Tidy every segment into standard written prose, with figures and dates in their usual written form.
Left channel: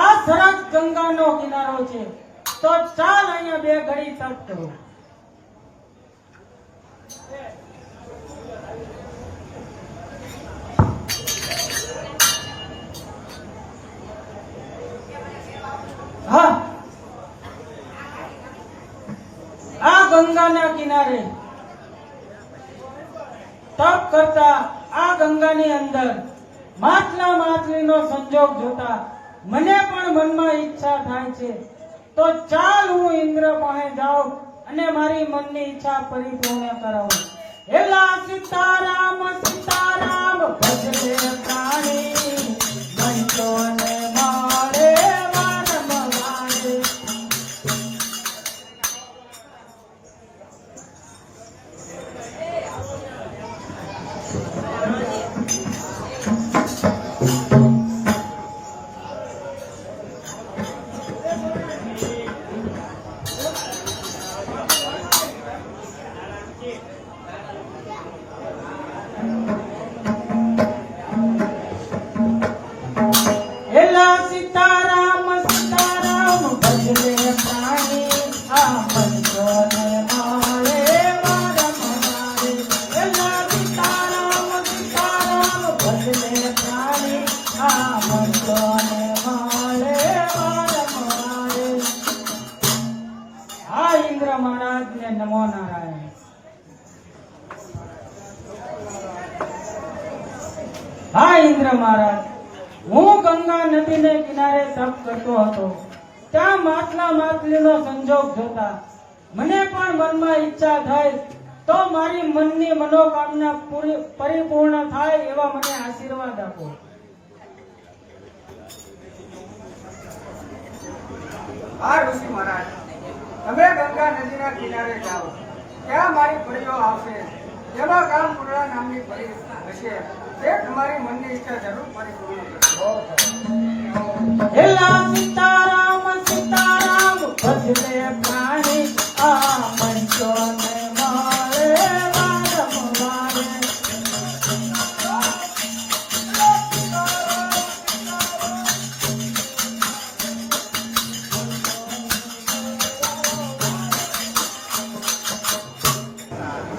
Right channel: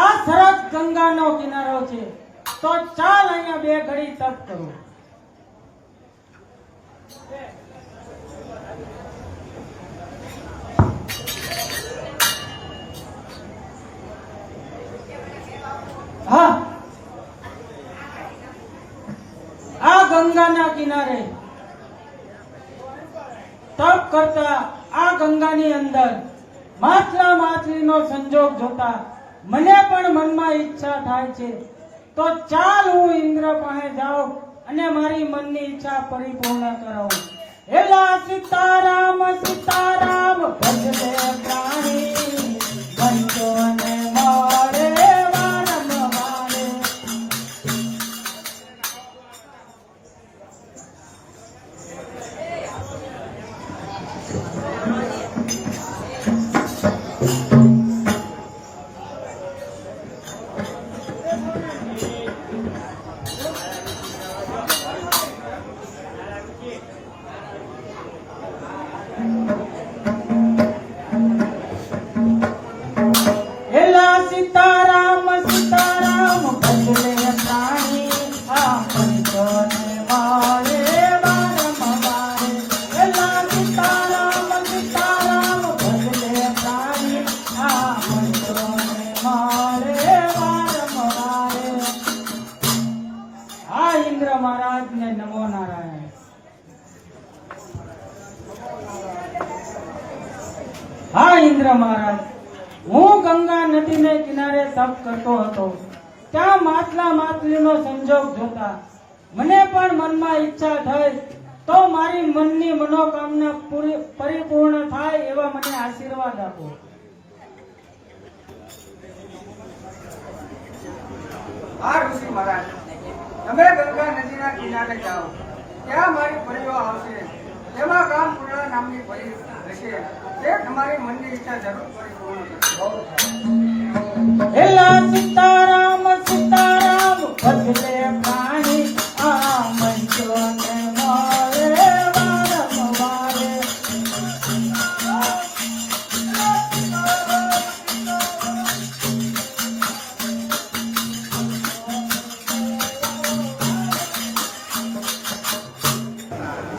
આ સરસ ગંગાનો કિનારો છે તો ચાલ અહીંયા બે ઘડી તપ કરો. હા, આ ગંગાના કિનારે તપ કરતા આ ગંગાની અંદર માછલા માછલીનો સંજોગ જોતા મને પણ મનમાં ઈચ્છા થાય છે. તો ચાલ હું ઇન્દ્ર પાસે જાઉં અને મારી મનની ઈચ્છા પરિપૂર્ણ કરાવું. હેલા સીતારામ સીતારામ ભજલે પ્રાણી મંચોને મારે વારંવારે. હા ઇન્દ્ર મહારાજ, હું ગંગા નદીને કિનારે તપ કરતો હતો. ત્યાં માછલા માછલીનો સંજોગ જોતા મને પણ મનમાં ઈચ્છા થઈ તો મારી મનની મનોકામના પરિપૂર્ણ થાય એવા મને આશીર્વાદ આપો. હા ઋષિ મહારાજ, તમે ગંગા નદીના કિનારે જાઓ, ત્યાં મારી ફરજો આવશે. જેમાં કામપૂર્ણા નામની ફરી હશે તે તમારી મનની ઈચ્છા જરૂર પરિપૂર્ણ કરશે. હેલા સીતારામ સીતારામ ભજલે પ્રાણી આ મંચોને મારે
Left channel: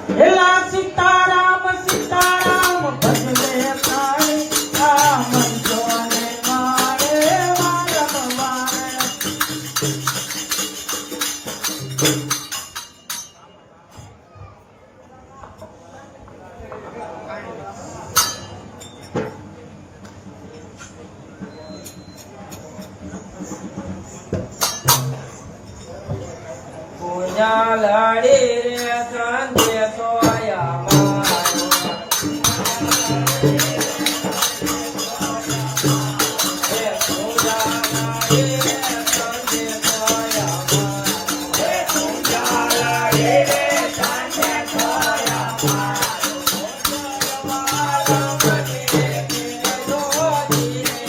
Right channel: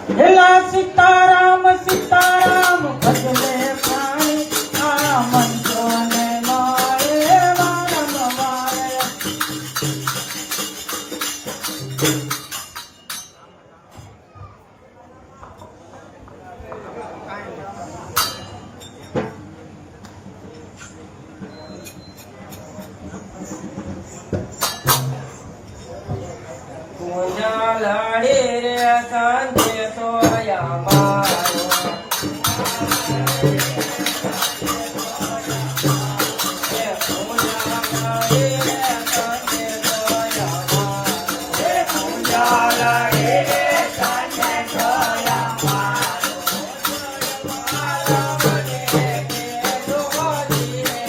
એલા સીતારામ સીતારામ ભજલે પ્રાણી આ મંજોને મારે વારંવારે. પૂજા લાડી રે કાંધે સોયા મારો. એ પૂજા લાડી રે કાંધે સોયા મારો. એ પૂજા લાડી રે કાંધે સોયા મારો. મારા મને કેજો જીરે.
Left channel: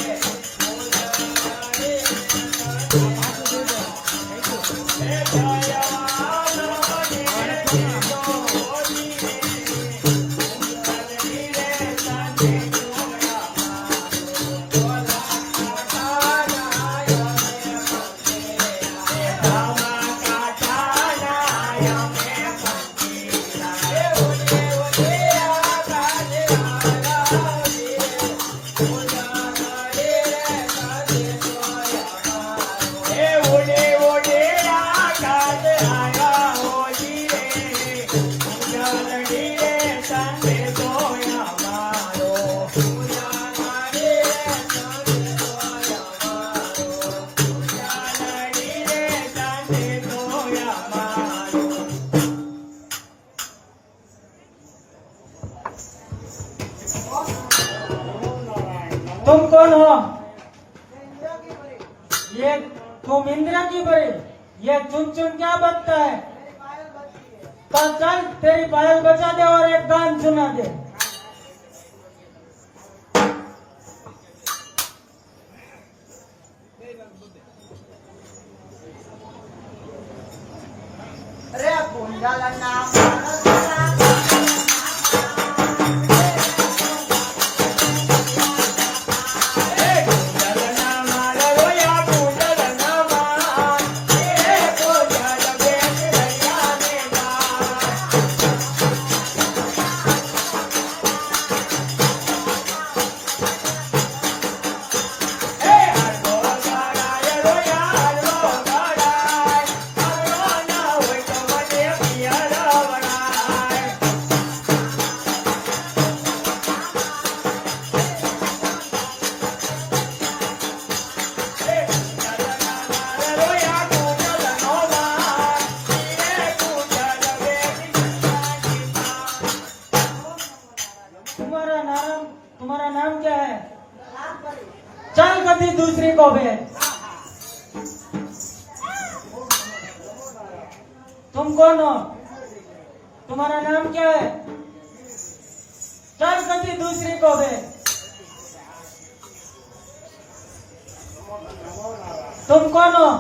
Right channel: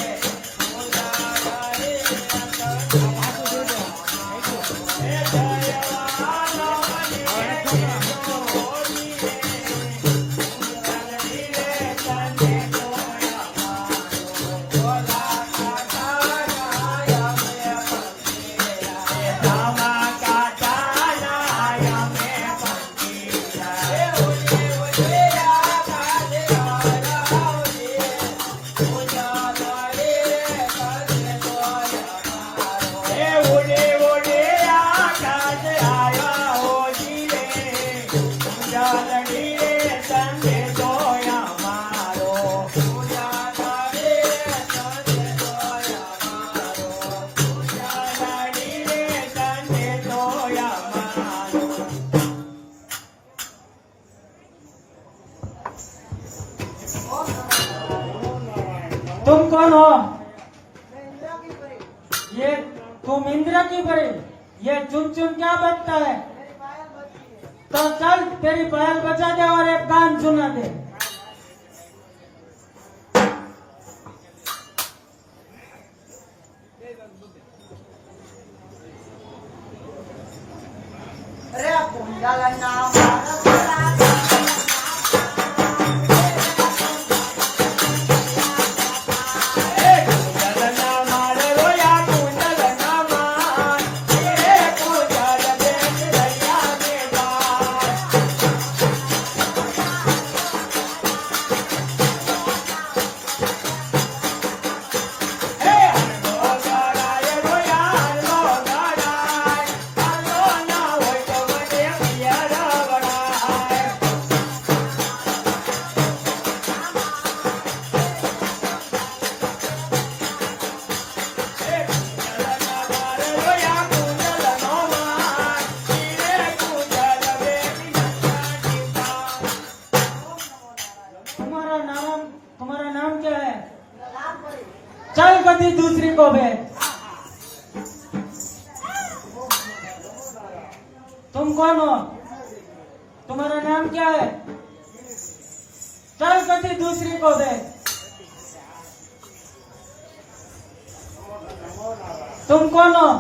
પૂજા લાડી રે तुम कौन हो? ये तुम इंद्र की परी, ये चुन चुन क्या बजता है? तो चल तेरी पायल बजा दे और एक गान सुना दे. રે કુંડલના तुम्हारा नाम क्या है? चल कभी दूसरी को भेज. तुम कौन हो? तुम्हारा नाम क्या है? चल कभी दूसरी को भेज. तुम कौन हो?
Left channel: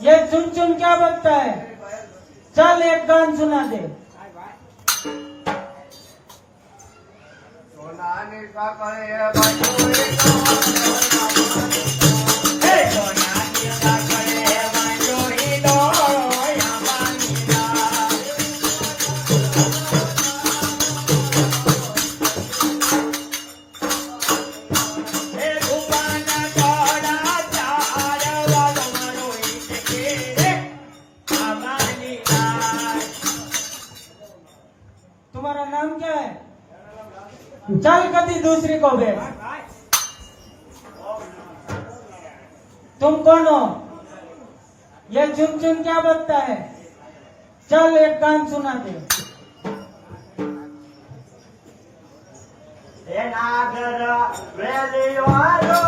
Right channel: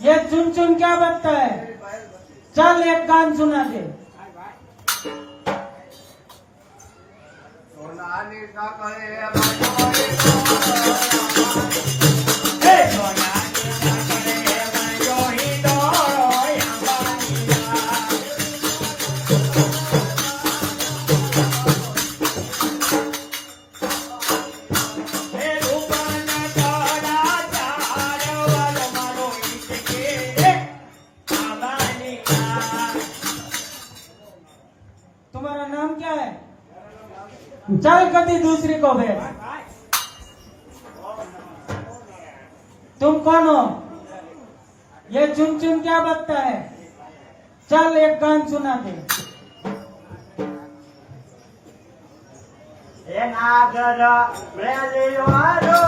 ये चुन चुन क्या बजता है? चल एक गान सुना दे. સોનાની સાકળે બાજુ तुम्हारा नाम क्या है? चल कभी दूसरी को भेज. तुम कौन हो? ये चुन चुन क्या बजता है? चल एक गान सुना दे. નાગર વેલીવાળો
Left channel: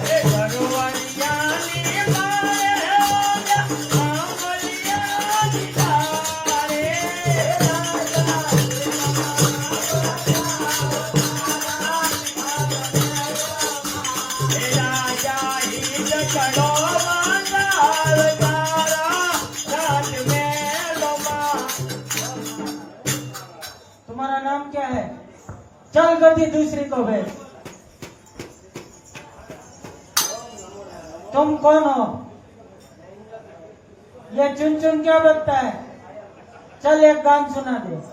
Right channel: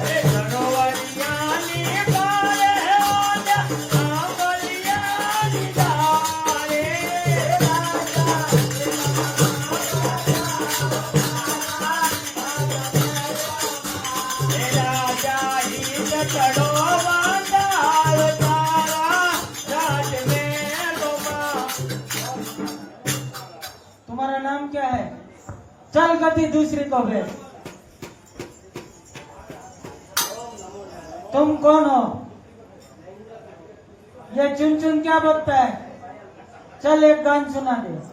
Hey, चल गति दूसरी को भेज। तुम कौन हो? ये चुन चुन क्या बकता है? चल एक गान सुना दे।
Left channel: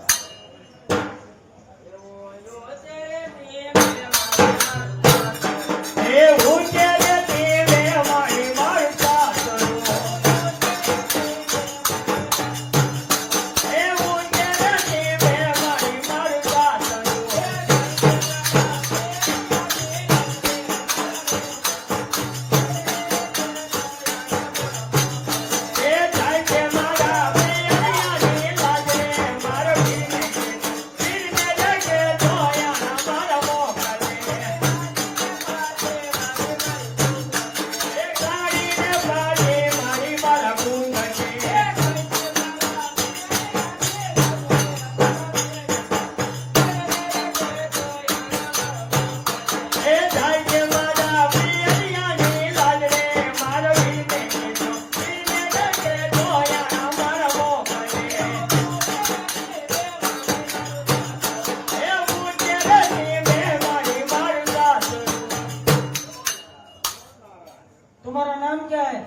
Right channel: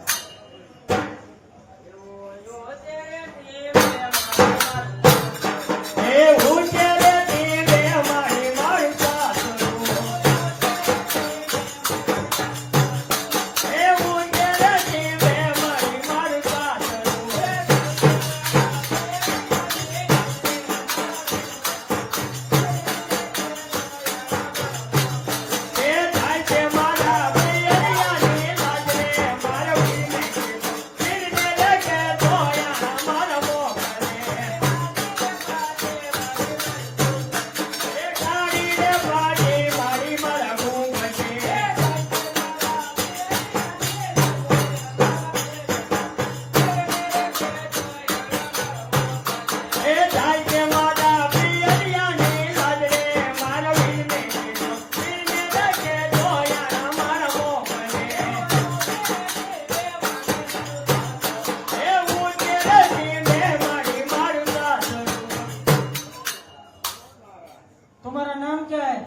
तुम्हारा नाम क्या है?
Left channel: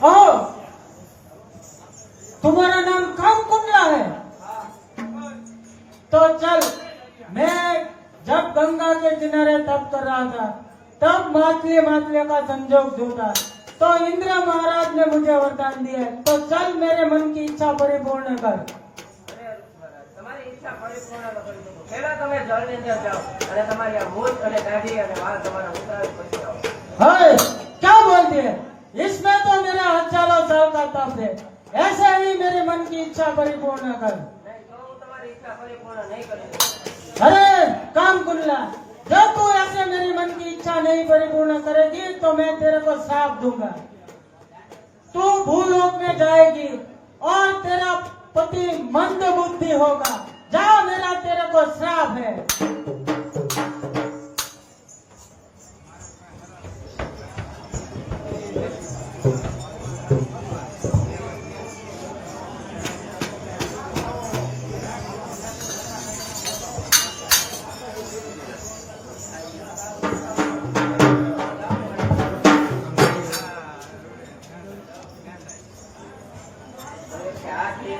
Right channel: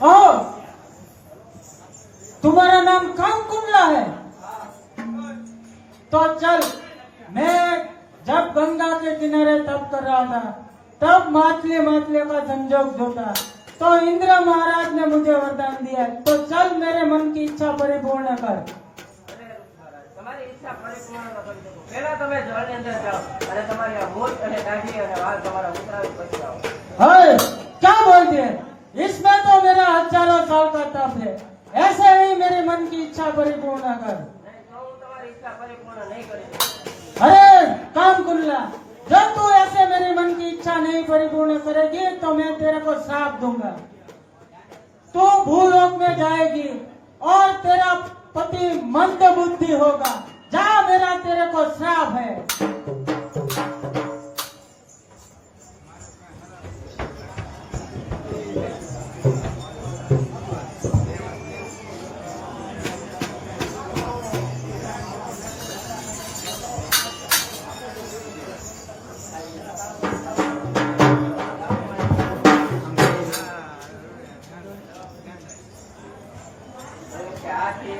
ओ, तुम्हारा नाम काम कुंडला है? तो चल, मैं जब गंगा के किनारे तप कर रहा था, तब मातलिया का संजोग जोता, तो इंद्र महाराज ने मुझे वरदान दिया है। तो चल मेरे मन की इच्छा परिपूर्ण कर। તમારી ઈચ્છા પરિપૂર્ણ કરી શકો પહેલા તમે જળની અંદર જાઓ અને તમારી આ મૂછ અને દાઢી અને વાળ તમારા ઉતરાવી પછી આવો है, क्या बोलती है? इसमें तो मेरा हजारों साल का तप है। ऐसे ही मेरे मन की इच्छा परिपूर्ण कर। નહીં તો હું તમારી ઈચ્છા પરિપૂર્ણ નહીં કરી શકું अरे काम कुल्ला, जब तू ऐसे मेरी मन की इच्छा नहीं परिपूर्ण करेगी तो मैं तेरे को श्राप दूंगा। तू भूलोक में जाएगी और तेरा पति मंद बुद्धि होगा। जा, मेरा तेरे को श्राप है। ક્યાંથી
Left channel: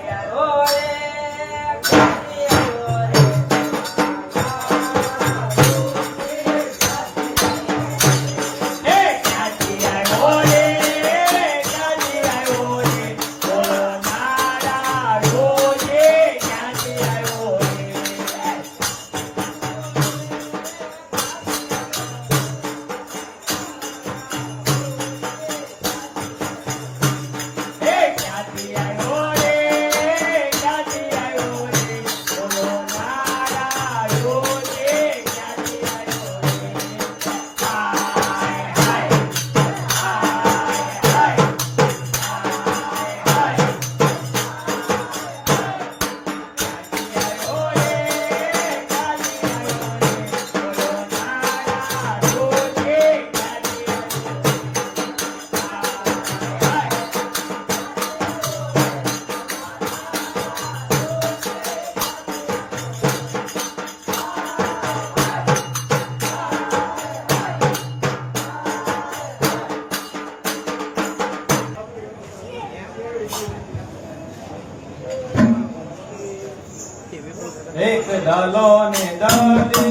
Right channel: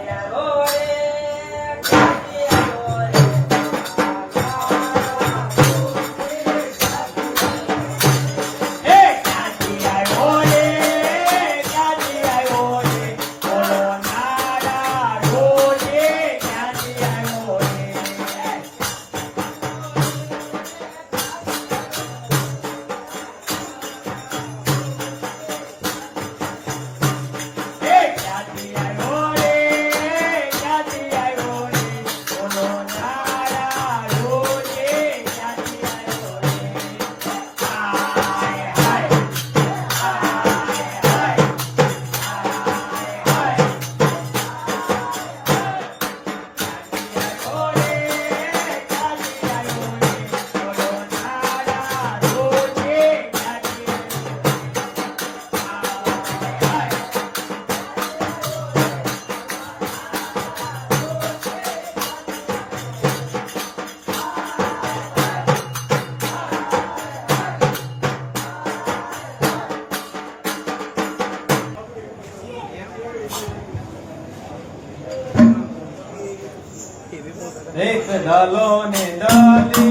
આવ્યો રે ક્યાંથી આવ્યો રે એક ડાલો ને ડાલે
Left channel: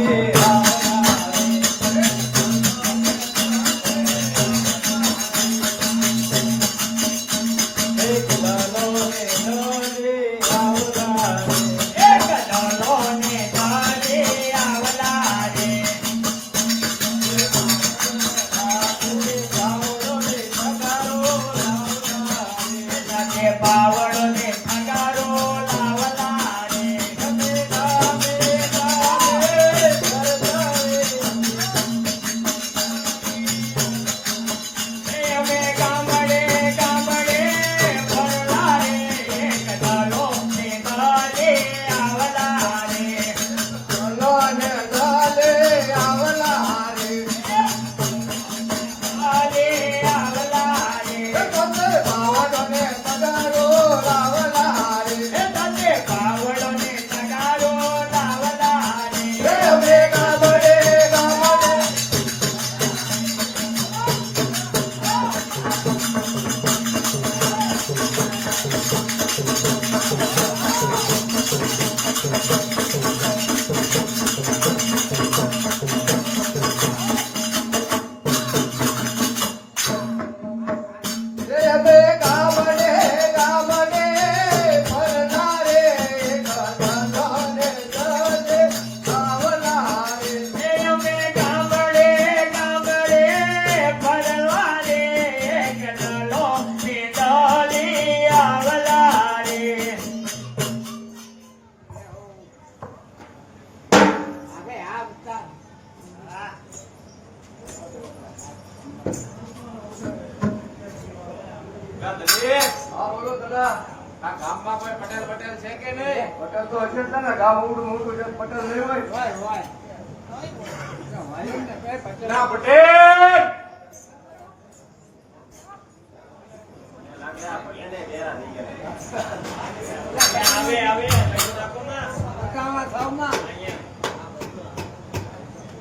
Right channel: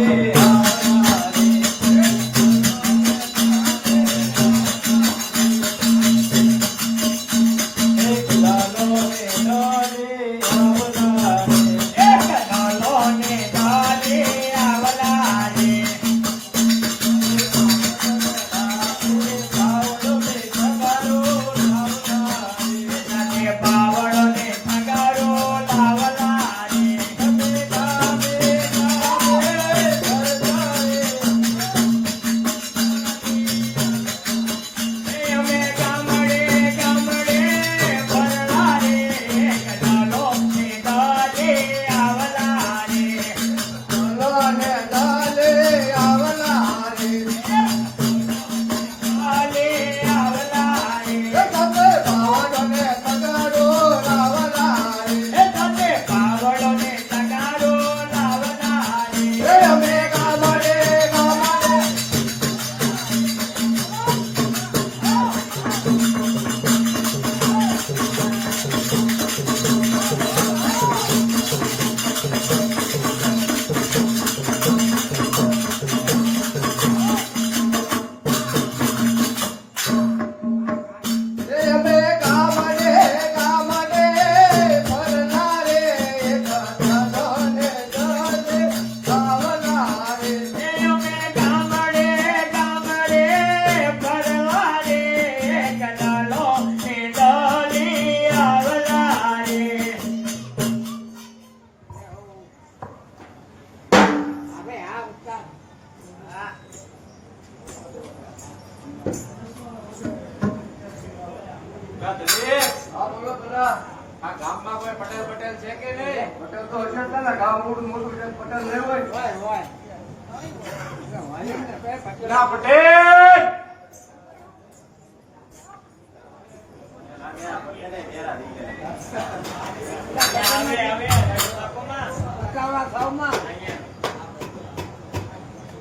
એક ડાલો ને ડાલે આવલા રે એક ડાલો ને ડાલે આવલા રે જાતે પાવડો ને ઠગારો લાવલા રે બે ગામડે ગામડે ફરનારે કનકોને દલે આવનારે અમે ગામડે ગામડે ફરવા રે કનલો ને દલી આવલા રે. આ બોલો દાદા આ ગામમાં કોઈ પટેલ પટેલ છે કે નહીં? પટેલ તો હશે જ ને ગામ મોટું મોટું છે પટેલ નહીં હોય ના પટેલ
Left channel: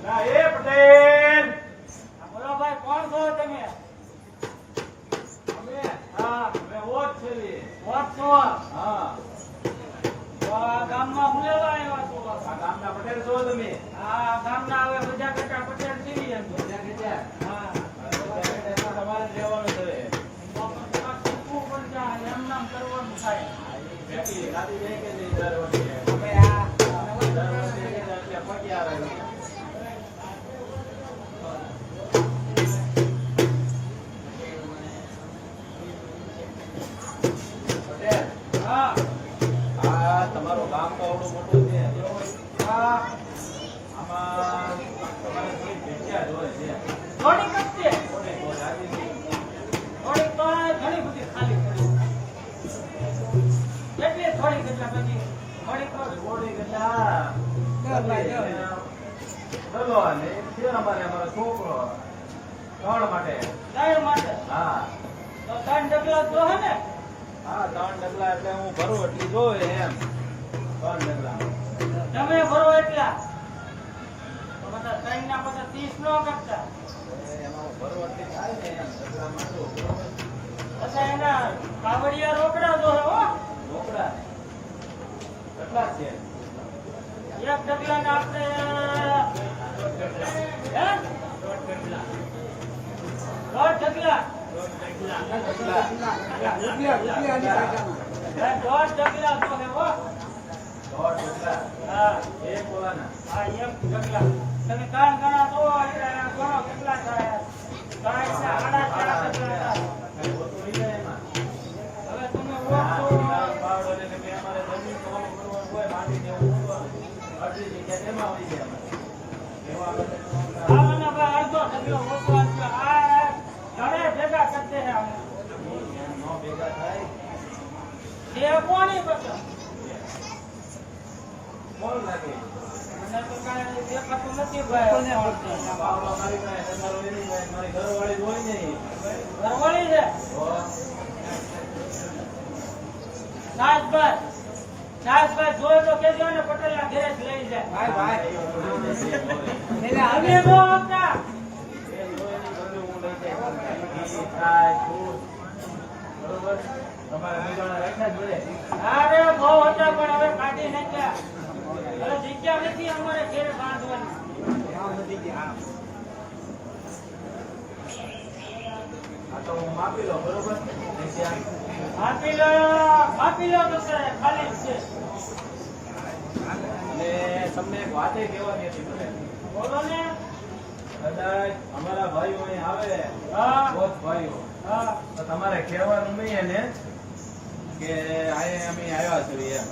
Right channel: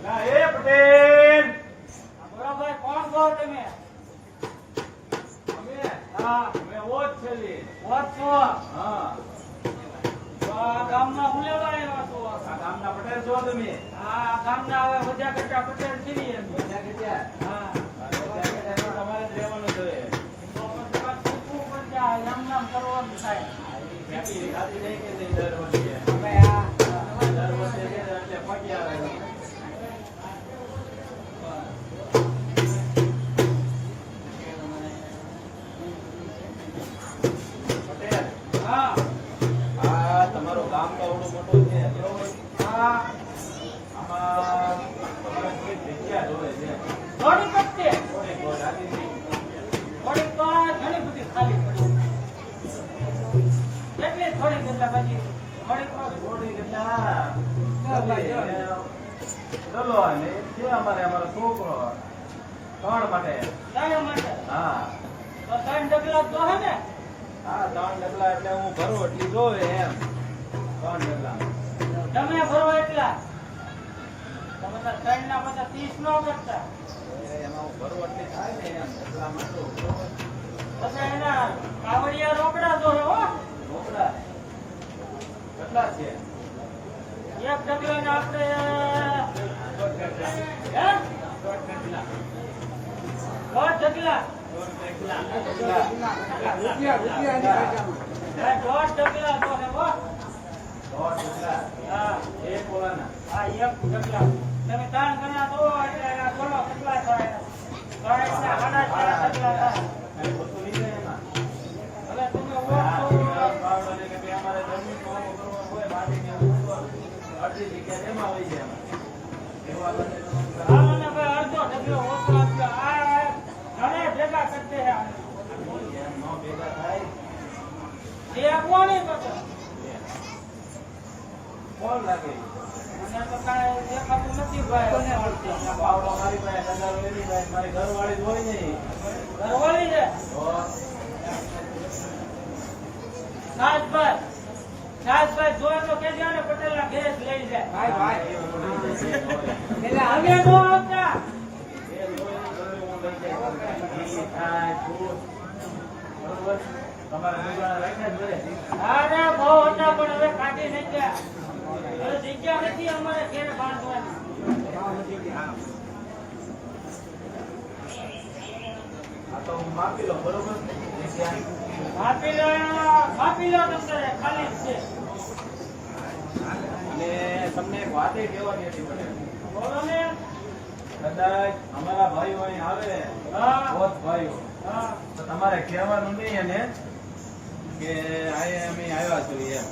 ના એ પટેલ બોલો ભાઈ, કોણ છો તમે? હા, અમે ઓજ છે લી. કોણ છો? હા તો આ ગામમાં હું લેવા આવ્યા છો? આ ગામના પટેલ છો તમે? આ ગામના હવે બધા કરતા પટેલ છીએ અમે. હા, તમારે જ રહેવાનું છે. તો પછી શીખવું પડશે, આ એમ નામ કરવાનું થાય. ગાડી ગાડી લઈ કે નહીં દર વર્ષે? હવે આ દર વર્ષે એટલે પગી આવે છે. પટેલ હા, આ તમારું ગામ તો આવડું મોટું છે બરોબર? હા, આમાં તમારે થોડીક જગ્યા જોઈએ છે. થોડીક જ છે. થોડીક બહુ લાગી છે. થોડીક તો આ ઘણી બધી ખાલી પડી. કેટલી થોડીક એટલે બધી થોડીક તો થોડીક એટલે આ ચલો અને એક છે અમારો છોકરો 3 માટે. ગાયો માટે. હા તો 3 ડગલા તો હે ને? હા 3 ડગલા એટલે હું ભરું એટલી જોવે એમ 3 ડગલા. તમે ભરો એટલા તો બધા 3 ના બધા 30 નો કરતા. એમાં હું ભરું એટલી થાય ને એમ ડગલા માંડું પછી એના કાવડિયા રોકડા દોરો હો. મોકળા કેટલા છે? એક ડગલા ને આપણે હે? 10 ડગલા. કેટલા? હે, 10 ડગલા તો હે હો. 100 ડગલા. હા, એક બોલાના. હા, એક ડગલા. તમે 3 ગણા દો એટલે એના ગણો કેટલા થાય? 3 ના ગણા 4 ડગલા થાય. કઈ ઓછું નહીં થાય એમાં? હવે તમે હા, ઓછું પાવડો ને કે અમારે જમીન કોનું કરવાનું હોય માટી ને એવું કરવાનું. અડધી જગ્યા એમાં હોય છે એમાં. એમાં બધે આ મને ભાઈ અડધો ડગલો ઓછો આપ્યો. આ ઘરે ભેગા કરી દે આમ. એમ નો ભેગા થાય. બે કોની પછી કોણ લાગે? મને તો કાંઈ દેખાતું નથી ભાઈ. પાવડો મારી પાસે ધંધારો એની પાસે મારી ઘરવાળી જ હોય નહીં. ઘરવાળી છે. તો નાથભાઈ જોયે તો કેજો ને પટેલના ઘરે જ લઈ જાય. એટલે હવે નો હતા. એ લોહીની ગરમી હું લઈ જાય. ઘી, છાશ, દૂધ. બરોબર? તમારે ગુજરાત રાખ્યા જ જોડે. અરે બહુ હતા પણ હવે કાઢી નાખ્યા. હવે જગ્યા નથી અમારે ઘેર બાંધવાની. આ તો હું માપી લઉં બરોબર? જગ્યા. માપી લો તો ખાલી જ છે. અને તમને એક વાતે કહેવાની હતી મને. બોલો ને. કદાચ અમારા ભાઈઓ અહીં આવે હા, બોધ ભાઈઓ હા. તો તમારે કહેવાનું નહીં એને કે અહીંયા અમે આવ્યા છીએ એમ.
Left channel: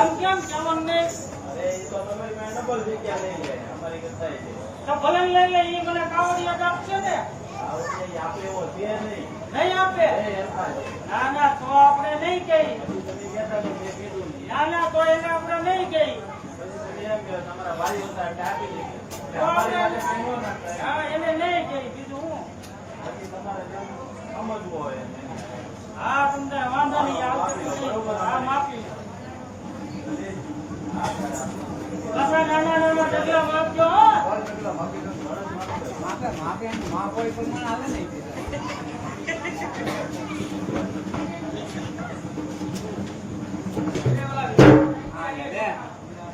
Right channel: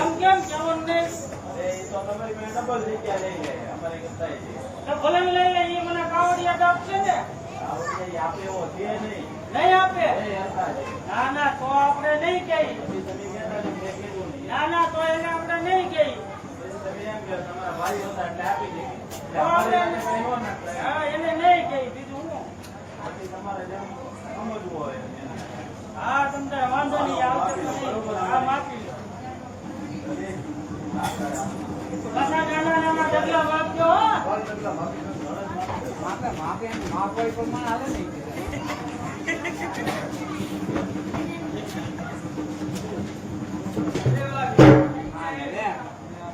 એમ કેમ તમને? અરે એ તો તમારી પાસે ડબલ જગ્યા લઈ લે અમારી કરતા છે. તો ભલે ને લઈ લે, એ મને કાવડિયા આપશે ને? આવડે આપે એવો છે નહીં. નહીં આપે? એ હરખા છે. ના ના, તો આપણે નહીં કહી. પછી તમે કહેતા કે મેં કીધું નહીં. ના ના, તો એને આપણે નહીં કહી. પછી તમે એમ કે તમારા ભાઈઓ હતા એટલે આપી દે. એટલે અમારી માટે કાંઈ ન નાખે. હા, એને નહીં કહી. બીજું હું? પછી તમારે જેમ સમજવું હોય એમ. હા, તમને વાંધો નહીં આવશે તો નહીં. હા, માપી લો. પાછા નાના નાના ડગલા માપજો હો.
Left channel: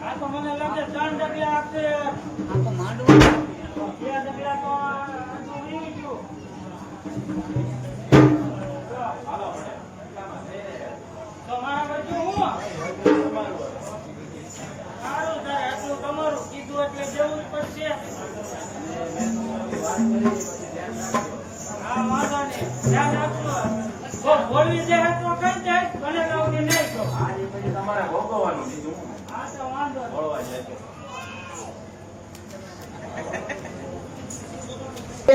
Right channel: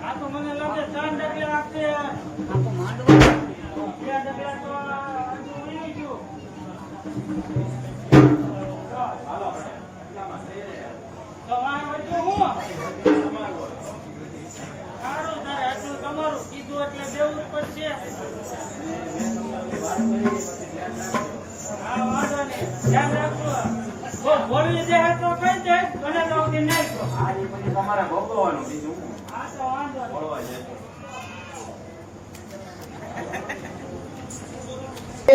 આ તો મને લાગે 3 ડગલા આપશે. 2 ડગલા તો હજુ નહીં ગયું. તો બોલવી દે તો કઈ દે મને તો ઉધી નહીં કહો આ ઈ પછી તમારે ભોગવવાનું બીજું શું? આ તો વાંધો નહીં. બોલવા જાય તો.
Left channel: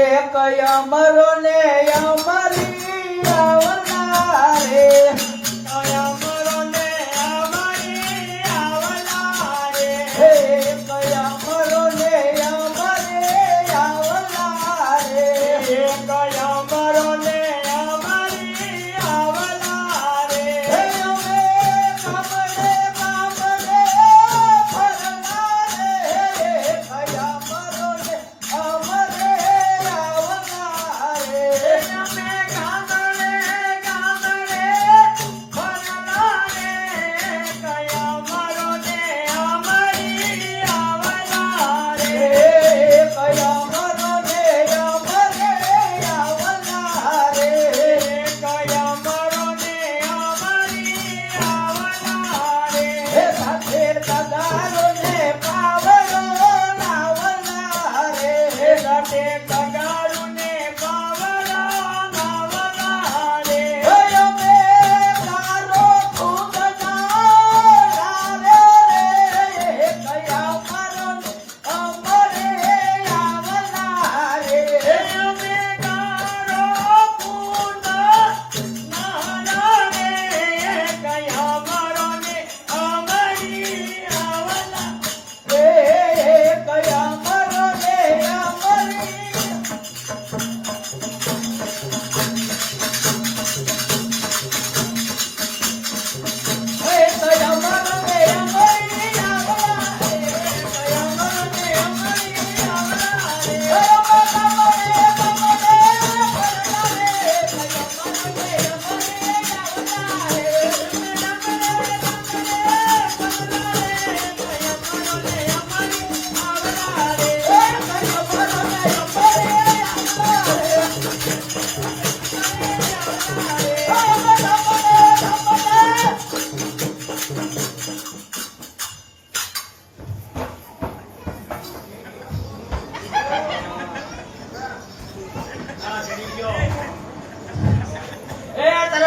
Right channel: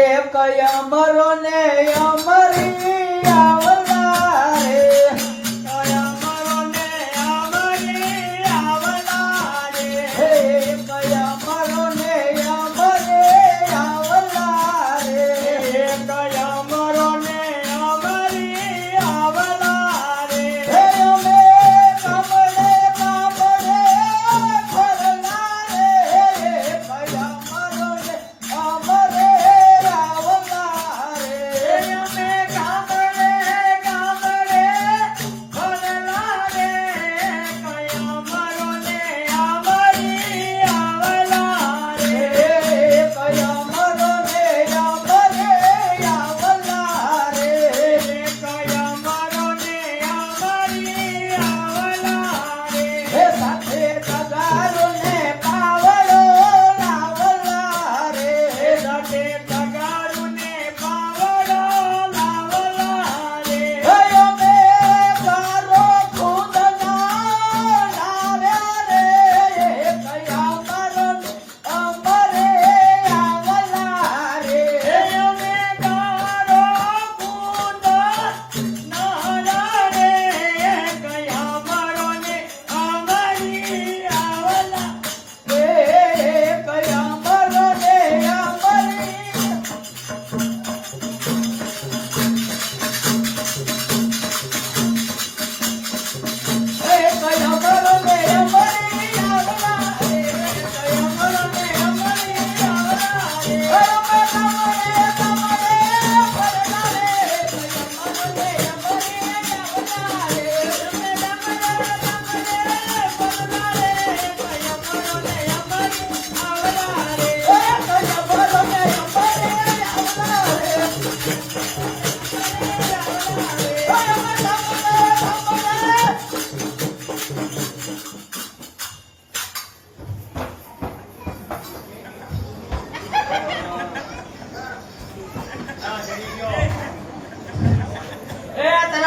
એક અમરો ને અમરી આવલા રે અમરો ને અમરી આવલા રે એક અમરો ને અમરી આવલા રે એક અમરો ને અમરી આવલા રે અમે કામડે કામડે ફરલા રે એક અમરો ને અમરે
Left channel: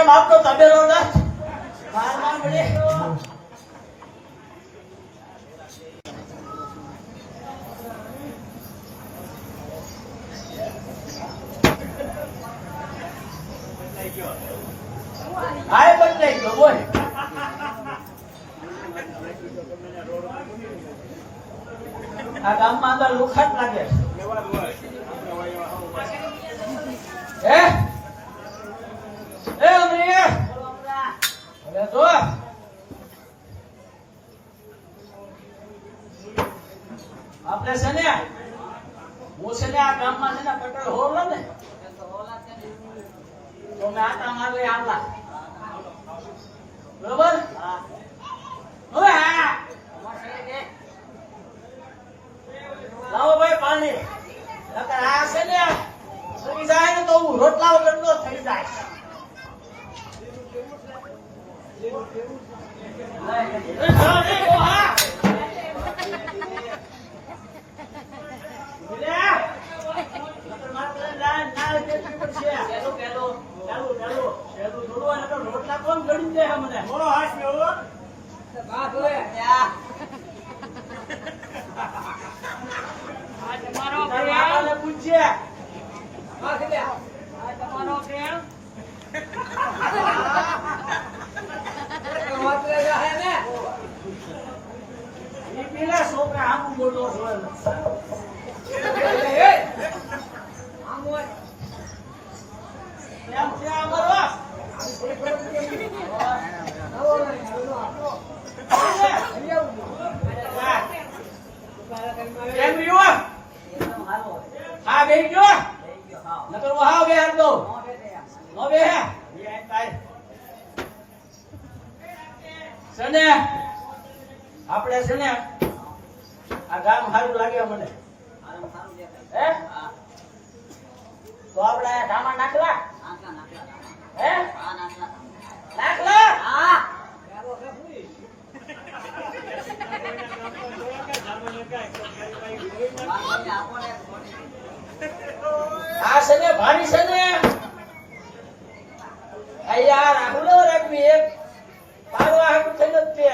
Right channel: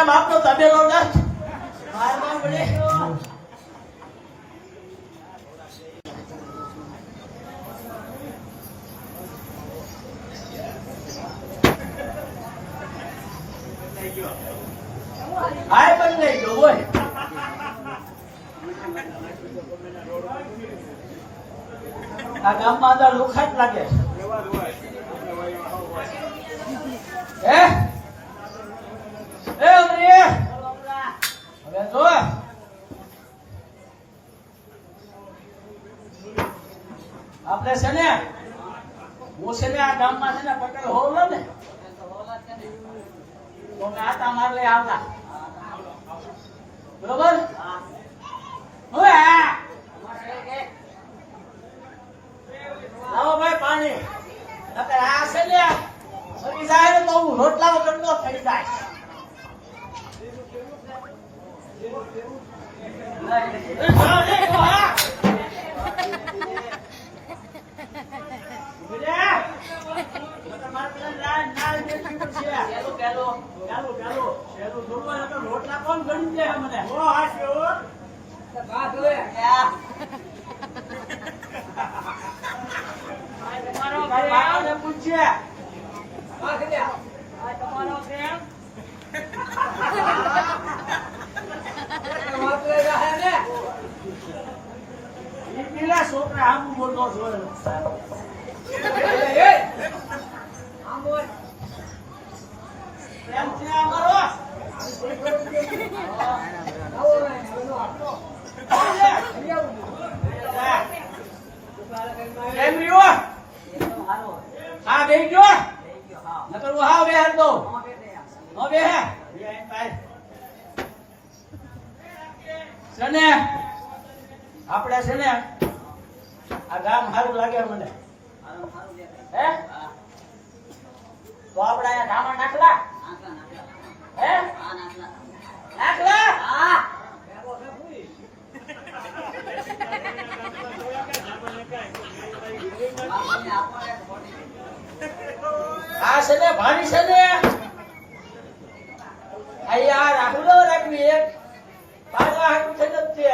બાપનો તબેલો ના બાર પડે હાય બદલાઈ ગયો બોલ આ ગામમાં અંદર લુખાટ લાગે હે એ અમરી હવે જો આપણે છે ને હું છે ને આ ગામમાં છે ને પટેલ હોલો ને તો મેં આટા માર લે આવલા બરોબર હવે લાવો ભાઈ પાણી અત્યારે આ છે ને સરી જાય ને તો હું રોટલાઓ કરતો થઈ જાય રોટલા કોણ ગણી દે મને પૂછીએ છોકરા આમ મોટો હા બે ગયો નકર હા બે હાલ દો હવે છે ને આપણે છે ને આ ગામ સારું લાગે મને હે તો આપણે અહીંયા ધામા નાખલા હે નાખલા આ છે ને ભારી છે ને આ યાર રાહુલ ન રાખવી એક પાડવા હાટું થઈ જ છે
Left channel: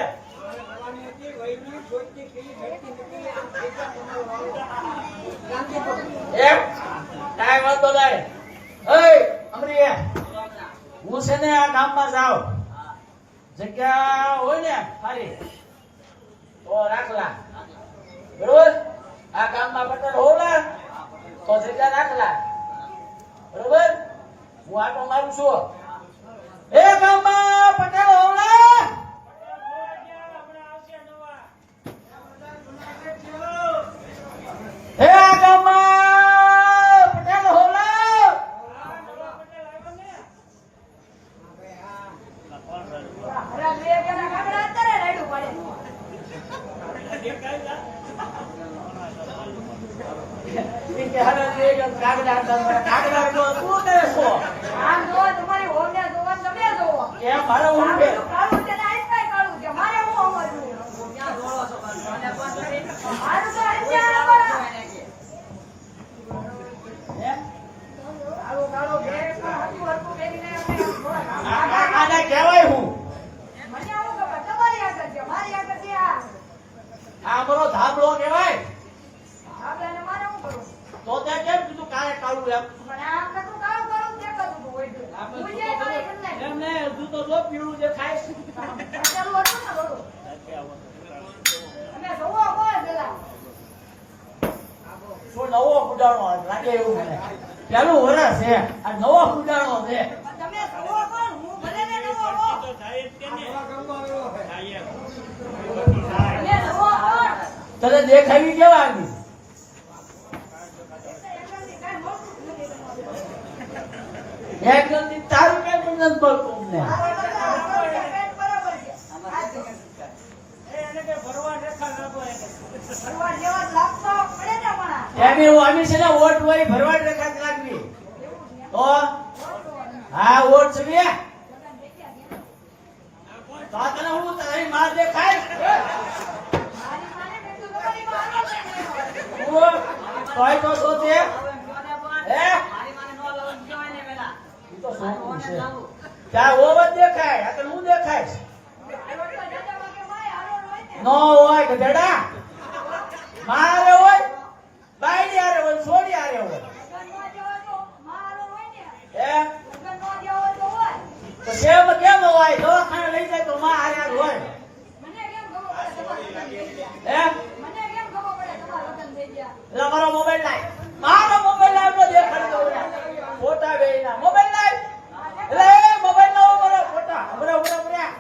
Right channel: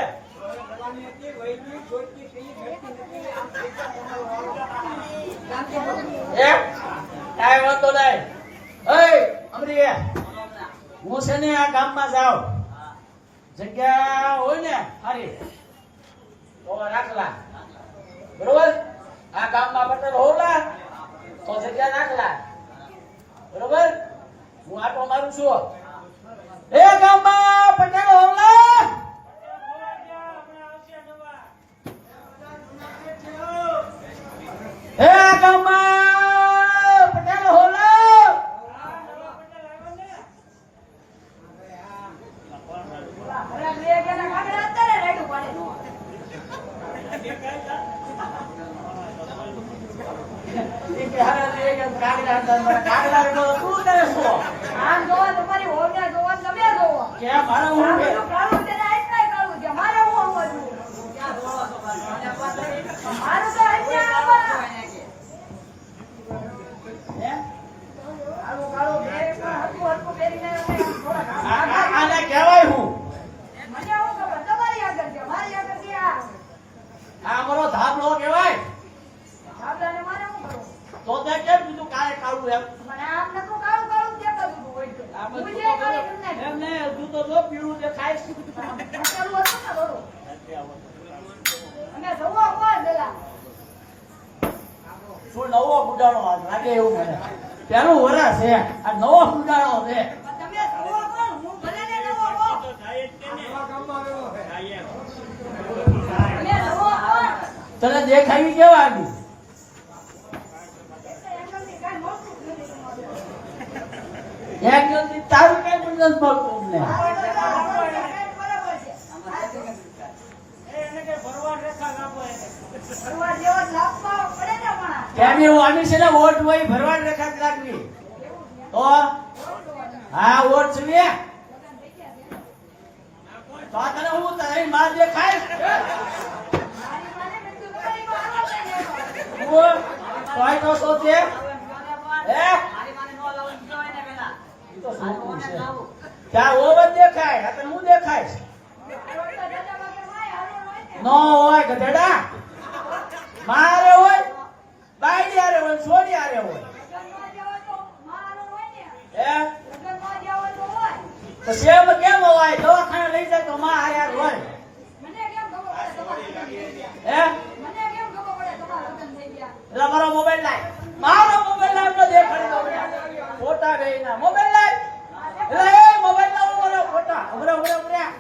એમ કાંઈ વાંધો નહીં. એય અમરી હું છે ને આ ગામમાં જાઉં જગ્યા હોય ને ખાલી તો રાખલા બરોબર. આ ગામમાં પટેલ હોલા તો જગ્યા રાખલા બરોબર. હું આટો મારું છું એ ગામમાં પટેલ હોલા એ ગામમાં પટેલ હોલા કાગડા તું કરે છો આમ જોવો તમારી હોમને જોવો તમે જોવો ક્યાં મારો હું કે કાળું છે ને આઈ કાઈ કાળું છે મારે હું આવવાનું મારું તો અહીંયા આવવાનું કાળું કાળું બે પણ હરકું હરકું પહેરીને આને કહેવાય હું મને આવું ખબર તમારી આગળ છે મારી આગળ છે આ અમારો ધાબળો કહેવાય. આપડાને મારે હું કરું તો તે કેમ કીધું કાંઈ કાળું એમ મને આમ નતું કાળું કાળું દેખાતું હતું કોઈ હું જે કાળી કરી નાખી એમ ને તું તો જો પીળું દેખાય છે. પટેલું હતું ને થોડું અને જોવો કોણ પેલા શું નવો ફૂટાણો આ લાગે એવું મને પેલું વરસ છે આ નવો ફૂટાણો છે. તમે જોવો કોણ હું ભલે ને જોવો કોણ તમે જોવો કોણ તને દેખાવી કેવા આવી એક જણથી તારું કઈ પણ નથી મળતું અમને. કેમ એવું આની છે ને વોટ હોય ભરવાડ રેખા જ લાગવી તો હા વોટ છે ને તો આ તને હું તારી માર દેખાય તોય તો શું છે હે તો શું છે ત્યાં ઓવ જ દેખાય આ તને હું દેખાય નો હોય ગધેડા મારે હોય બાયડી આરે હોય છોડી આરે હોય હે તો સેમ કેમ હોય દવાખાને લઈ જાય તો માં આરે હોય હે એટલે મારો મોબાઈલ લાય મારો મોબાઈલ લાવ તો દેખાડી ફોટા બેના મોબાઈલ લાય એટલે એ મોબાઈલ લાવ મારો ફોટા ઉભરા ઉભરા ઉભરા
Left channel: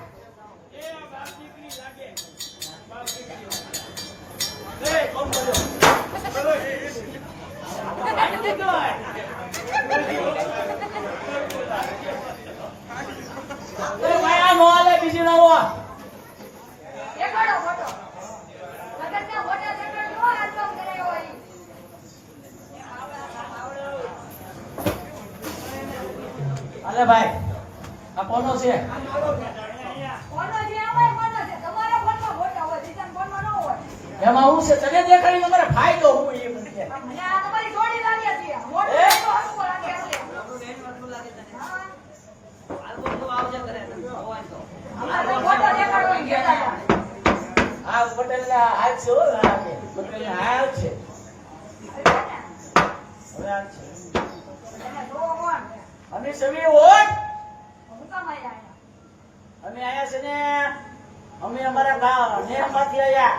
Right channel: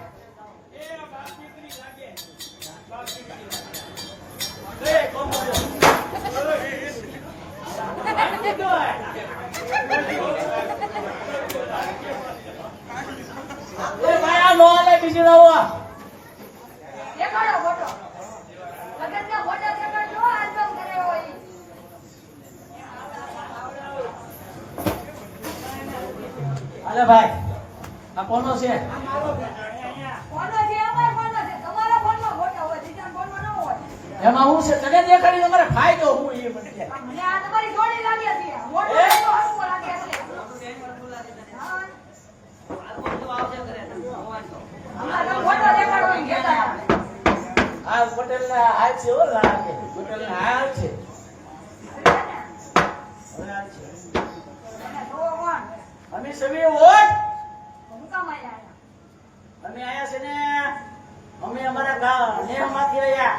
એ કોમ બોલો એ ભાઈ આ નો આલે બીજી લાવો દેખાડો ફોટો લગનના ફોટા દેખાડજો આલ્બમ કરે હોય અરે ભાઈ આ કોનો છે કોનો છે અમારે કોનો છે તમારા ફોનમાં ફોટા હોય બીજા ફોનમાં ન હોય એમાં હું છે તને દેખાડી અમારે ફાયદો હું એ બનશે મને આ તમારી જોડી લાગે છે ફોટો એ? હરખું લાગે એટલે હા. અમારા ફોટો દેખાડવાની કહેતા હતા. આ પટેલ ના હાલ છે હો લાગે પટેલ ના હાલ છે હવે હાલ છે તમે જોવો કોણ અમે સવી વોટ હું કામ આયા અમે આયા છે ને અમે અમારા ગામ નેહમાંથી આયા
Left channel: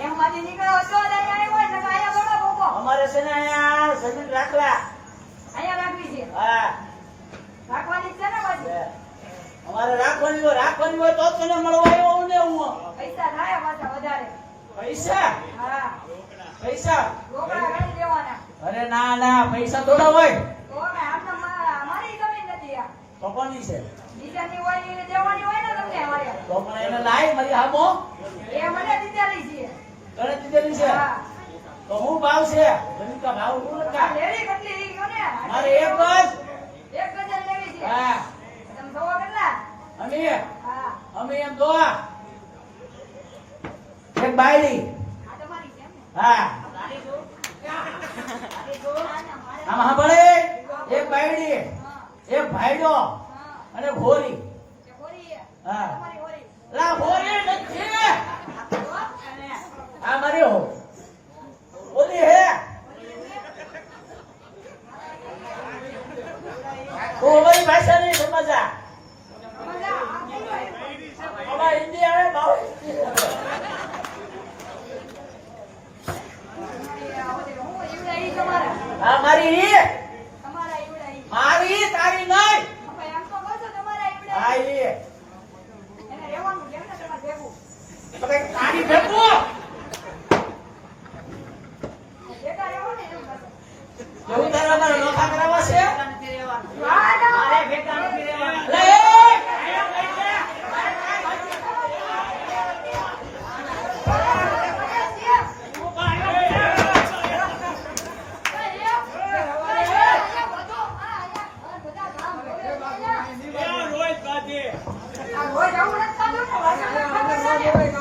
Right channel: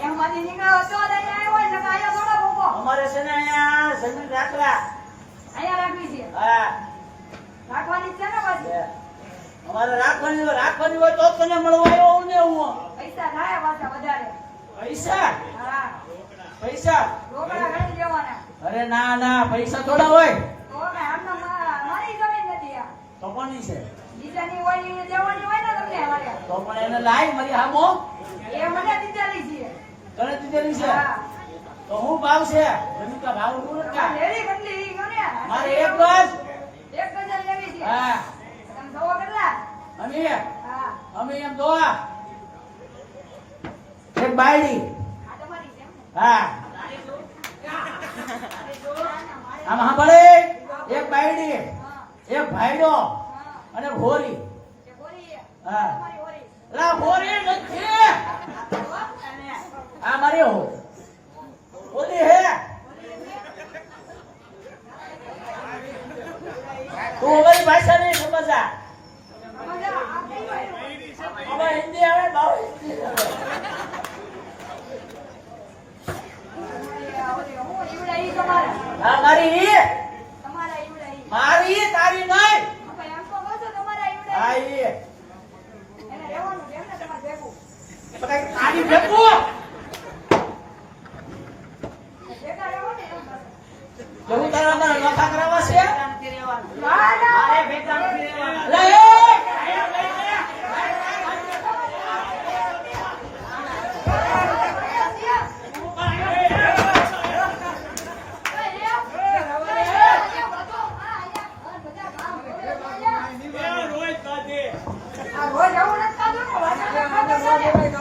એમાંથી નીકળ્યો હતો ને અહીંયા આવ્યો હોય ને આયા થોડા ભોગો અમારે છે ને અહીંયા જમીન રાખલા અહીંયા રાખવી છે હા રાખવાની જ છે ને પાછી અમારે રાખવાની હોય તો તને મળવા આવ્યો ને હું પૈસા થાય પાછા વધારે પૈસા હા પૈસા રોકડા ગણી દેવાના અરે ના ના પૈસા થોડા હોય તો અમે આમને મારી જમીન નથી આ તો કોની છે બીજાની હોય એ દેવાની હોય ને તમને અમારે તો પણ એને લાય મારી હામો એ મને દીધેલી છે કરે દીધેલી છે હા તો હું ભાવ છે જમીન કા ભાવ હું આ નથી લેવી કેટલી ઈ ગયો ને મારે એક બસ એક ગજન લેવી છે હા તમે જોવો કેટલા અમે હા અમે એમ દોવા એક બાયડી આ તમારી છે એમ ને હા આમ સાંભળે એક બાયડી હા એક ભાઈડો હા અને ભોરી. કે હોરી છે? હા. તમારી હોરી. લા ભોરી નથી. આ મારી હો. ઓલી હે. તું અમારી ભાષા નહીં સમજા. મજા આ કઈ હોય? અમાર હિન્દી આવે ભાવ હિન્દી આવે. હું ઈવડા ઈ તમારા. આ મારી ઈ. તમારા ઈવડા ઈ. મારી તારી નહીં. હવે એમ તો કહો છો તમારા ઈવડા આ ઈ. ઈ. એને રહેવાનું કેમ ને તમારે ભેગું? તો કઈ તારી ભેગું. ભેગા રહેવું ને એમ કરો. એવું તારા નખા કરાવવા છે. વાહ, ના. મારે ભેગા નથી રહેવાનું. લે એ.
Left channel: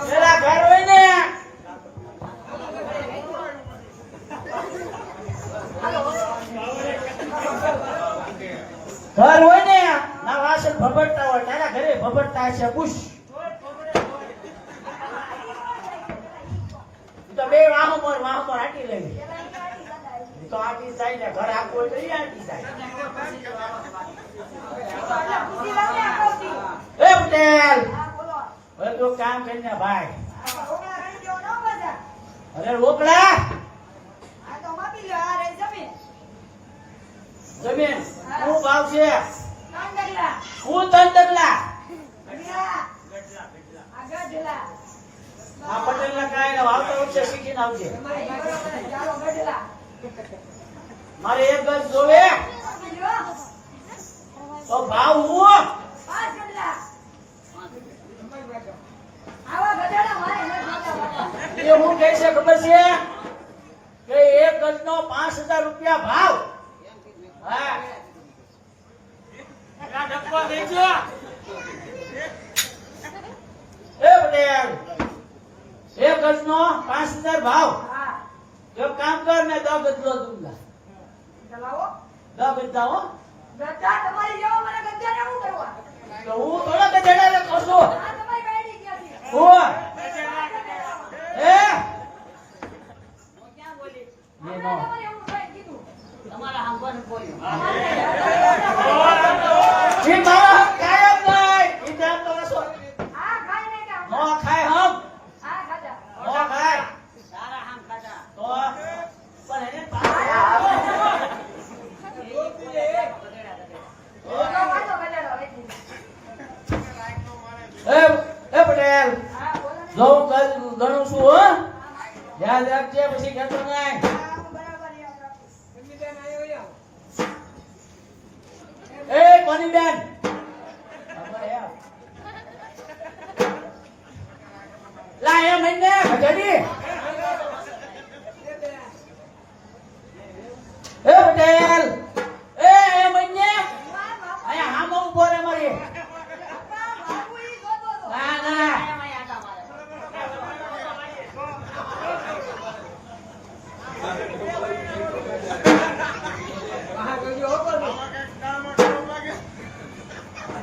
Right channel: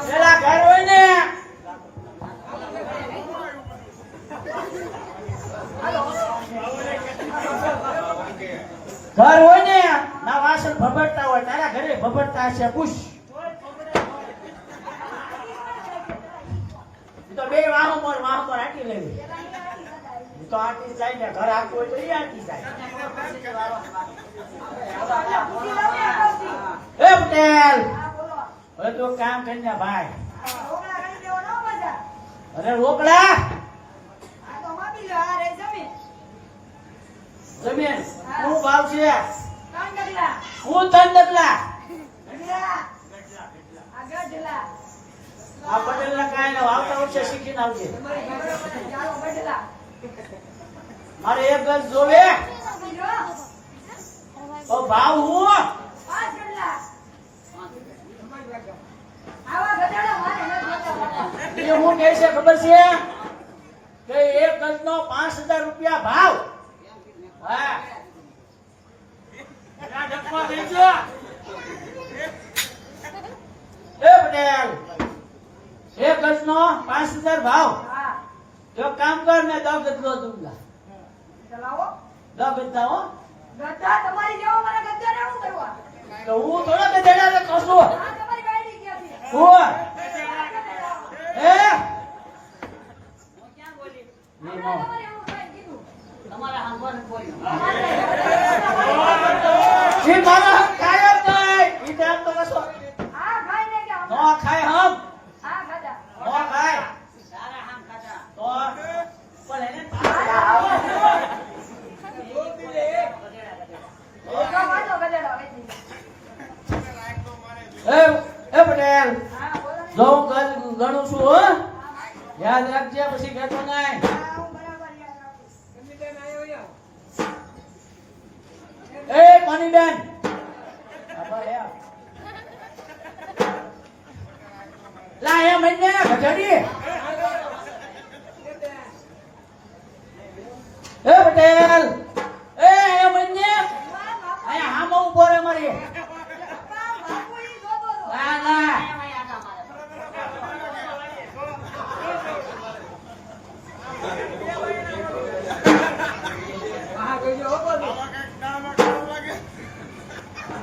પેલા ઘર હોય ને ઘર હોય ને ના વાસણ ભભડતા હોય તારા ઘરે ભભડતા છે પૂછ. ઈ તો બે વાહો મોર આટી લેવી. ઈ તો આટી જાય ને ઘર આખું હોય તો ઈ આટી જાય. એ પટેલ હવે તો કામ કરીને ભાઈ. અરે રોકડા જમીન શું ભાવ છે? હું તન ડગલા. આ પટેલ ના કાંઈ ને વાવતા ઉઠશે શીખીને આવજે. મારે એક ગજ જોવે તો ભાવ હું એ હું કહે છે ખબર છે કે એક ગજ નો 5000 રૂપિયા ભાવ. હા એ પટેલ એક ગજ નો 5000 ભાવ. જો કામ કર ને 10 ગજ લો દૂંગા. 10 ગજ હો. તમારી જેવો મને ગદ્દા ને શું કરવા? તો હું થોડા ગધેડા ને કહું છું. આ તમારી ગાડી ક્યાંથી? હું એ હમણાં તમારે એવું થાય કીધું. ઈ મારા કાયમ નહીં. ઈ જાણ તો કશો આ ખાઈ ને કે નો ખાય હમ. આ ખાધા. નો ખાય તો પણ એને તારા તો વાંધો ગધેડો વેચી દે. એ પટેલ હા, બોલો ને. જો હું ગણું છું હો. યાદ રાખજે પછી કહેતો નહીં. હા, હું બરાબર યાદ રાખું. એ કોની બેન ખબર હે લા એ મહિને ગજડી. એ પટેલ એ મહિને વાહ, બાપા, અહીંયા હામો ઉભો રે મારી. બાપુ ઈ જોતો હતો. ના ના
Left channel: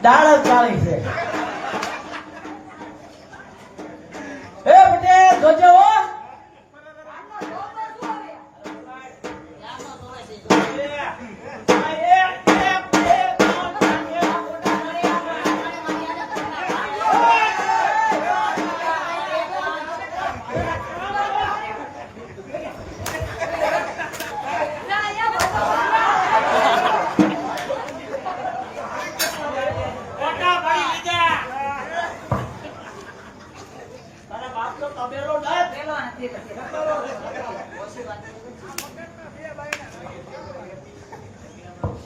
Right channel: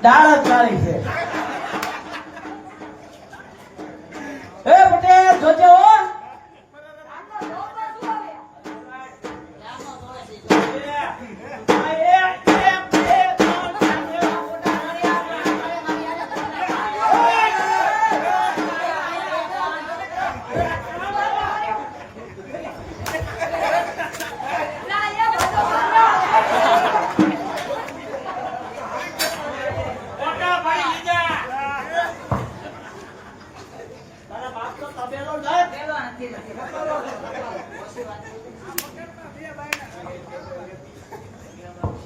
દાળ જ ચાલી છે. એ પટેલ જોજો હો. આમનો જોબ પર શું હવે? ના, અહીંયા બધો તારા બાપ તો તબેલો નથી.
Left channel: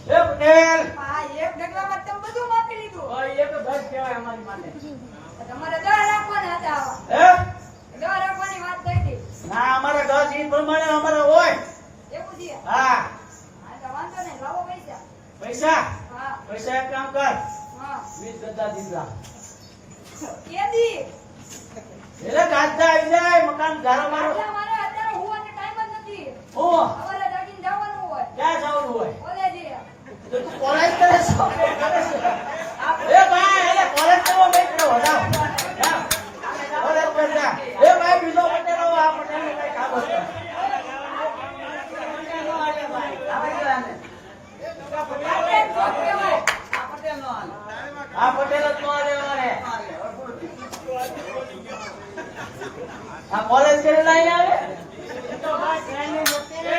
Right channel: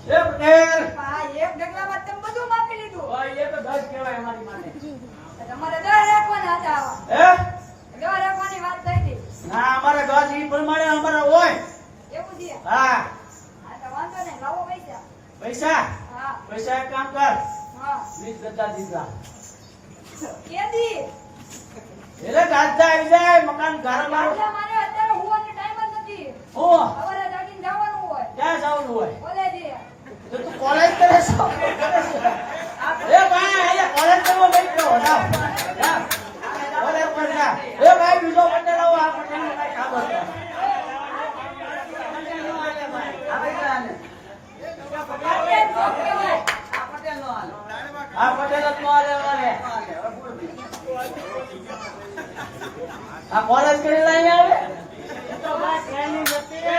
એ પટેલ આ એક ઢગલામાં તમે બધું માપી લીધું. ભાઈ એ તો દસ કહેવાય અમારી માટે. તમારે દર રાખવાના હતા આવા. હે દર રાખવાની વાત થઈ હતી. ના અમારે દસ ઈ પ્રમાણે અમારે હોય. એવું છે. હા હા, તો વાંધો નહીં. લાવો પૈસા. પૈસા હા, પૈસા એક કામ કર હા. 20 ગદ્દા દીધા. કેદી? એટલે ગાજ્જા આવી જાય મકાન ઘરમાં. આટલા મારે અત્યારે હોવાનો ટાઈમ જ નથી. હું સવારે જાગીને જવાનું હોય. ક્યાં જવાનું હોય કોલેજે. તો તું કોલેજ કરે છો? આ એ ભાઈ એને કરંટ કરવો બેઠો હતા કરંટ કરજા એ ભાઈ બીજો પટેલ આવો આ પટેલ નો કઈ કામ હતો આ પટેલ જ નો આલે અમારે આ કોલેજ કરેલા અહીંયા આવે એ તો ભાઈ ટ્રેનિંગ હતી ને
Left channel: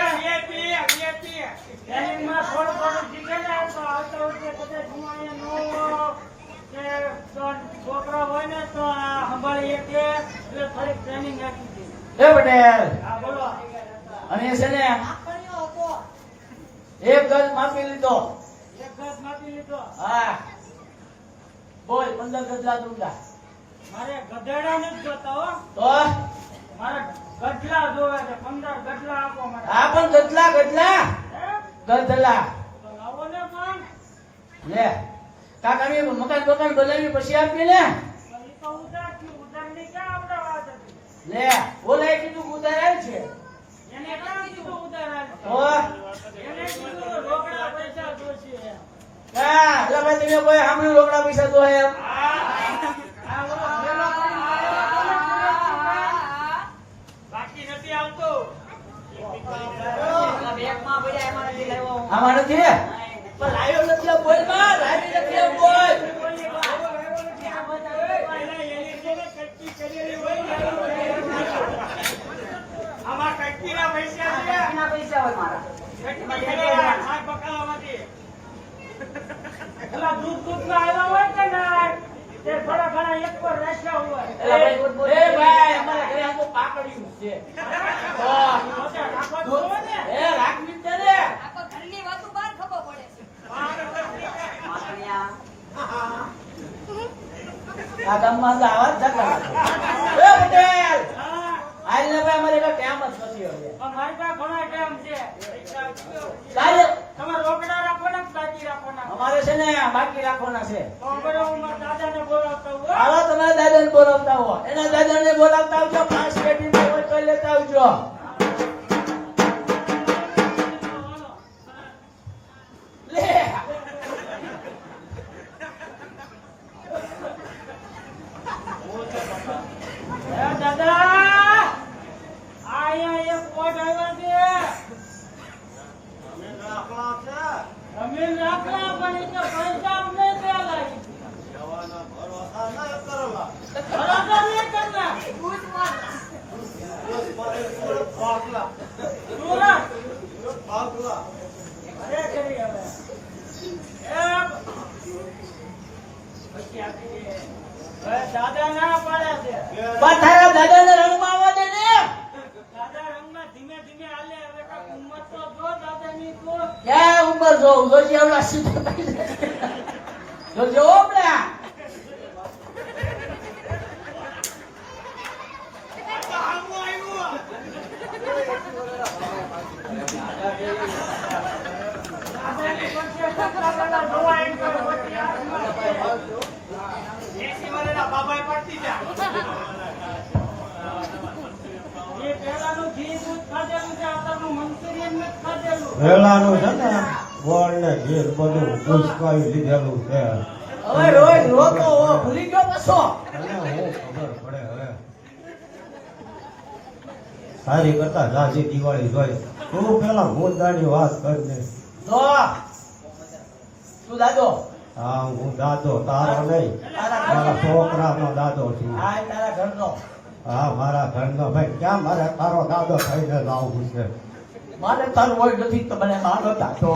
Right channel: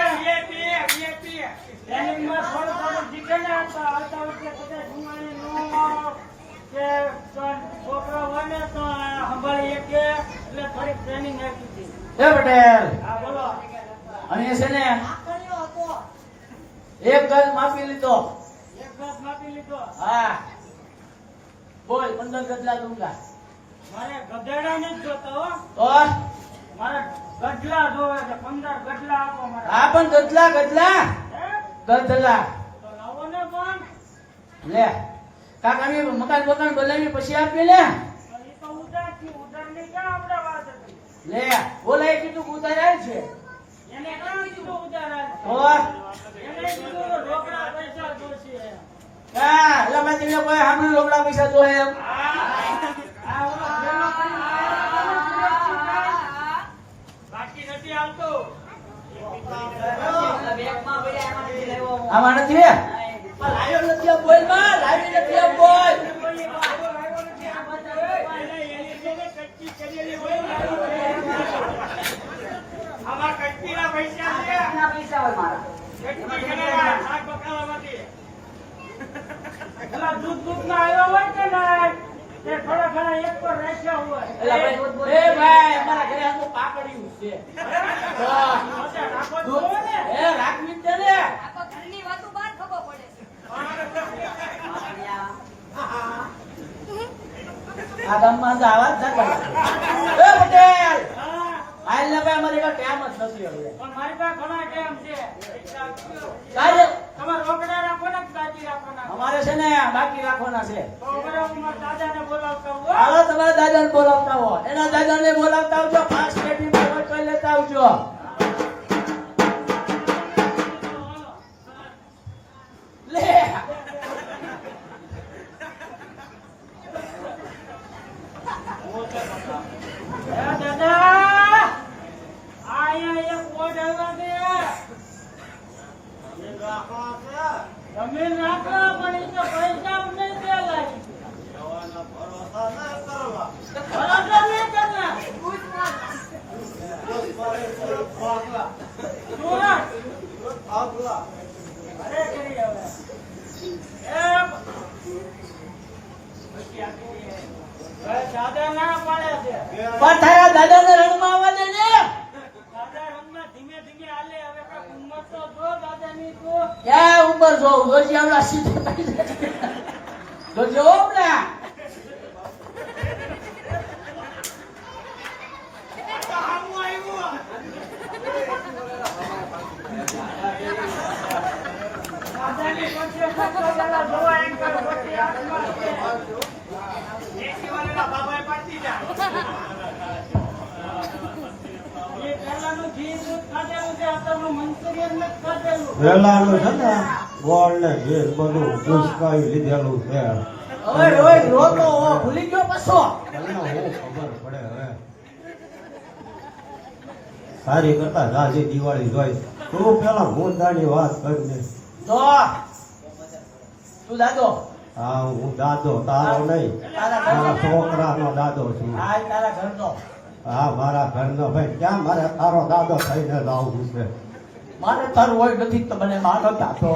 ટ્રેનિંગમાં થોડું થોડું શીખેલા તો આવતા વર્ષે કદાચ હું અહીંયા કે છોકરો હોય ને તો સંભાળી એટલે થોડીક ટ્રેનિંગ આપી હતી. એ પટેલ હા બોલો. અને છે ને કર્યો હતો. એક ગજ માપી લીધો એક બસ માપી લીધો. હા બોલ 15 ગજલા દૂંગા મારે ગધેડા ને જ જોતા હો. તો મારે ગઢલા જોવે છે 15 ગઢલા આપો મારે. આ પણ ગજલા ગજલા હે? ગજલા તો લાવો ને પણ. લે કાકાની મકાન બકાન બોલાવી પછી આપીએ ને પણ ઈ તો ઉધાર થી ઉધાર ની ક્યાં આપણે વાત હતી. લે બોલાય કીધું કે ઉધાર આવે છે એને ક્યાં કીધું ઉધાર આલ? તો એને કીધું તો રોકડા પૈસા જોશે. હા એટલે ભાઈ તમે કોઈ સાંભળ્યું લોકડા પૈસા તો એમ આ ઓલો ભેગો કરીને આવ્યો હતો ને સુરતથી. બાકી નથી આવતો. આમાં નથી પણ લાવ્યો નથી આ બોલ માં લાવી નથી આ બોલ દૂધ ના આવ્યો હોય કે ના તે થોડા ઘણા એક પર રાખ્યા હોય. એ ભાઈ અમારા ઘરે આ તો કાકડિયું છે તો પોતે રાખો જ જોવે ને. એ રાખવી જ છે ને આખો ઘરની વાતો બહાર ખબર પડે છે. આ ગામમાં તો આવાજ જગડ એ પટેલ હા, હાલ ને ભાઈ અમારે કઈ ટાઈમ જ નથી હવે પણ મારી પાસે ઘણા ટાઈમ છે. કાલે તમારે રોકડા રાખવાના કે બાકી રાખવાના? અમારે છે ને બાકી રાખવાના છે તો બરાબર હું મારા દાદાને બોલાવતા હું, હો. હાલો તમારા દાદાને બોલાવતા હો એના દાદાને બોલાવતા આવજો 5 પેટી પર લેતા આવજો લે એ દાદા અહીંયા એક વોટ આવ્યા છે. જમીન રાખવા પણ એ તો પૈસા અમને ત્યાં લાગી. બરાબર નહીં કરના. સુરત. અરે કરી હવે. હવે દાદા ના પાડે છે. પણ તારા દાદાને રણમાં આવવા દે ને દાદા રંગમાં ધીમે ધીમે હાલે. હવે કાંઈક ઉંમર તો જો દાદાની તો. ક્યાં ઉપર જોઉં જોજી આવડા સીધો થઈ જાય જોજો હમણાં દાદાની પાસે સત્તા દાદા જોવા એમ કરે પછી હાથમાં છે. એ પહેલાનું ઘી દૂધ ખાધેલું છે, અત્યારનું મંચુરિયન નથી ખાધેલું. વેલાનું છે ને ગોળ ને ઘી બધું ઉસકાઈ લીધેલું છે હવે રોજ રોતો હો ભૂલી ગયો પાછો તમને હું ખબર પડે હવે સારી કરતા જાજી દિવાળી જોઈ તું પેલા મુદ્દાની વાત કરને જો તું દાદો હા હું દાદો તારો નહીં તારા મારા ઘરનો છોકરાનો દાદો છું હા એ તારા ઘરનો હા મારા ઘરનો ભાઈ ક્યાં મારે તારો દાદો થઈને જ આવવું છે મારે તારું હોય નથી તો મને મારો દાદો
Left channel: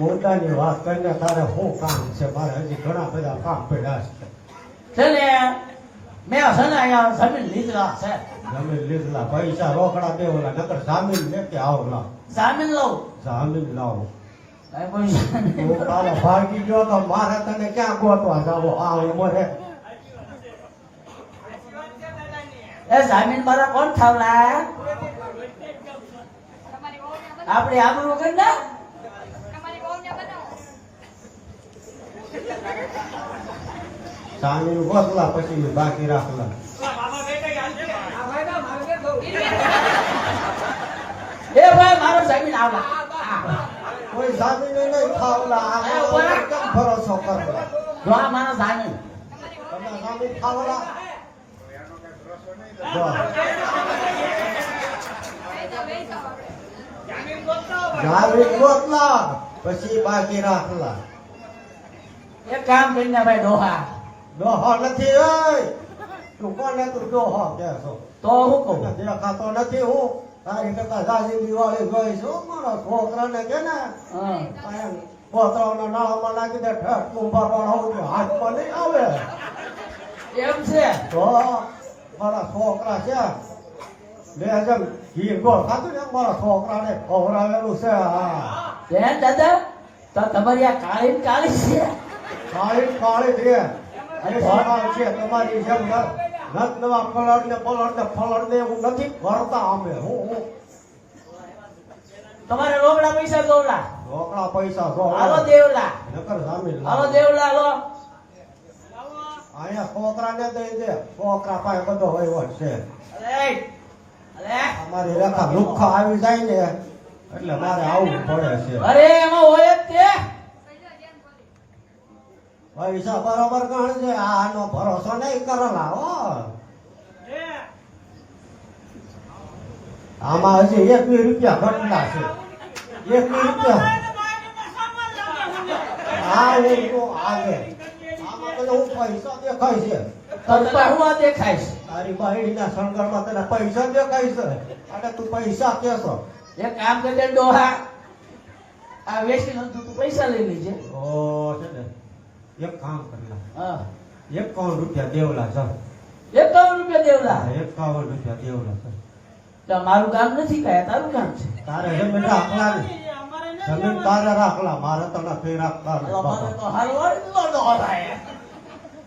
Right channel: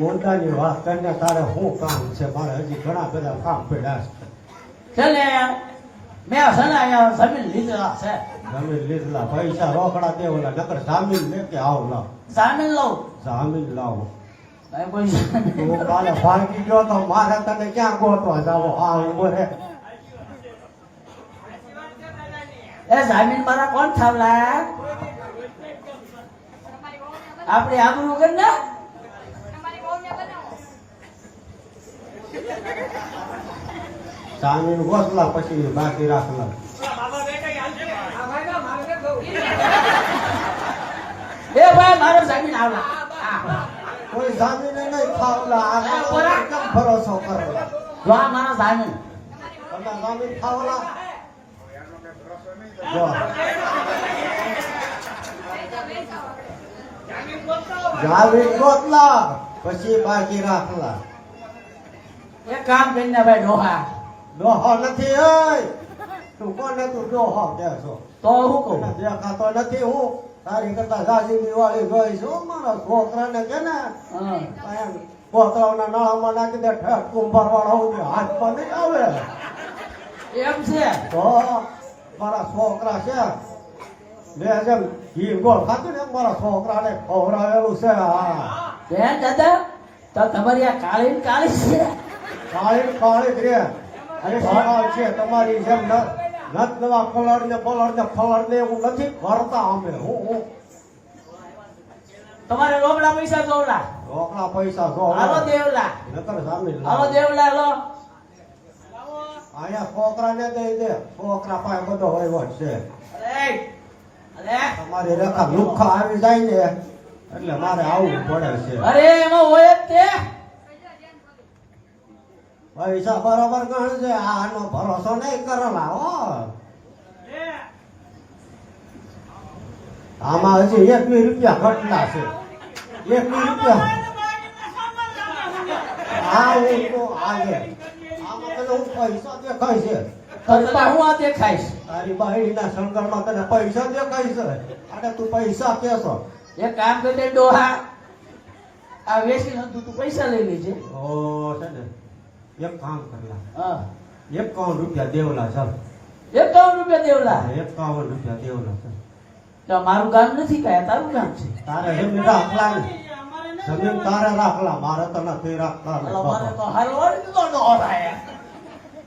મુદ્દાની વાત કરીને તારે શું કામ છે મારે હજી ઘણા બધા કામ પડ્યા છે છે ને મેં છે ને અહીંયા જમીન લીધેલા છે જમીન લીધેલા પૈસા રોકડા દે ઓલા નકર જામીન લેકે આવ ના જામીન લઉં જામીન લાવો કાંઈ પૈસા નહીં. તું કાલે ભાગી ગયો તો મારે તને ક્યાં ગોતવા જાવો આ ઉંમરે એ જામીન મારા કોણ થાવલા તમારી વહુને આપણે આબરૂ કર ને તમારી વહુને બનાવો. જામીન ગોતલા પછી બાકી રાખલા એ ભાઈ મારો જામીન આવલા કોઈ જામીને નહીં ખાવલા આ કેમ ભરોસો કરો જો આ માણસ આનું તમે જામીન ખાવલા જો જામીન ગોતલા પછી બાકી રાખલા એક કામ કરીને ભાઈ ડોહા ડોહો નથી ઓય તું કોને તું ડોહો કે છો તો હું કહું તને દેખાતો નથી હું તારી કરતા જાજી દિવાળી જોઈ છું મારા છોકરાને કે ને હમ. કોતરાઓના નાળામાં નાખી દે ઠેક કુંભાર વાળા હાથમાં નહીં આવે એમ છે તો મારા છોકરા છે બે જેમ ઘી ગોળ ખાતું ને એમ મારા છોકરાને ખવડાવેલું છે હા બેન દાદા તો તમારી આ કાળી ને કાળી છે કાળી કાળી જ રે અને સવાલ છે તમારી જેમ નત નવા કલર ને ફલર ને એવું નથી કરતા અમે હું તમારે રોકડા પૈસા જોવલા રોકડા પૈસા જો હાલો દેવલા નકર સામેલ હાલો દેવલા લો અહીંયા છોકરાને દઈ દે છોકરા પાસે બધો વહીવટ છે અરે અરે અમારી રેખા લુખા આવી જાય ને એટલે મારે આવવું પડે છે અરે એમાં હોય જ તે પૈસા બરોબર ગણ છે આનો ભરોસો નહીં કરેલા હો આમાં હજી 1 રૂપિયા ઘટના છે 1 રૂપિયા હા હું તો આગે આમાં પેલો હું પૈસા દેખાય છે કરતા હું આ દેખાઈશ તારી બાયડીના શણગારમાં તને પૈસા દેખાય છે અને તું પૈસા કેસો એક કામ કરી દે ડોહા આ વેચી તું તું પૈસા લઈ લેજે ઓ છે ને એક કામ કરના હા 51 રૂપિયા દેવલા છે 51 રૂપિયા દેવલા 51 રૂપિયા દેવલા છે તો મારું કામ નથી કાંઈ તારું કામ છે તારે જમીન રાખલા ને જમીન તારે રાખલા મારે તો નથી રાખતા ને હાલો, મને બાપા. તો હલવાડી દીધો ડોહા એ.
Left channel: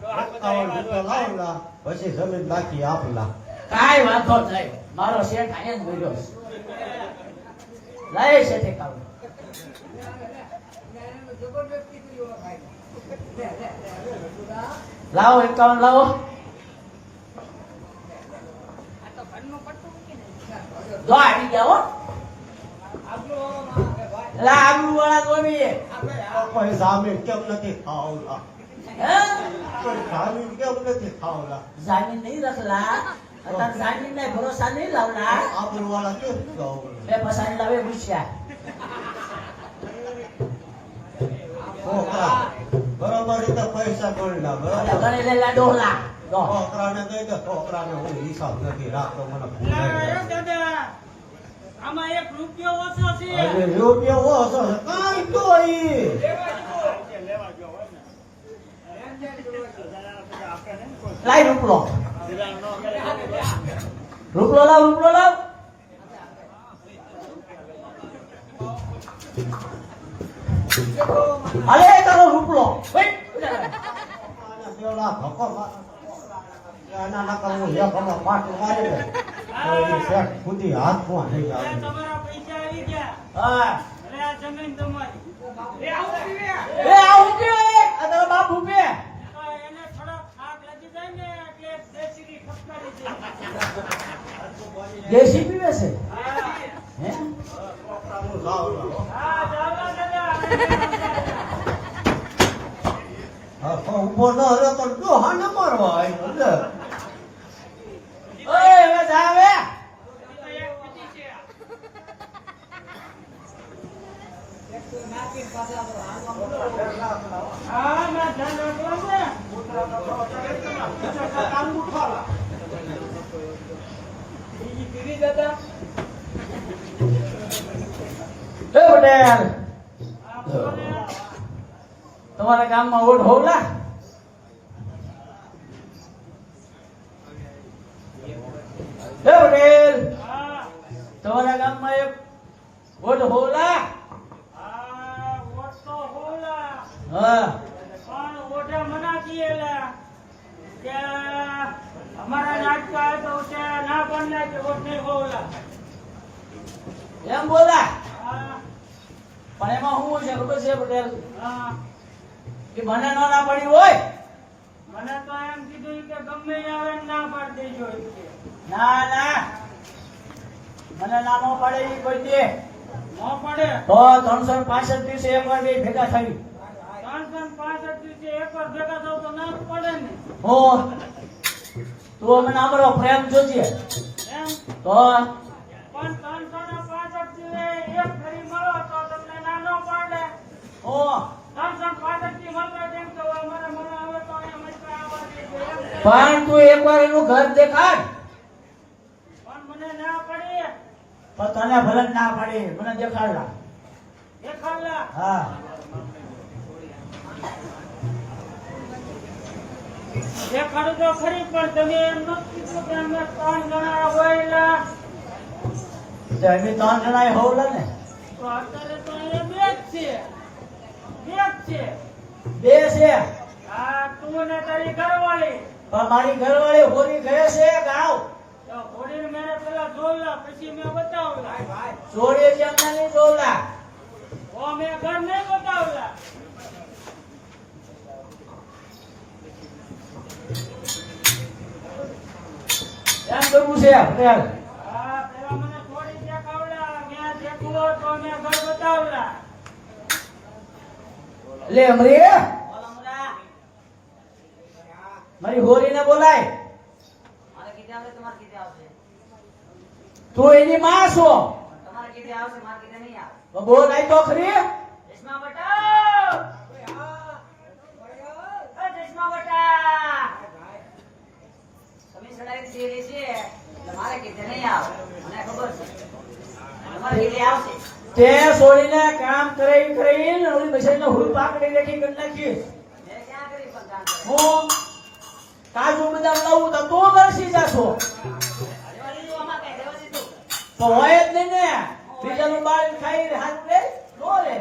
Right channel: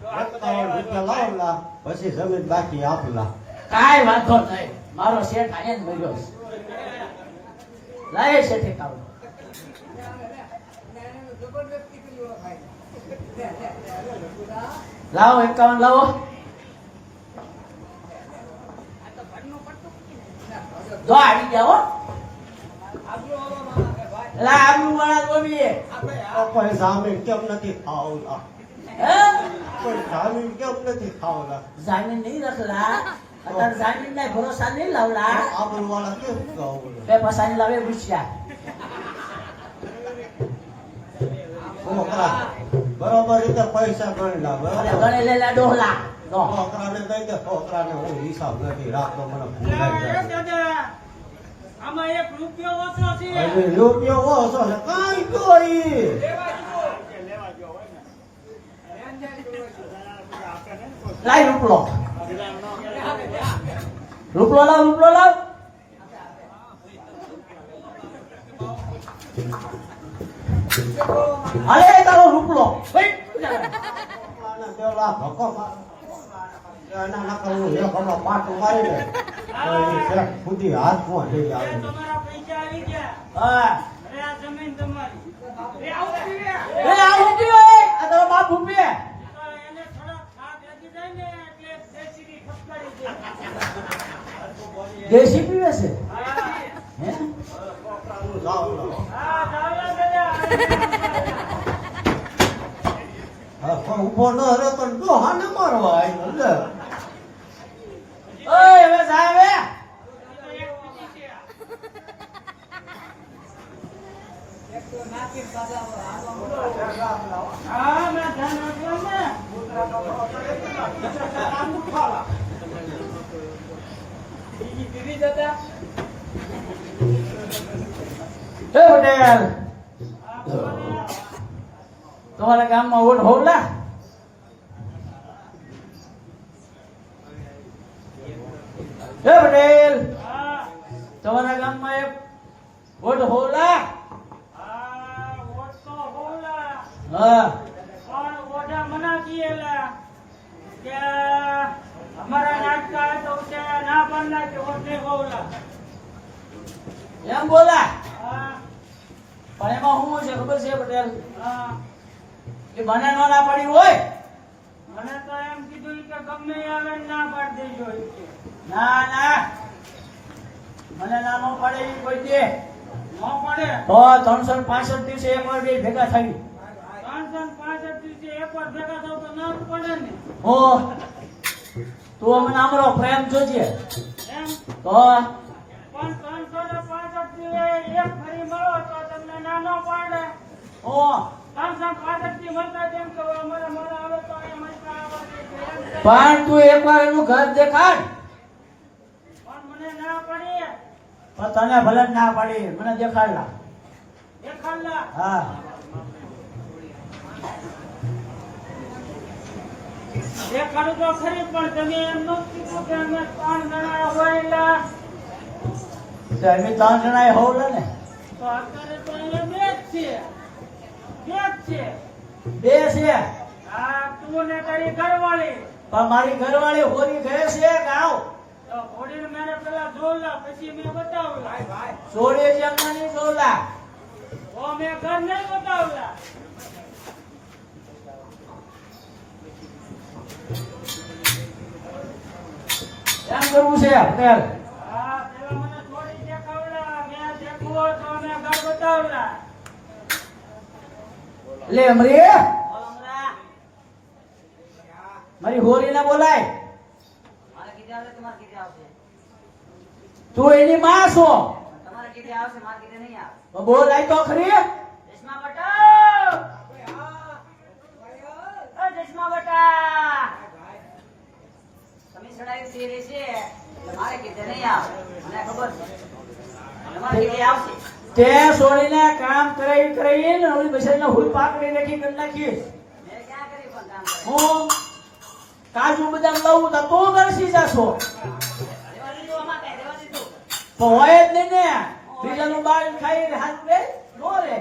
51 રૂપિયા લાવલા પછી જમીન બાકી આપલા કાંઈ વાંધો નહીં મારો શેઠ અહીંયા જ મળ્યો છે લાય શેઠે કામ લાવો 51 લાવો જો આવી જાઓ લા આબુ વાળા ગોમી કોઈ જામીન કેમ નથી ખાવલા હે કોઈ જામીન કેમ નથી ખાવલા જામીન નહીં રખલા અત્યારે જામીન ને ભરોસા નહીં લાવલા આબરૂ વાળા કેમ ખાવલા બે પસાની લાવે પૂછ્યા છોકરા બરોબર રીતે પૈસા ગણી લાવ અને બરોબર ગણે લેલા ડોહલા ડોહ છોકરાને દઈ દે છોકરાને હું હિસાબ નથી રાખતો મને ભૂલાઈ જાય આમાં 1 રૂપિયો ઓછો છે અરે રૂપિયો ઓછો છે કાંઈ તો ઈ લાઈ રૂપલો રૂપલો લાવ અરે તારો રૂપલો વેટ દેવલા ધક્કો એના નકર હું એક હમણાં પાટું મારી દે કોઈ શેઠ સુધી હાથમાં લઈ આવે તમારા પૈસા આવી ગયા હા અરે આ જમીન તમારી એ આવું કે આ તારો બાપ ઉભે એને થોડા થાક લાગી જાય ને એટલે દેશી ખપકારી દે દેશી પીવે છે હે હા ચાલો દાદા ઉભો ન રહ્યો તો ડોહા ન મારવા આવ્યો લે ઓય હવે સાહેબ હા મેં ધ્યાન રાખવાનું ને બીજી પીવી દાદા એ પટેલ તમારા ગામમાં વોટ હોવલા એ પટેલ હા તમારા ગામમાં એક વોટ હોવલા હા વોટ તો હોલા હા પણ ઓઢા મના દીએલા કે અમારા નાટકા તો કે ના પાડના કે વોટ નહીં હોલા એમ બોલા હા પણ એમાં શું છે ખબર છે પટેલ હા કે મને ન ના પડી હોય મને તો એમ કીધું કે ગમે ઈ આવે ને ના પાડી દેજો ઈ કે. ના ના મને ના ન પડે ઈ કોઈ દે નો પડે. તો 365 દિવસે એકવાર બે ભેગા થઈ 365 દિવસે એકવાર ભેગા થાવ તો ના જ પડે ને. હો તું અમને અમારો પ્રેમ જોજે એમ તો પણ 365 દિવસે એક ફરી મળો તો તમને ના નો પડે. હો 365 દી મળતા તેમ તો અમારે મળે આવે તો એ મળતા આવવા દે છે. એમ છે. પણ તું એકવાર એનું ઘર દેખાડ પણ મને ના પડે. તો તને ભલે જ ના પાડી મને દેખાડલા એ ખાલા હા દેખાડું તો ખરી પણ તમે એમ નો કીધું કે અમે 3 જણા હોયલા. તો અમે 3 જણા હોવલા ને તો અત્યારે તો અહીંયા બે જ છે. બે જ છે. બે છે આ તું ને તારી ઘરવાળી. પણ મારી ઘરવાળી હોરી ગયે છે ગાવ તો ઘોડીને મેને પેલા જોલા પછી મેં બતાવલા. ચોરી જેમ નહીં જોલા ઓ મેં ઘર નહીં બતાવલા. એમ કરવું છે પટેલ હા પેલા મને થોડી દેખાવલા. મેં દેખવું તો મેં ઘર બતાવલા. લે અમરી બોલ હમણાં. મારી હોરીને બોલાય મારે કીધે આવશે તમારે કીધે આવશે. તું એની માં છો તમારે કીધે આવશે મારે કીધે નહીં આવે. તો બોલ આય તો ખરી રેશમા બટા રેશમા બટા તમે ચડાવી દે રહેશે એટલે મારે કીધે નહીં આવે. મને ખબર છે તમારે કીધે આવશે. તે છોડીને કામ કરીને ઓલી બસાઈને હુલ પાકડી રાખી કરી નાખી મેં ક્યાં કરી પણ કામ કરે. હું કાજુ બદામ લઉં તો તું દર્શી જાશો રેવા દીધું આમાં કઈ રેવા દીધું. તો હોય જ નહીં ને બીજાનું બાળ ખાઈ હાથ દે નો રે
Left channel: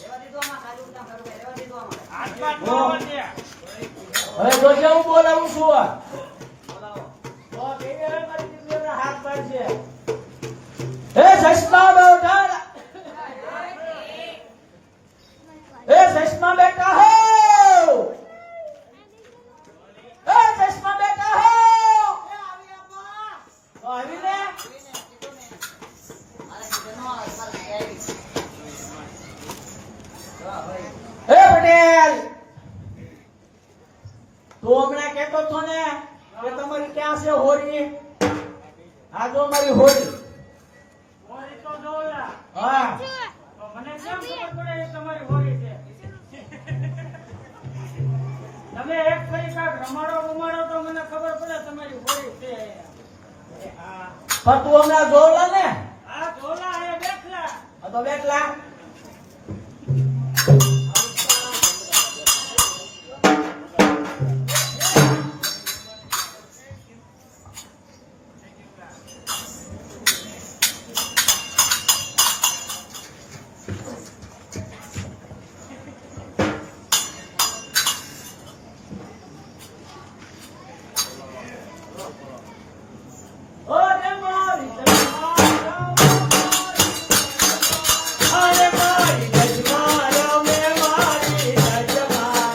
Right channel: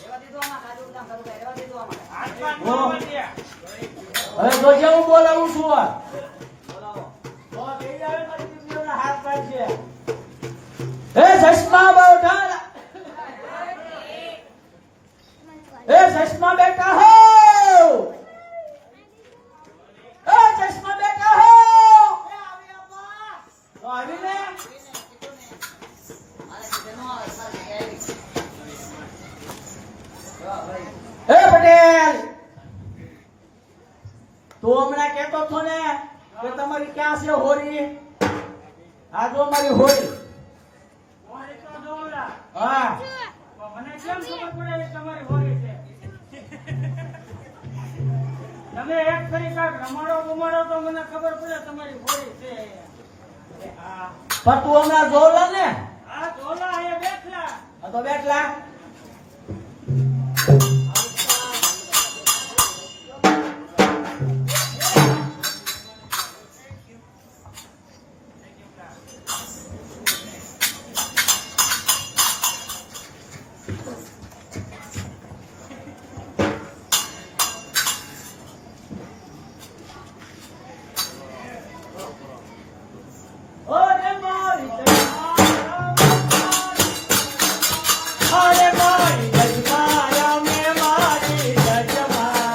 રેવા દીધું આમાં કાજુ બદામ કરું કઈ રેવા દીધું આમાં. હાથમાં ન આવવા દે. હવે જોજે હું બોલાવું છું બોલાવો. તો તૈયાર મારી દીકરીઓના હાથ કાઢશે હે ચશ્મા બેટા હે ચશ્મા બેટા હો હે ચશ્મા બેટા હો તો આવી ને મારે કીધે ન આવે તમારે કીધે આવી. જો ભાઈ હે પટેલ તું હમણાં કહેતો હતો ને કે તમારી ક્યાં છે હોરી આ જો મારી હોરી હોળી તો જોલા. હા તો મને કેમ ખબર પડે એ તમારી હોળી છે? તમે એક ફરી કાંઈક રમાડો તો મને ખબર પડે તમારી હોળી છે. પણ તું હમણાં જોરલા ને આ જોલા એ બેઠલા. આ તો બેઠલા ઓ રે મારી અરે મારી જજમા મે મારી જજમા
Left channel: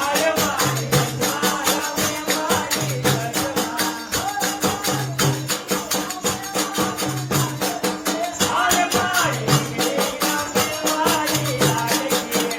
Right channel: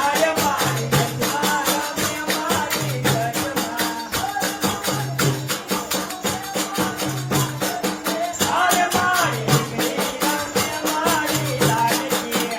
અરે મારી જજમા મે મારી જજમા અરે મારી દીકરી મે મારી લાડકી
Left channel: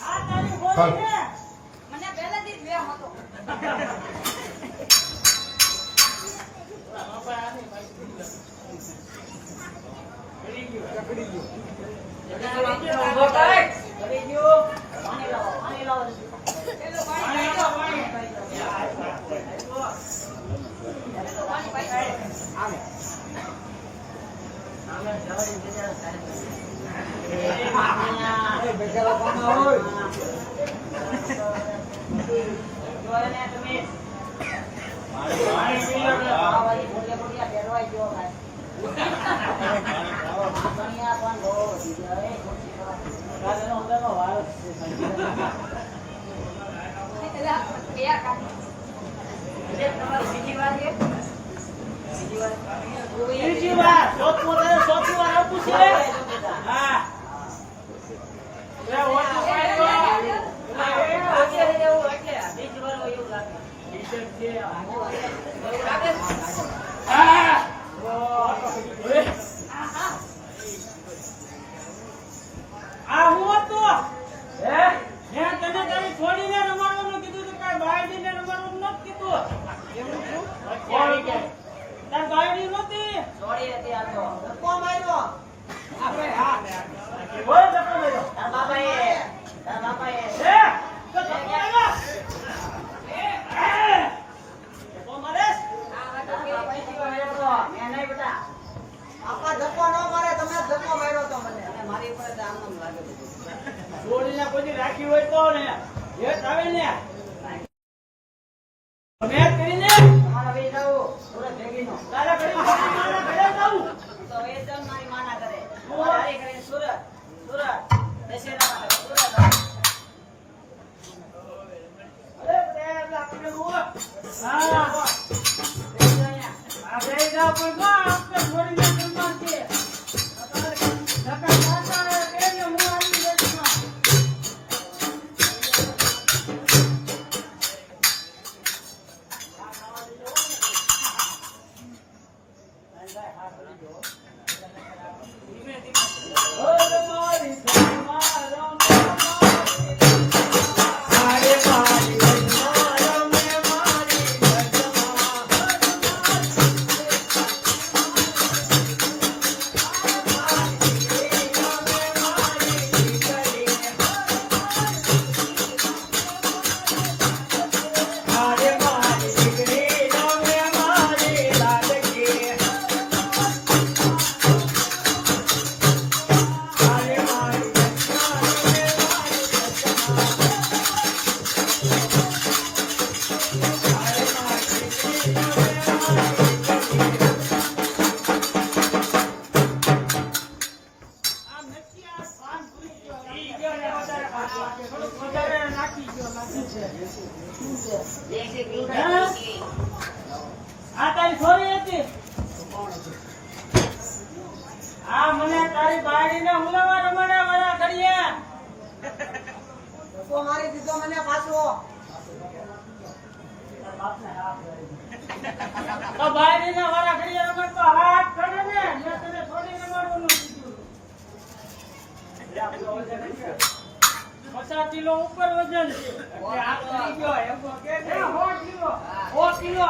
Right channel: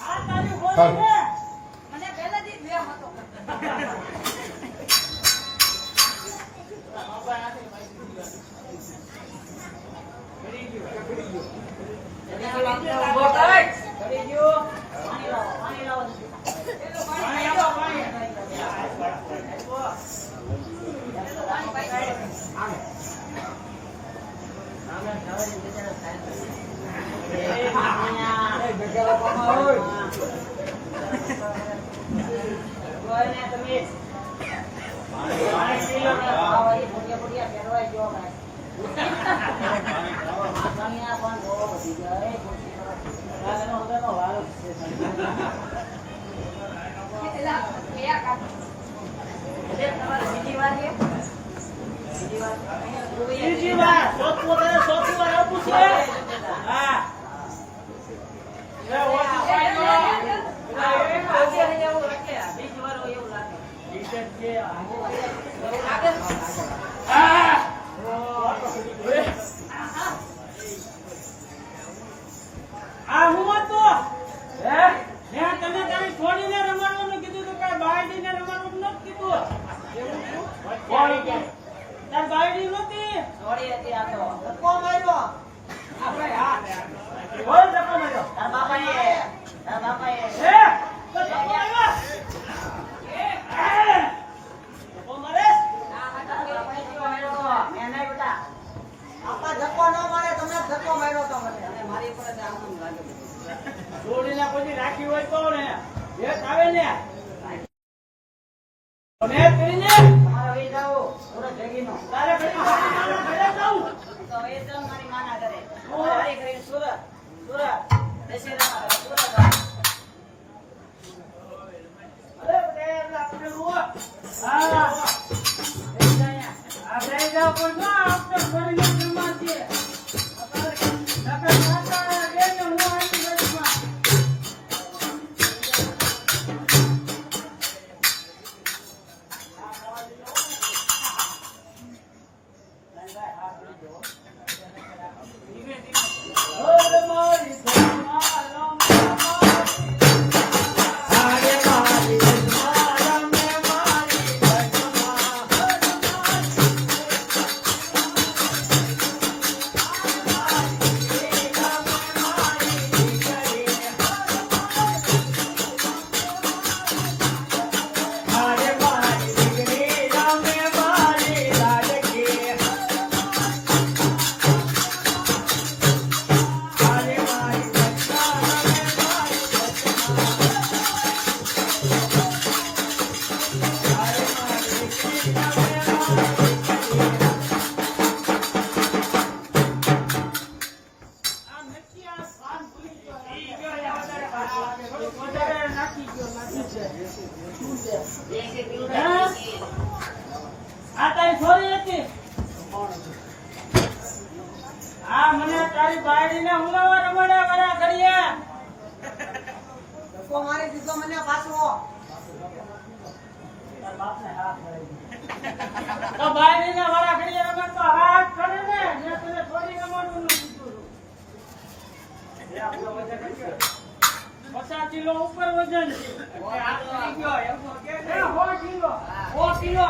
આ તારી હોળી છે. મને પહેલેથી જ વેમ હતો. ઉભો કર. કરી ગયો. પાણી લાવો પાણી લાવો. પાણી આપો, પાણી. આમે જવાની વિચાર થાય. ને તમે પાણી પી લો ને. આ વાળી મોટી મોટી આ ફેરવાઈ ગયો કાંઈ. કન્યા પણ બહુ વધી ગઈ. રાતનો અંદરનો વારો છે. એટલે તમારે બીજી વાર છે? બીજી વાર? બીજી વાર ચોથું તારે ચોથી વાર આવતું છે. હા એ ઓછું પાડ્યો. આજે રહી જવું એટલે બીજી વાર હોય એવું લાગે. ટી-શર્ટ છે. એવું લાગે ને? હા આ હું હતું. હે તને તારી છોડીને રમાડવાનું કીધું તો કાંઈ બાયડીને રમાડવાનું નથી કીધું. કોણ કે? તાર બાયડી નહોતી. છોડી હતી આ તો. ધક્કો માર્યો. આપણે હા. કોઈ ધક્કો માર્યો. તારા બાપાએ હે તો ધક્કો માર્યો. ધક્કો મારે? મેં નહીં બેટા. આપા ધક્કો ન મારે, તમે જ ધક્કો માર્યો તો મને. અને મારી પર તો આનંદ લાગે છે. છોડીને કોઈ રાખી હોય તો ને એક આવે ને તમે જ કરીને તમારે વહી જાવું સુરત ભેગીનું. તારે ઘડી મારી માના ઘરે જાઉં. તો એ તો મારી માના કરે. તમારે હારી કરીને સુરત દશેરામાં કરે. સુરત આવે. અરે બેન આપણે રોવા. હા આ બે જા પણ જો આપણે છોડીને રમાડજે. ધક્કા ખાતા કે ને હું આવી ગઈમાં. અરે મારી ધર્મા અરે મારી ધર્મા મારી વધારે નાખી ગયો લાગી છે. દેશી પીવું હે? નથી. આ તારી છોરી હતી. આ મને તારી બાયડીને હુલાવા રમાડ્યા વાળા કરીએ. ધક્કો મારી દીધો મને પાછો. તો બાયડીને વાળા કરીએ રમત તો હાથ કરે ને મેં તને છોડી રમાડવાનું કીધું. 50 કિલો ઉપર વજન છે. આ કરી ગયો એમ કે એ 100 કિલો. 100 કિલો.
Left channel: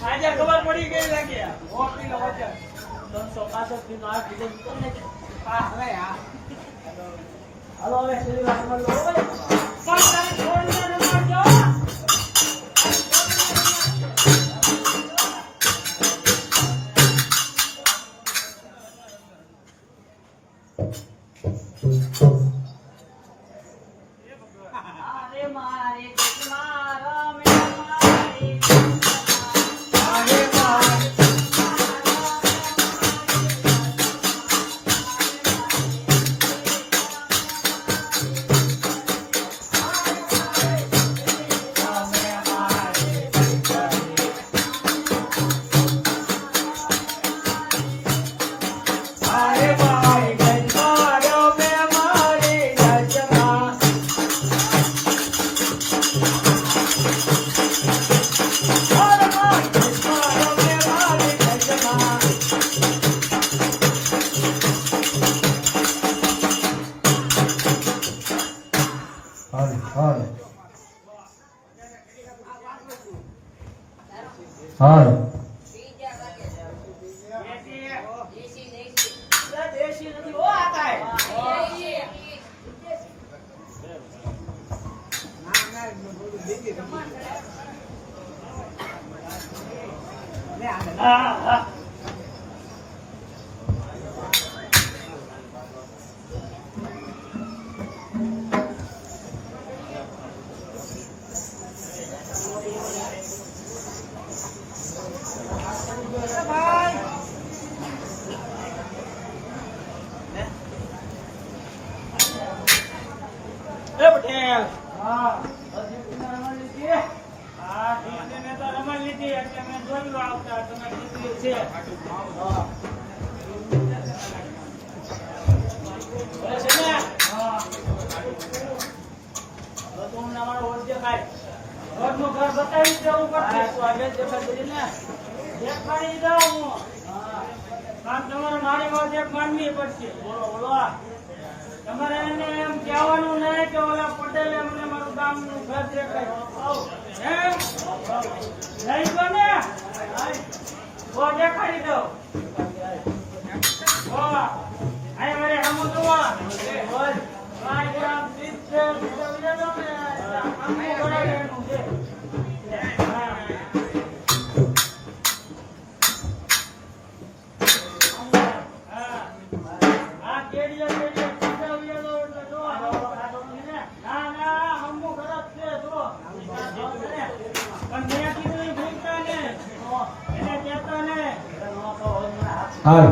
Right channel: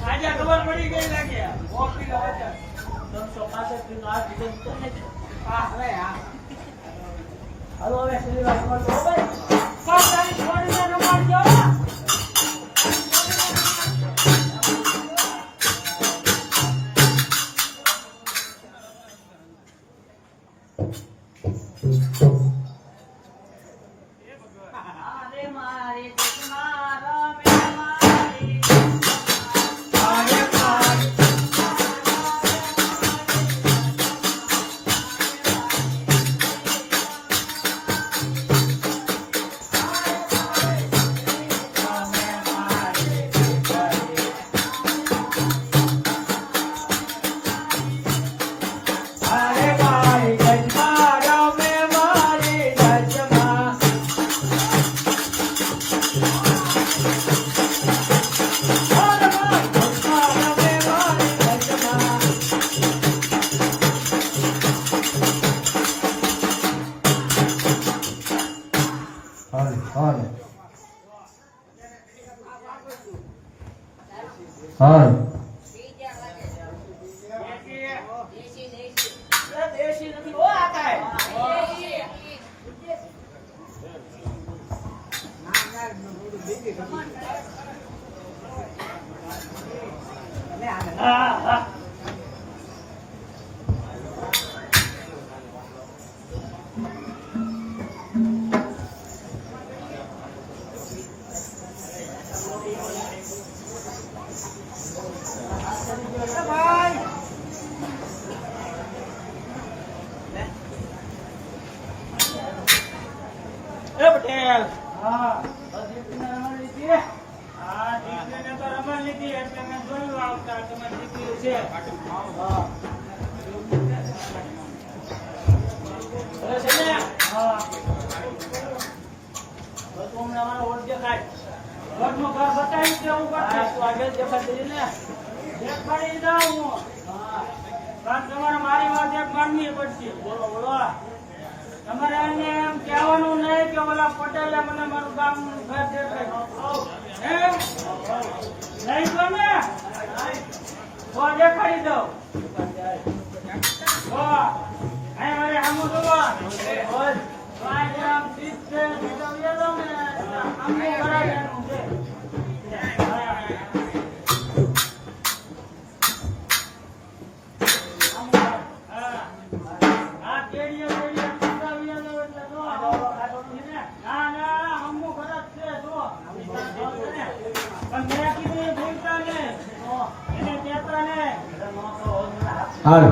સાજા ખબર પડી ગઈ લાગે 100 કિલો વજન 365 કિલો આ કિલો હાલો હવે સીધી વાત કરો ભાઈ પણ તારી છોડીને રમાડજો. અરે મારી દુશ્મન રમે મારી. દેશી નથી હો આ કાંઈ. હા હા પટેલ હા દીકરીને રમણ લીધી હા દીકરીને તો રમણ લીધી એટલે મેં જોયું આવતા તમારી દીકરી છે હા છે ને હા તો તું અમને અમારો ઓળખ દેખાય ઘરનું ઘર બતાવી દેવું હા પડશે તું આગળ દેખાડી ને દેખાડી દઉં હું કારણ તમારે મારી વાત એક માનવી પડશે બોલો બોલો તમારે એને એમ કહેવાનું નહીં કે ઓલા પટેલે મને મારું ગામનું ઘર દેખાડ્યું હે નહીં તો ને તો દેખાડી દઉં અહીં મારે હમું જોવા પાંચ ગ્રામ સીટ છે બીજો બીજો દઉં ને એટલે હમું કરાવી છે હા. હા. આ કેડીઓ સીધા ઉડ્યા દો એટલે જો ના ના હમું ખરાબ છે જો પણ મેં કીધું એ ભૂલતા નહીં એને કહેતા નહીં હાલ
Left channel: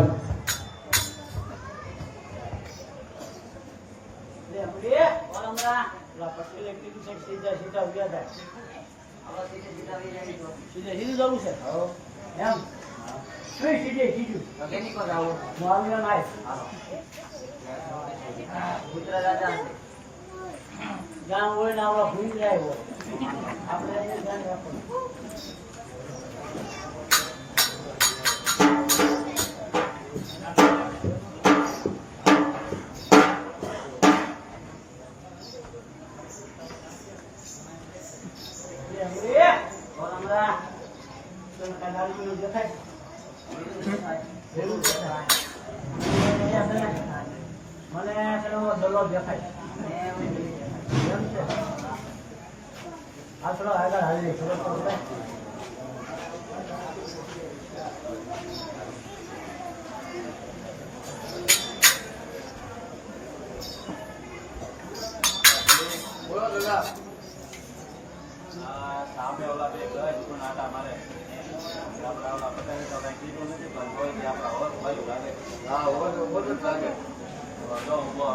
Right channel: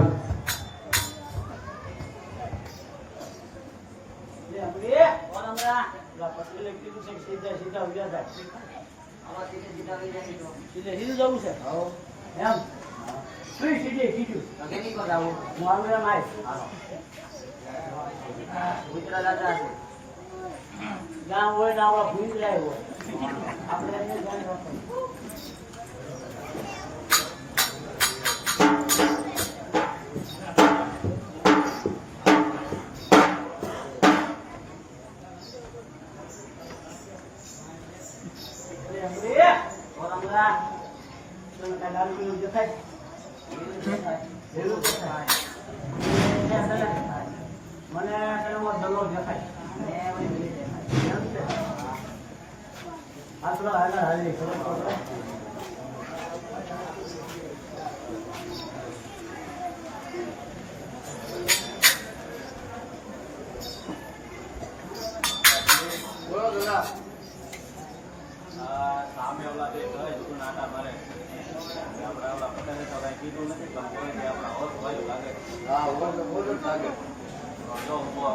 પટેલે કીધું છે કે સીધા સીધા ઉભા થાય આવા સીધે સીધા વહી જાય તો. સીધે સીધું જવું છે એમ શું સીધે સીધું હવે નીકો જાઓ. મારું એમ આય કૂતરા દાદા છે. ગામ હોય ને આપણા ભૂલી જાય હોય આપણે એને ધ્યાન રાખવાનું મને દલો દેખાય આ થોડો આગળ હાલી ખબર પડે બોલો દાદા સામે ઓલા બે ઘર જૂનું નાટા મારે આપડા ઓલા પટેલ તો કઈ કીધું નથી પણ કોઈ જે આપડા હોશ બાજુ લાગે હા બોલો જ લાગે જો ઉભો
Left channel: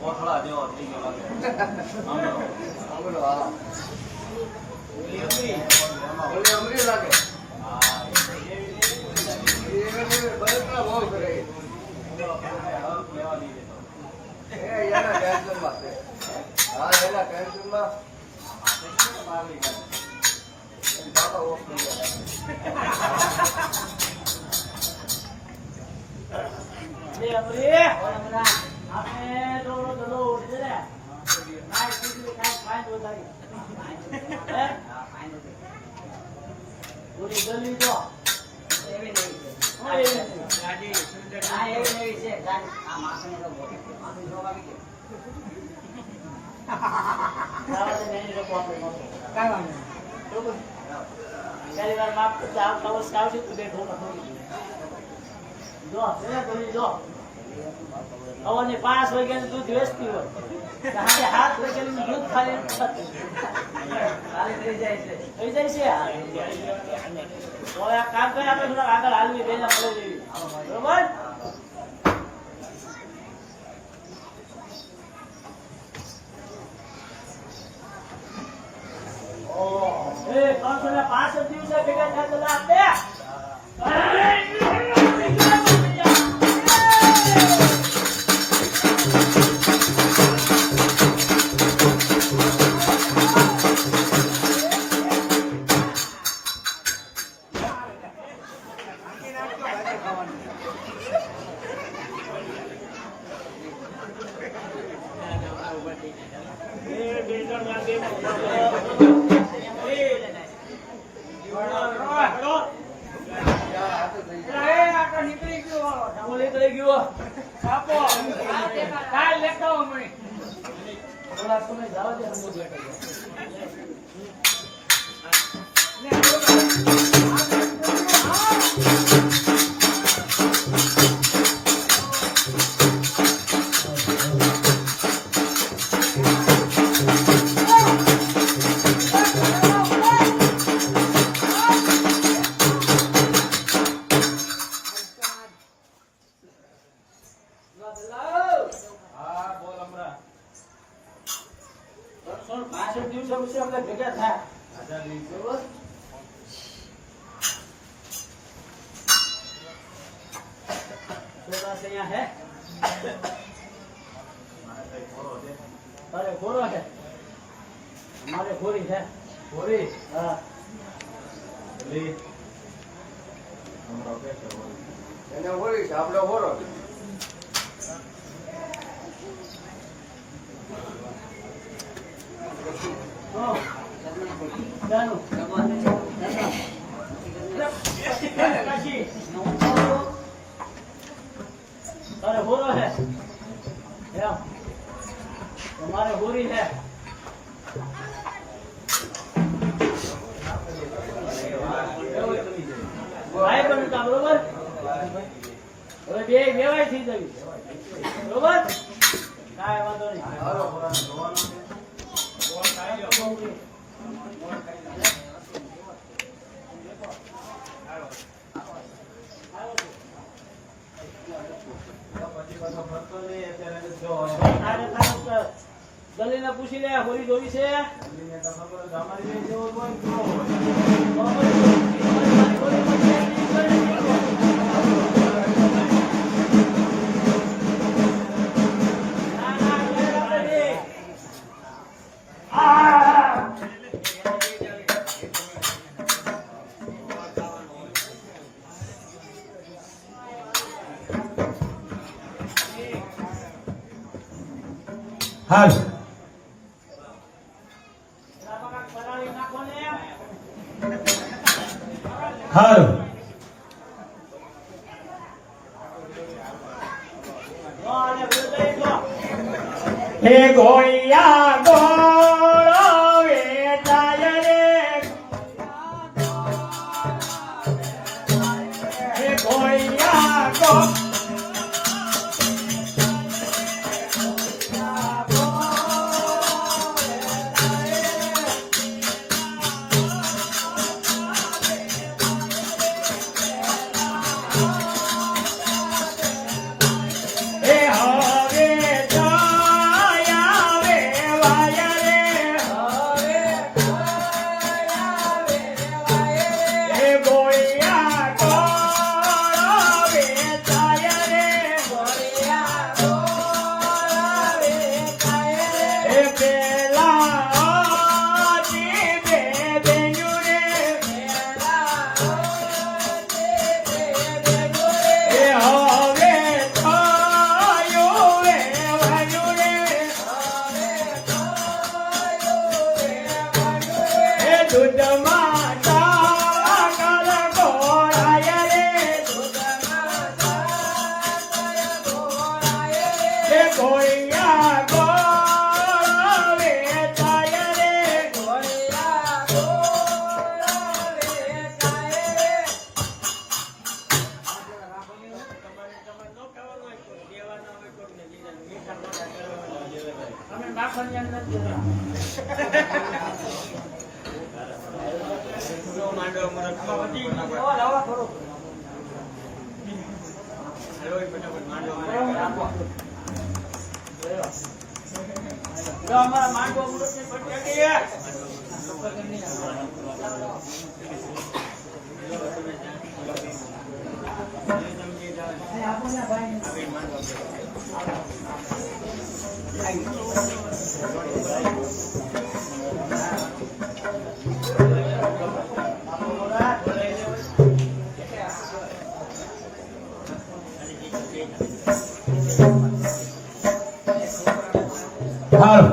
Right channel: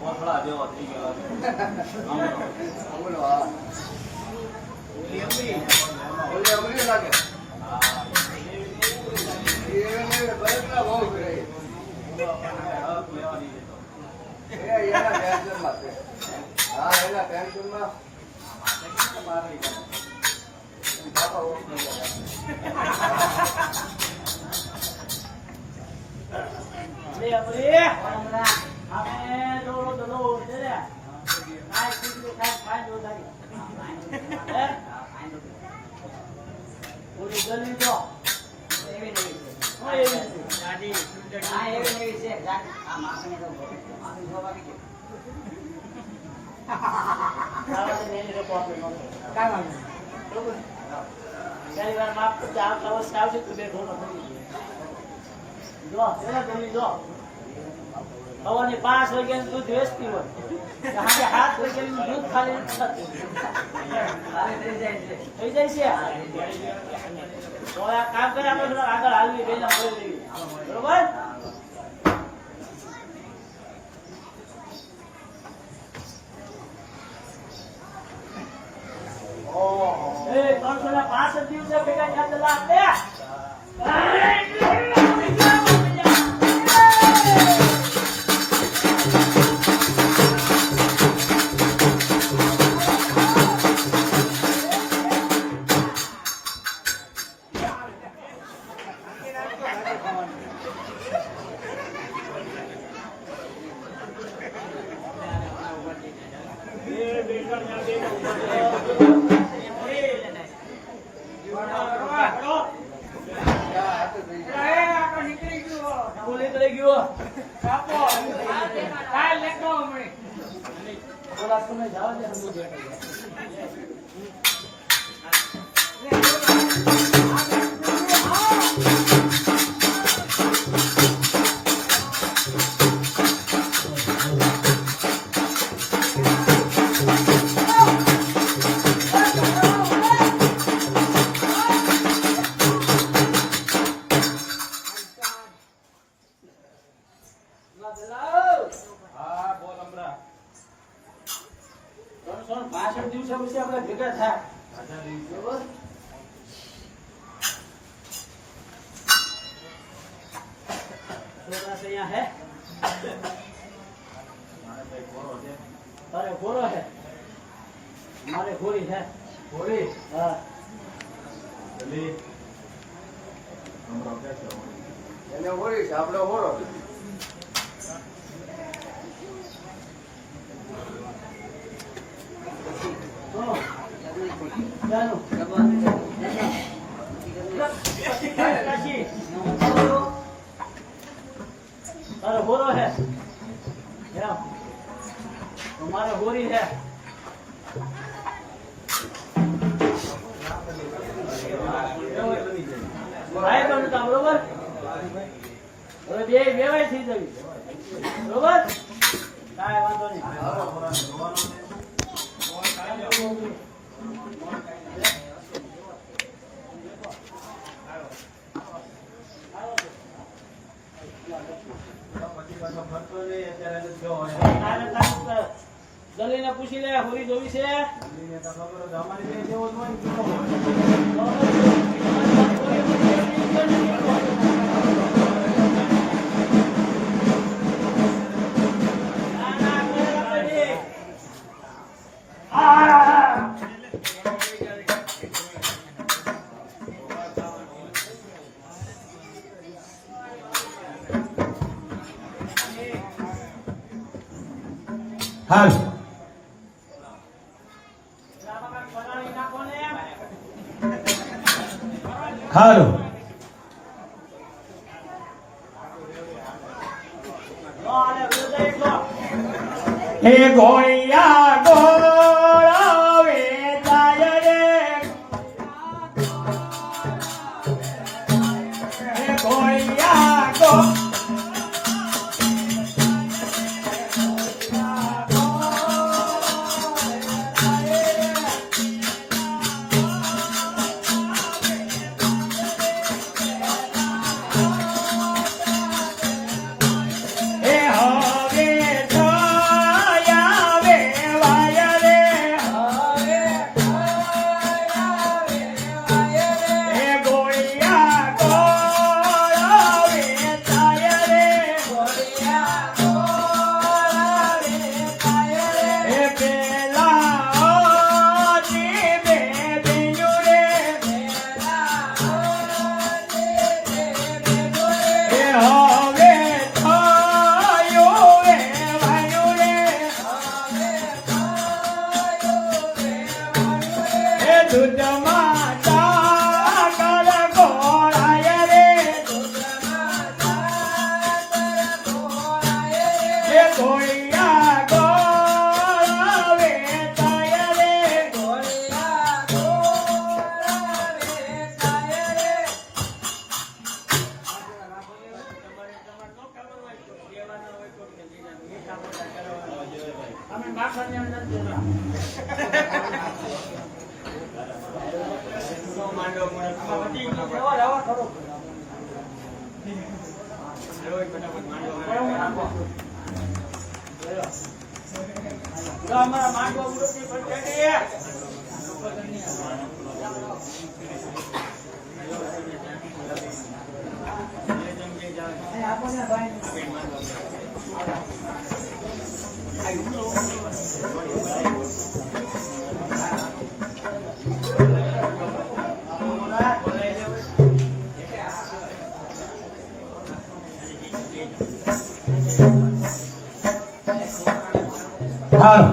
કોથળા જેવો થઈ ગયો લાગે બોલો હા બોલે અમરી લાગે એને બરકલા બહુ કરે હક લેવાની એના ટેન્શનમાં છે હા એના ટેન્શનમાં બાપા ઓફ નહીં કરે આપણે દોડો દલો ઉઠે ને કાંઈ કીધું કાંઈ ફાઈન ઉઠાવી પૂરી ગલી જો એવી નહીં છે. હા એવી નથી. હા, એવી નહીં છે. આ માખણ એનો ભોગ છે. માખણ જોવા આવી ગયો. ચાલો તો મેં લોકો આપણે નહોતો. બરોબર? ચાલી વાર માફ કરતા આ કવચ કાઢશે તું દેખો જો એને ગલી જો સવારની 5 વાગ્યાનું દૂધ વેચતી હોય સાંજે 7 વાગ્યાનું દૂધ ખાલી થતું ખાલી થઈ જાય છે. થઈ જાય છે તો આ કામ કરે આપણે થોડા આગળ હાલવી લઈને મળે જઈએ બરોબર એ 365 દિવસે ભેગા થયેલા આપણે નીકળી ગયો હું નીકળી ગયો બાપો કાલ લેતો હમણાં થોડા સમય જાવ દે હું બેઠો હા બોલ હમણાં માણસ અહીંયા હે મારે કઈ ઘોડો છે તારે ઘોડો છે મારે ઘોડી છે ઘોડી હા જલ્દી હમણાં બેસો એને હોળી છે, આપણે હોરો. સુનો કાશી તારે ઘોડો છે એમ તો મારે ઘોડી છે ભાઈ પણ હતા બરોબર હવે બે વેવાય થઈ જવી બરોબર કાંઈ વાંધો નહીં દલીને પૂછી લે હોરી જોવી છે હાલ હાલ હે ગોળિયા ગોળા વેચાય રે હે ગોળિયા ગોળા અમારા માંડવો અમૃતની પટેટી હાલ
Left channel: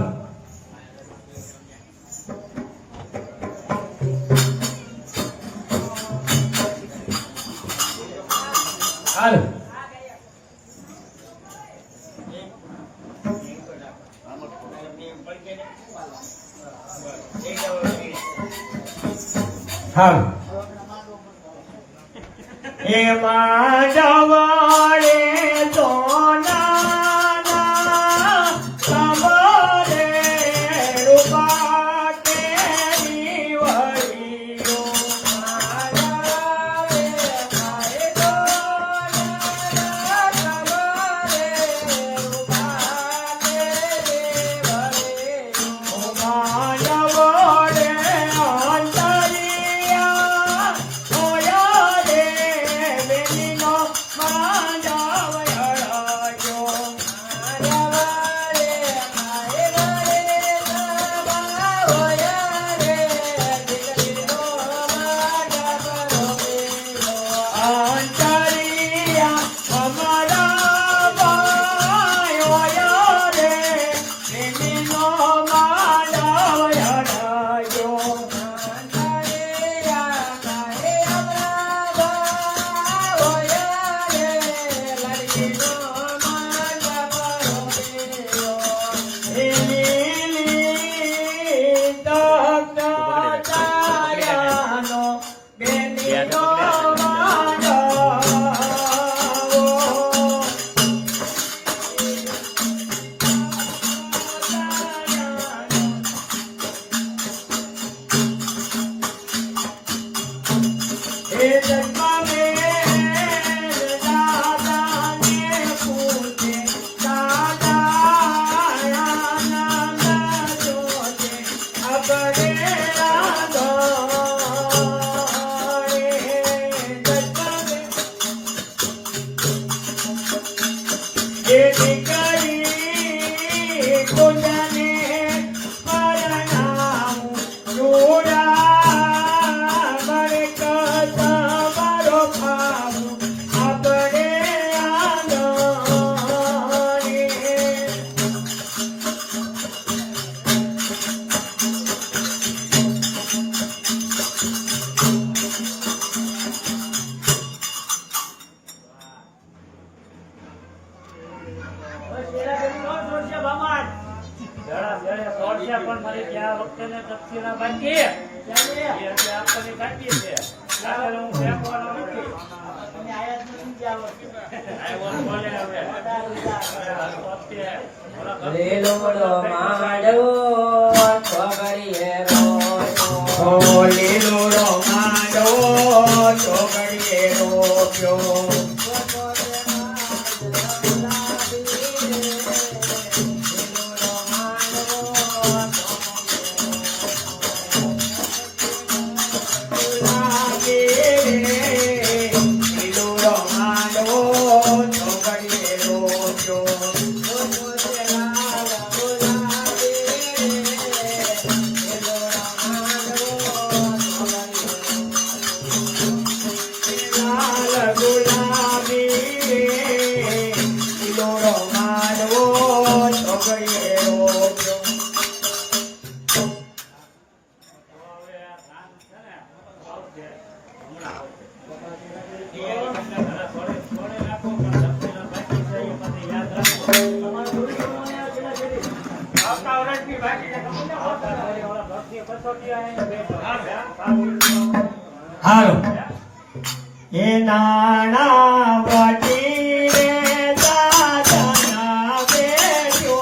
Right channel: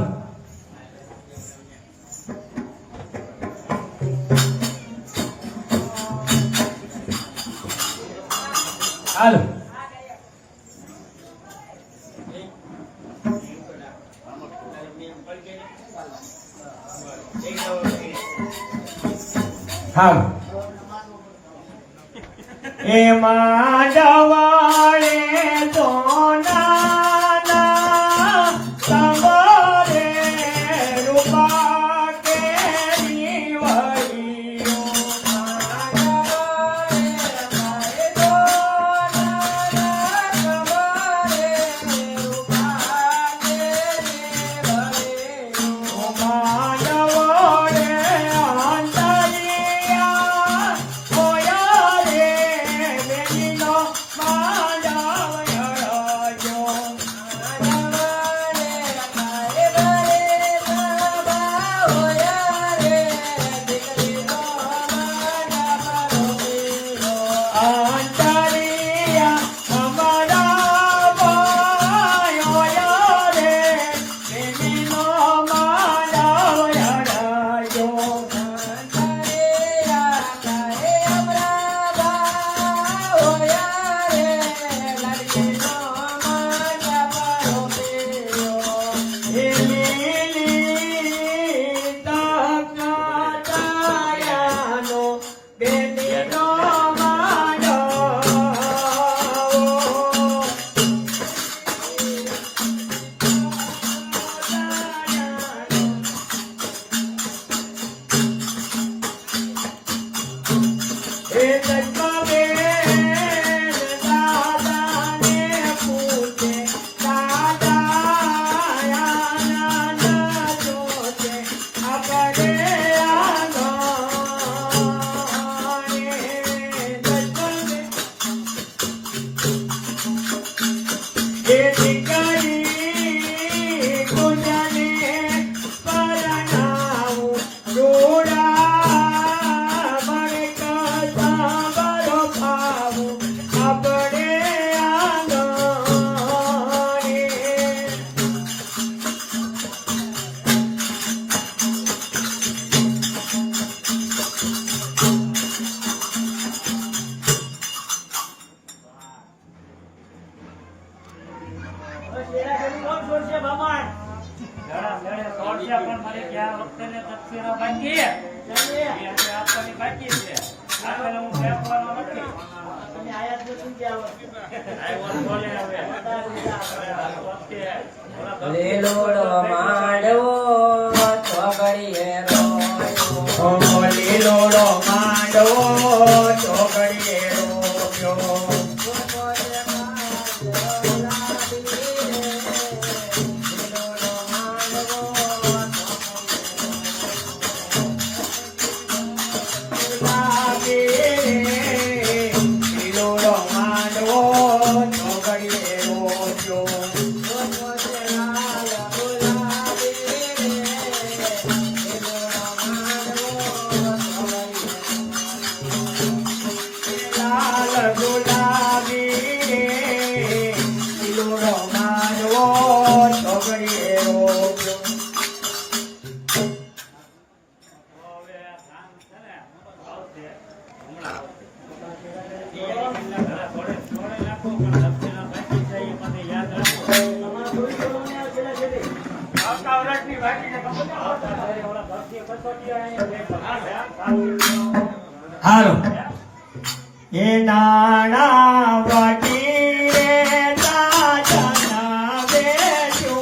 હાલ હાલ એમાં જવાળે સોનાના સંભારે રૂપા કેરી વળીઓ પણ મારી ત્યાં વખતે ને દક્ષિણા બાકી એટલે આપવાની બાકી છે આગળ હું ફેંકવાનો નથી. તમે આયા જ નથી ગયા આવ્યો ને બોલે હવે લીલોડો માંડવો છોકરીએ રોયો લીલોડો માંડવો છોકરીએ રોયો હાલ એ નાણા વટીને દાદાના બેજો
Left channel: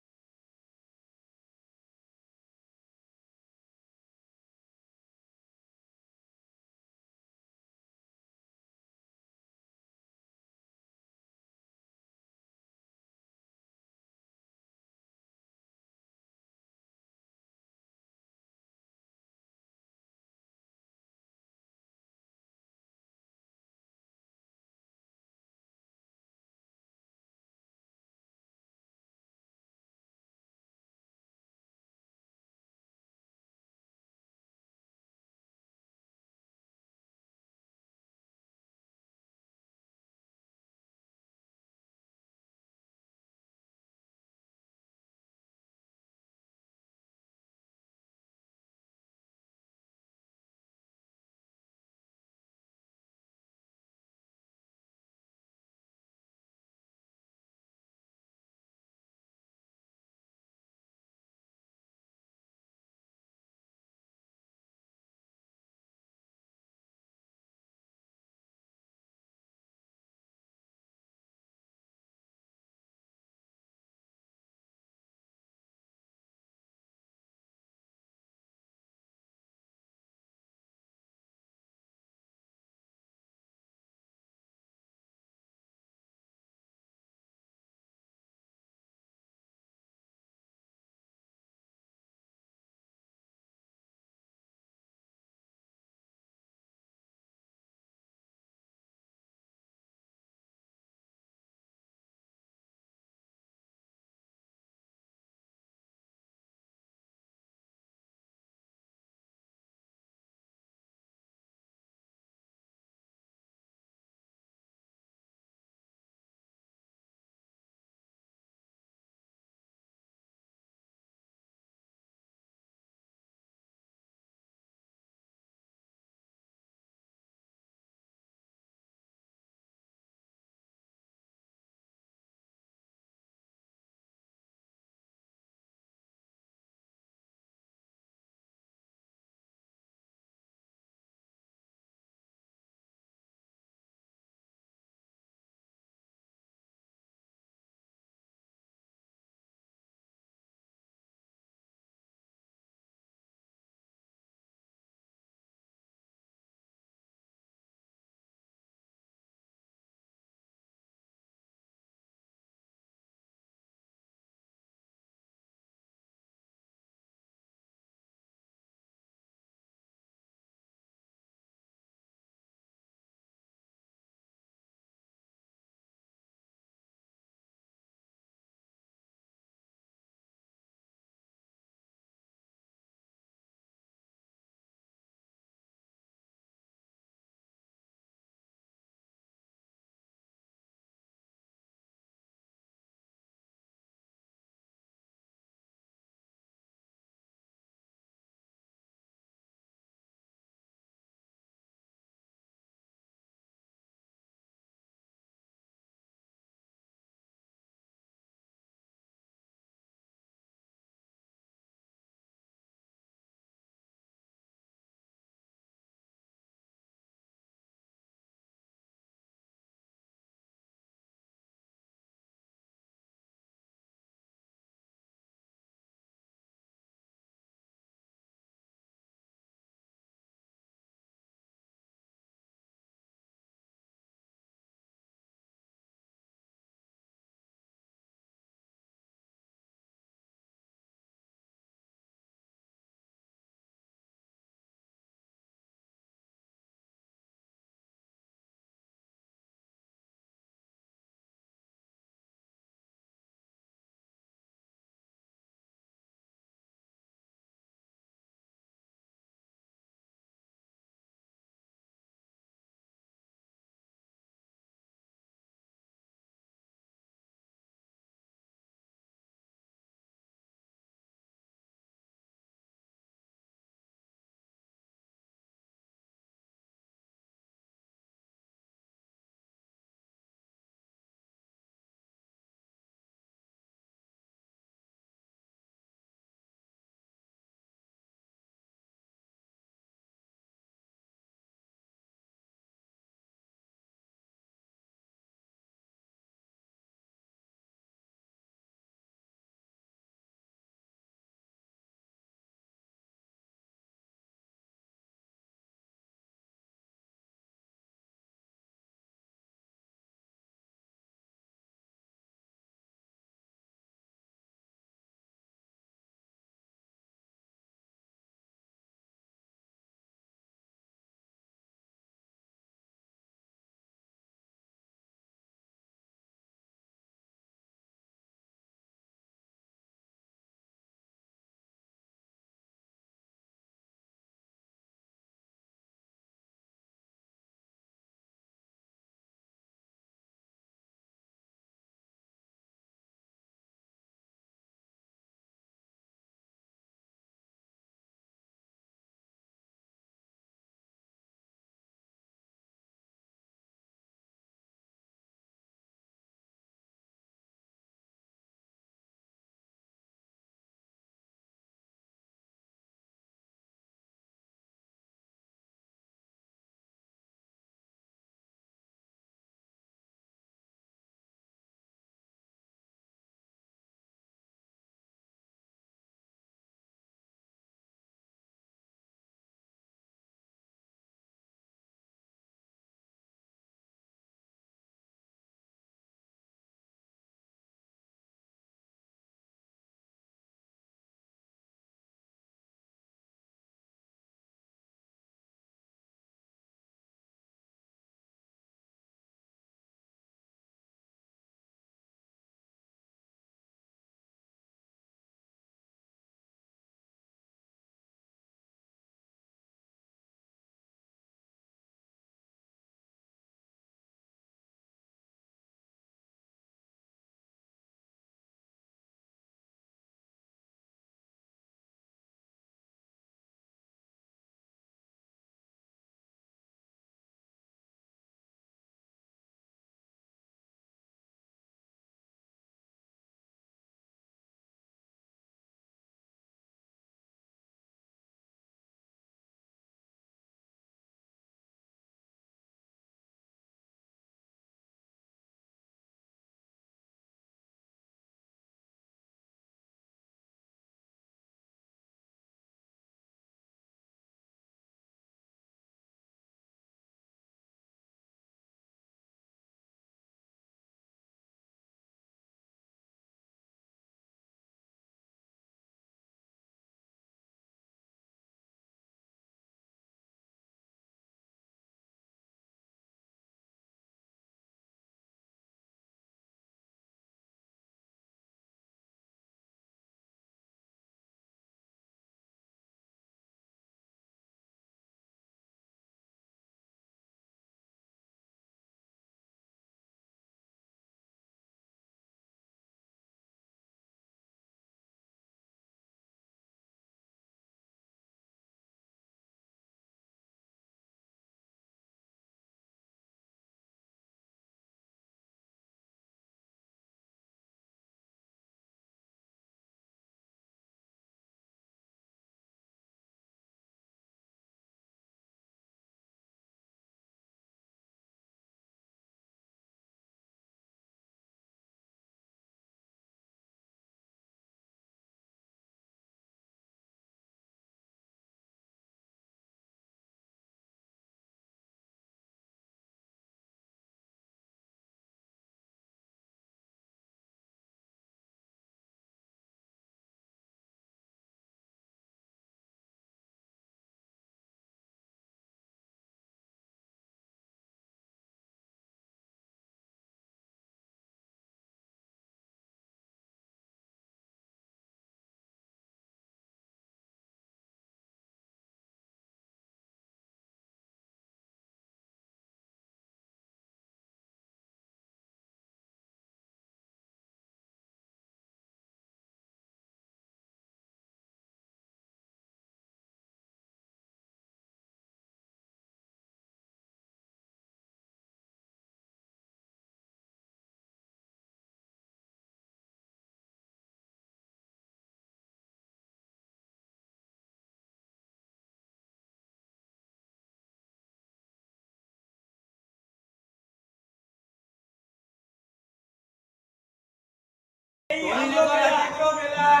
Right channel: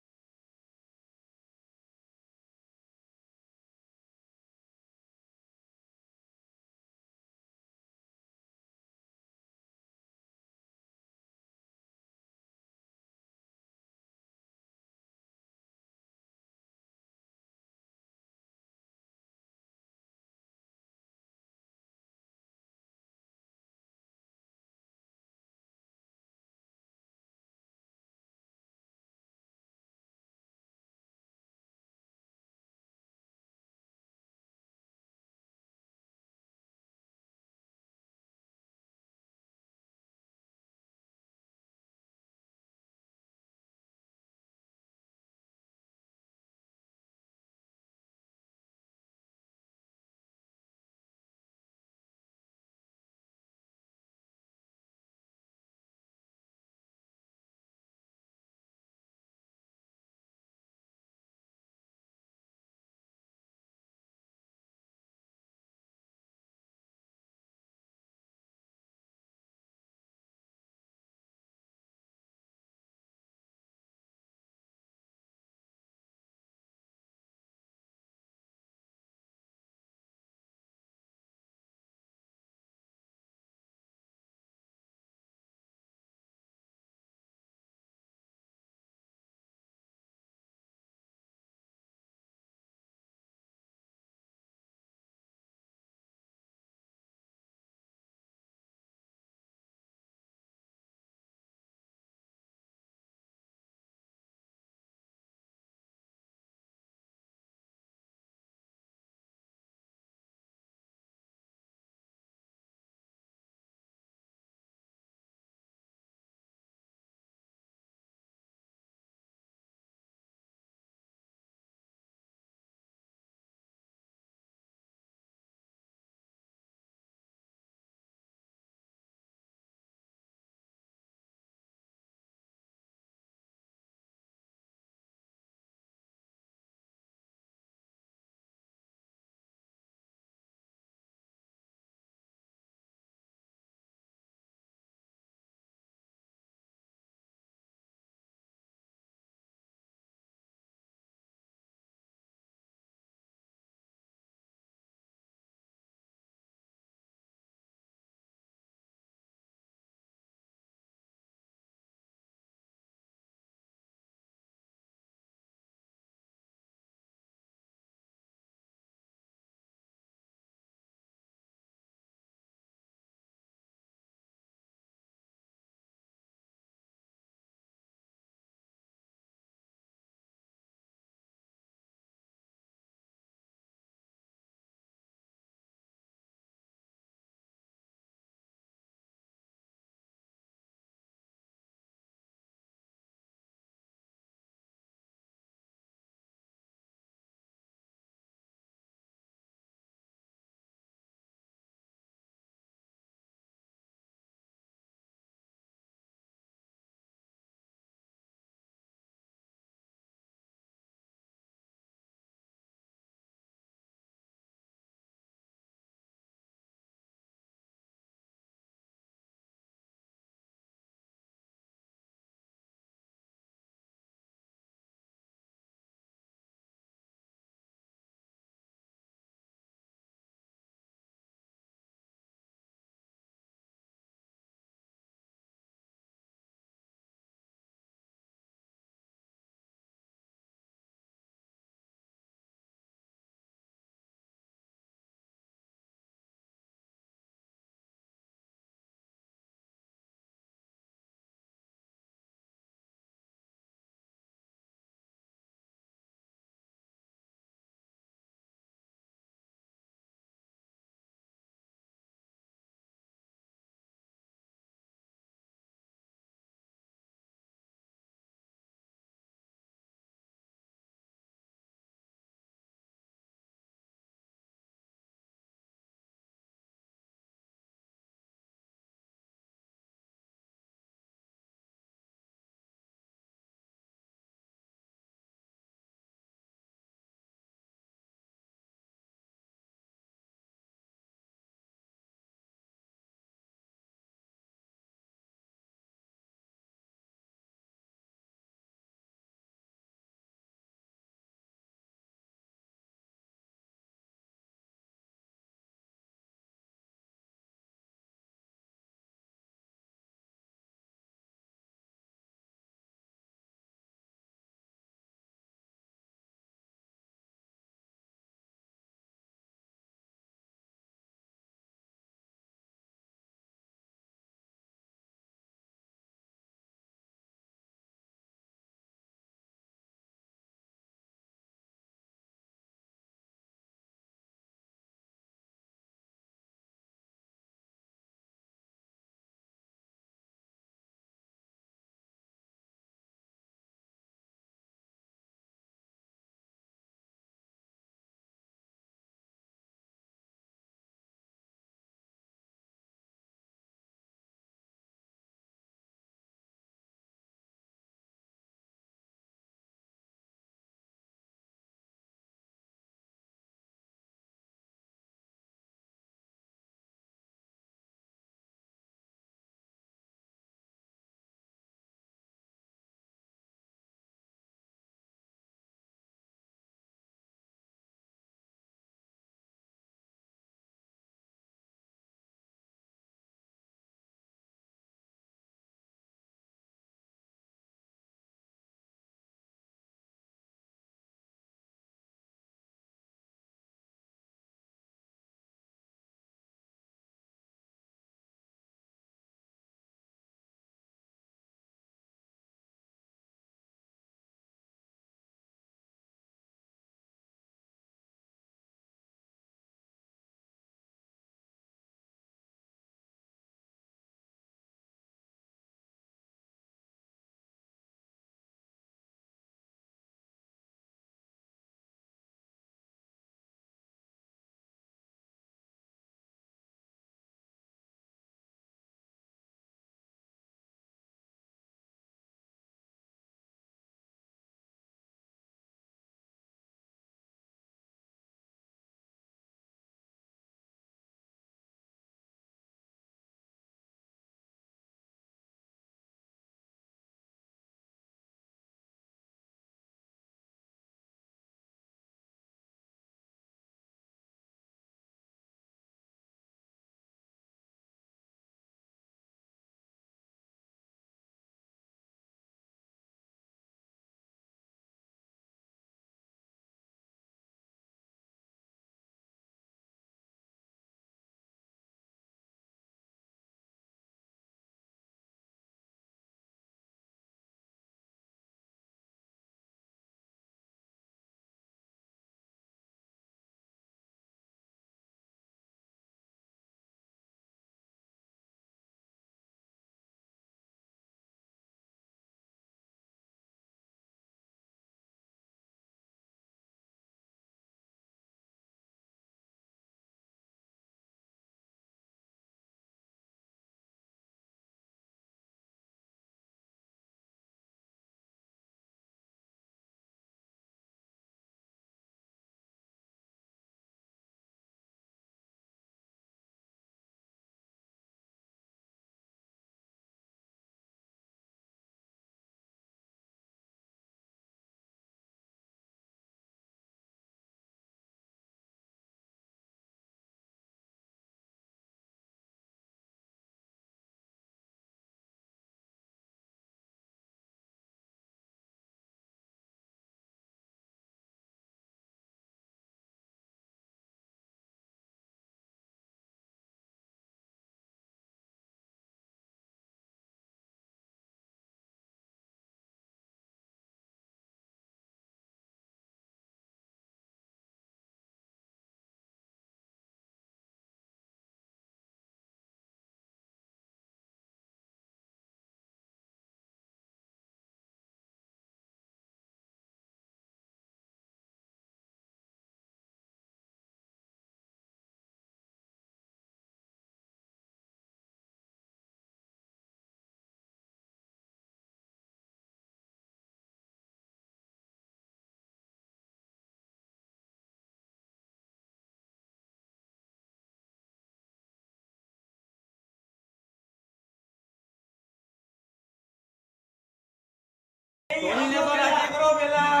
ધોનીને તો રાજી કરો પેલા.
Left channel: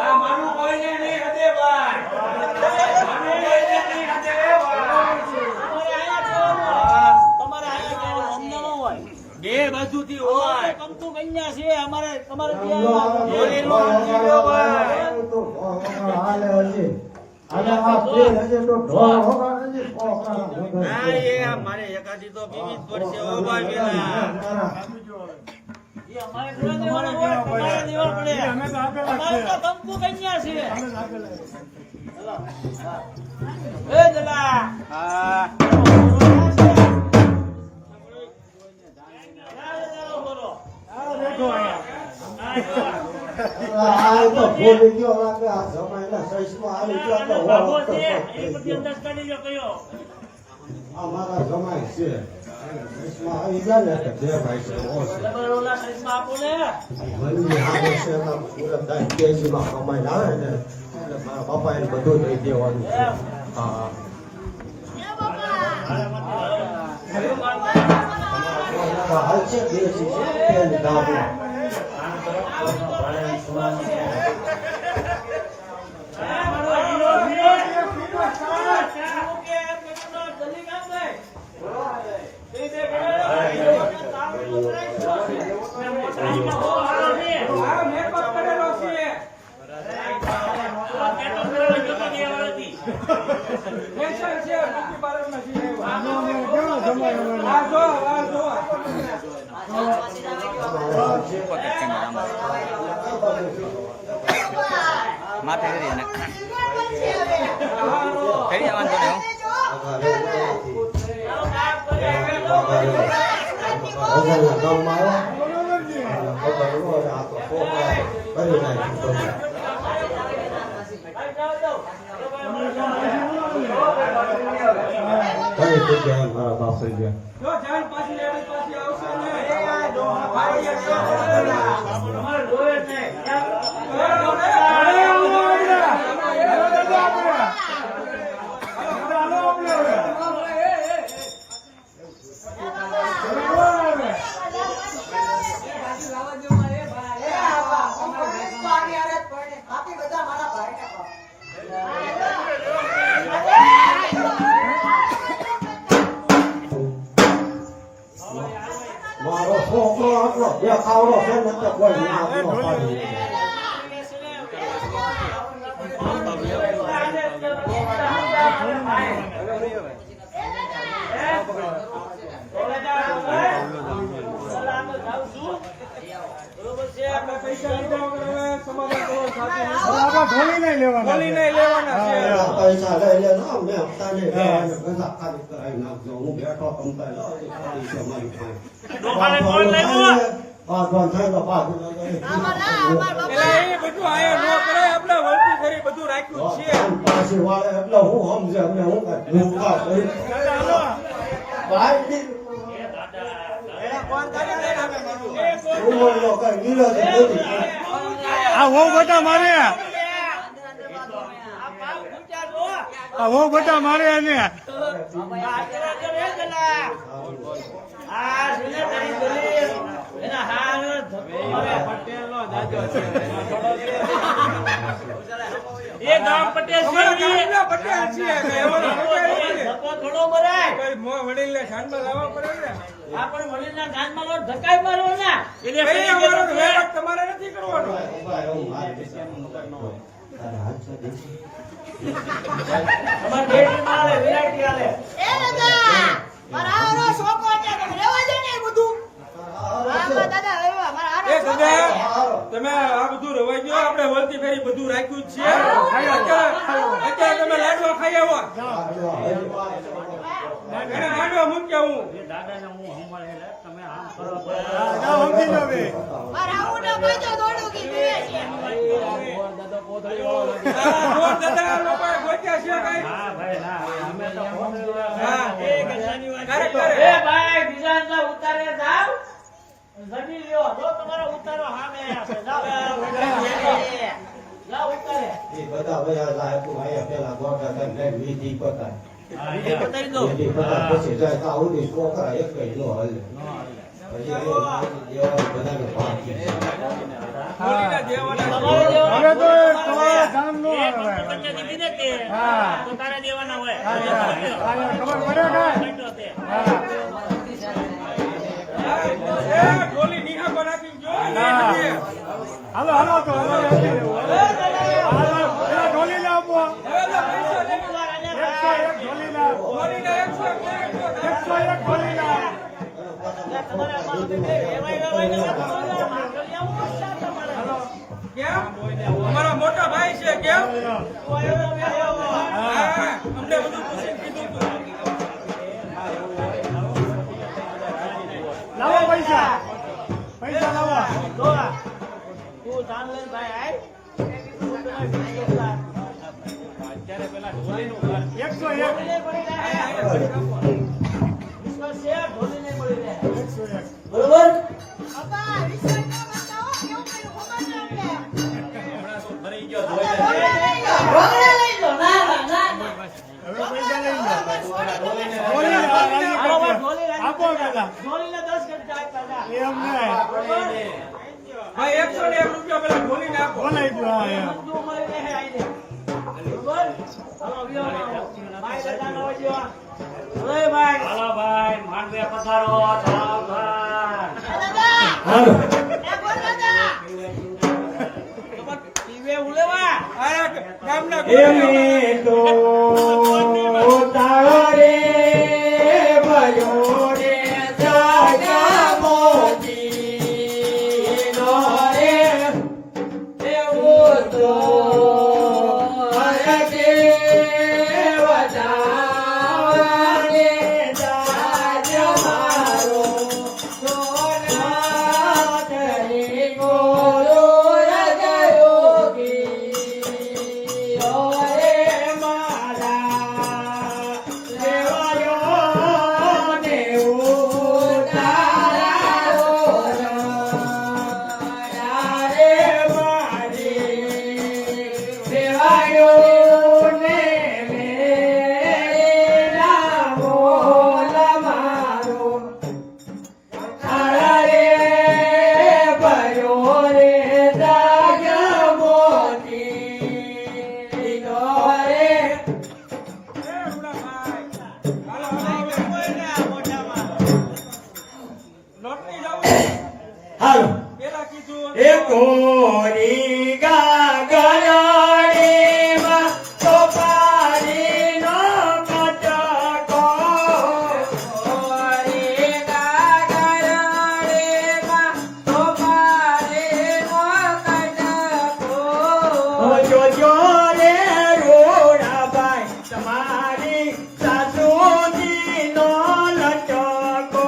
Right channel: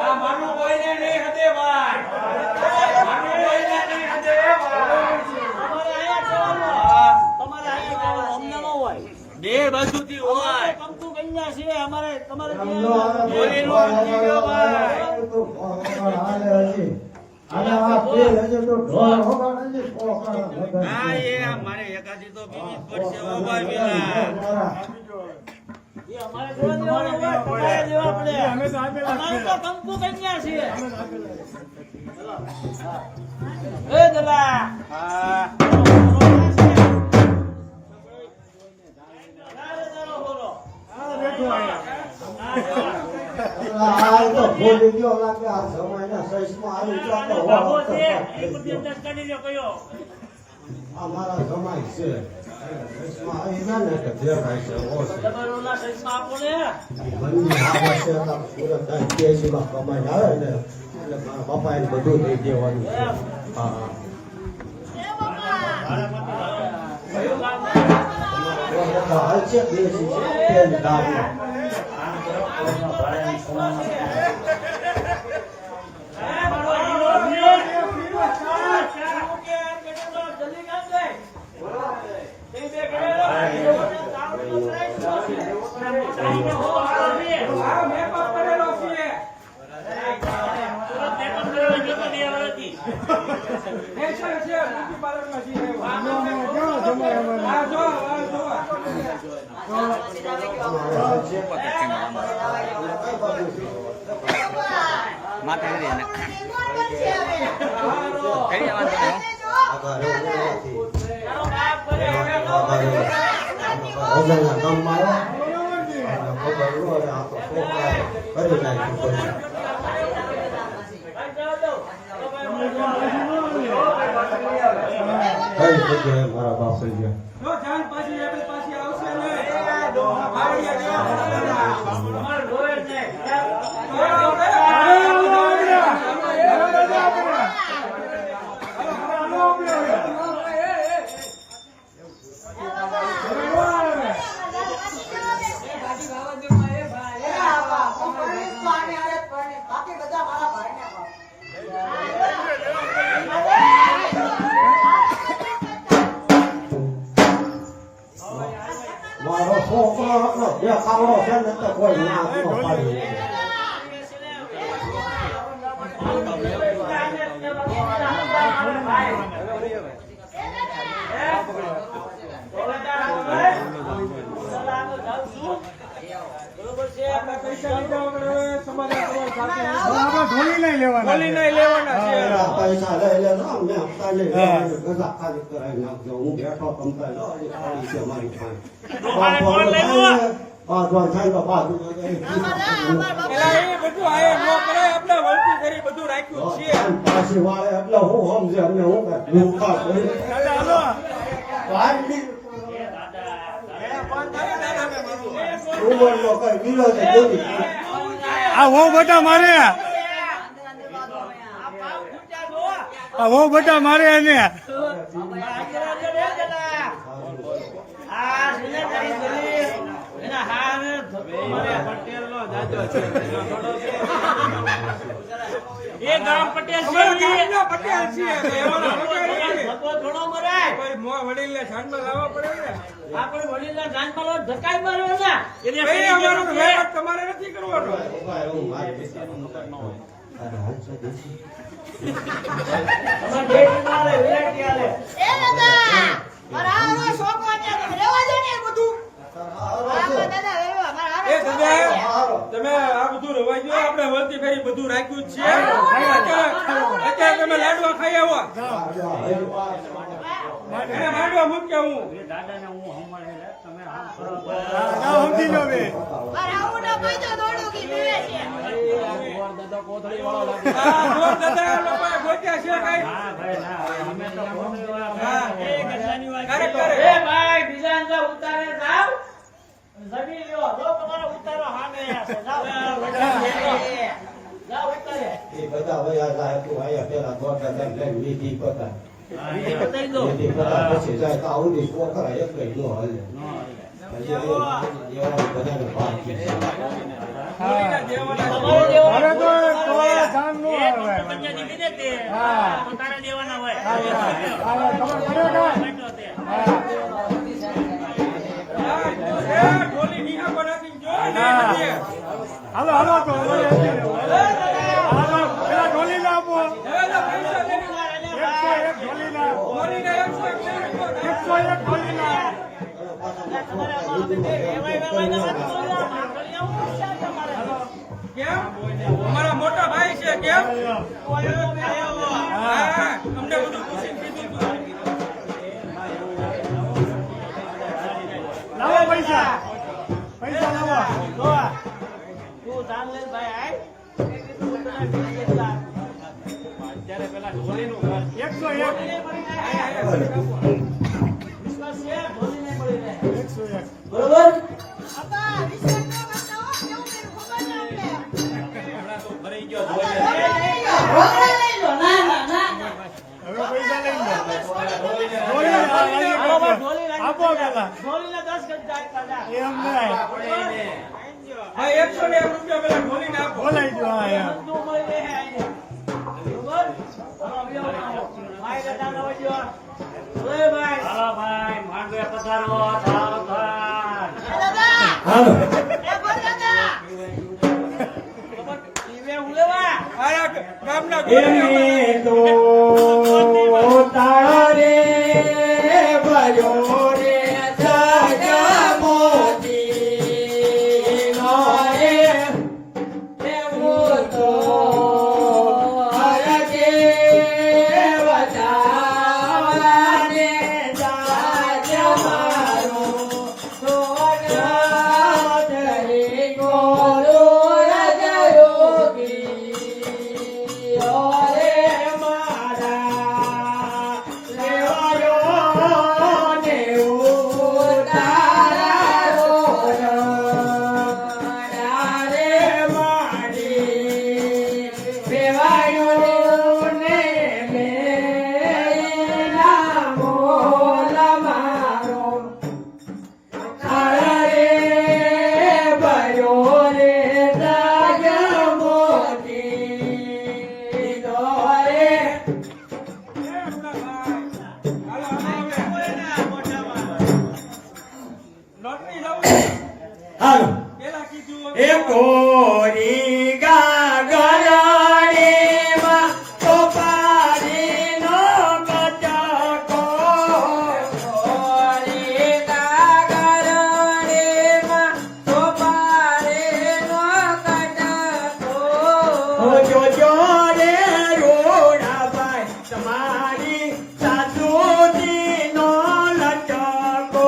આ માનું કોઈને નહીં હદે ભાઈ. માનું કોઈને નહીં હદે ભાઈ. તમારે આયા જવાનું અમને ન હોય. બે બાજુથી હોય. કંકુ કન્યા છે અમારે તમારે ધોનીનો અંકી લ્યો ભાઈ. ના એ આ મારે એકાદી તો બીવી જ પડશે ઓ ભાઈ પેલા. અમારે દેવાનો હોય તમારે દેવા પડે. અમારે તો કંકુ કન્યા છે. એ દાદા હા અમારા સમાજ છે આવી જાય ને કે જે ભાઈ છે આપો ને બંને આવે છે સુરત કેજીમાં કમાઈને આવે ને એટલે મારા પપ્પા એને બધું દઈ દેવાનું છે હા હલશે દેશી છે તેલ દારૂ આ મેકઅપ કરેલો છે ફેશન છે બ્યુટી પાર્લરમાં છે આ જો મારા બાપ થઈ ગયા જો જાન પાછી આવે પાછી આવશે ને મારો છોકરો હતો બે કાવડો છે ને તો કોઈ ના પાડી પૈસા લઈ લે નો મેં તાલી ગજા ખાલી કરાવી નાખજો હું બેઠો કમતા જો ખાલી છે મારી પાસે થાય તો પાછું પેલા એ બધું આયા ન કરે આપણે વળતી કરી બધું રાખ્યું છે પાછી વાળે એટલે હું સમજે અમને હું ભૂખા કરી આ હો બેટા મારે આ હો બેટા મારે એને એ ગામ પટેલ અમારા છે ગામના પટેલ છીએ એવાના પટેલ છીએ થોડો મરાય કોઈ વડીલને ધ્યાનમાં લાવવા પડે ને આપણે વડીલના જાનમાં લો ધકાઈ માર્યો ને ભાઈ અમારો વહીવટ તમારે નથી કરવાનો અમાર ડેટ મારે વિરાટી આલે એ દાદા મારા આવો છોકરો એટલે રહેવા દે ને એ બધું આમાં દાદા રહેવા મારા એ આવો દાદા તમે આ બધું રવાઈ ગયો આપણે વળતી ફેરી બધું રાખ્યું જ છે અત્યારે તમે લાડવા ખાઈ આવો એને માંડવા મૂક્યા હું મારા આવો ના પાછો દોડું કે પીવે છે આ દોર દાદા લોકોએ ગોત્યા છે કઈ હા ખરેખર એ ભાઈ બીજા ને ઉતારે જાવ જડી લ્યો જો તમારો ઉતારો સામે છે જાવ જાવ ઉતારે એ બધા બધા લાયક ભાઈ પેલા ગોટા તેમ લઈ વીધી પતા વીધી પતા પછી જાય તો આવડી કોકરા એક કઈ નો હાલે બધાને ભાગ છે. હોળીના દેવાના હવે તો તમારા ગામનો આવે. તો તારે દેવાના હોય ખબર પડે ને? એ ઢોલી નિહા બનાવી જો ને હદે હાલો હાલો તો હાલો પેલા ઢોલી ને આપો. હવે પૈસા લેની 101 ઢોલી ના. હોળીના 101 101 ઢોલી ના. કેમ અમારા મોટા ભાઈ છે કેમ હા અમને બધું પૂછીને કીધું તું લાવો પૈસા. પૈસા લાવો. તું ધાન લઈને ભાઈ આય તું તને 20 લાખ અત્યારે પેલા ઢોલીનું ઘર 101. વિશ્વાસ છે ઢોલી નહીં મળી જાય 101. બરોબર બાપા વિશ્વાસ ન કરતા હો કેવું કર્યું ખબર ને અમને હમણાં તો ભરાઈ ગયો હવે પૈસા લઈ લો. આપો પેલા. ઢોલીને 10 ગજ જાય એમ નહીં. ભાઈ 101 રૂપિયા પેલા ઢોલીને આપો બોલાઈ ગયો. હા, હા. બધું મળી રહે આઈને બરોબર હાલો વિયો ભાઈ દાદા નો જો ઓય ભાઈ હાલો ભાઈ માંડવે પધારો થાવ થાવ દાદા હાલો. એ બોલ દાદા પીવે ઉલેવા આયા ગામના એમે તો તાળા રે ભયો રે જાજા મોતી નો રે એવું તો હરકે વજાને જાજા મારો સોના કરે ગોરો રજયોગી ઓરે મારા લેવાયો ને ઉડારો રે માડી લેવાયો ને લેના બોલ મારો તારા રે ભયો રે દાગ્યા મોતી દોરે નોકરી જાવ હાલો પેલા કીધું એ કોરી ગાગરડીમાં ટોપારીનો કટકો કોરી ગાગરડીમાં ટોપારીનો કટકો જોજો રે રોડાભાઈ તમારી સાસુજીનો લટકો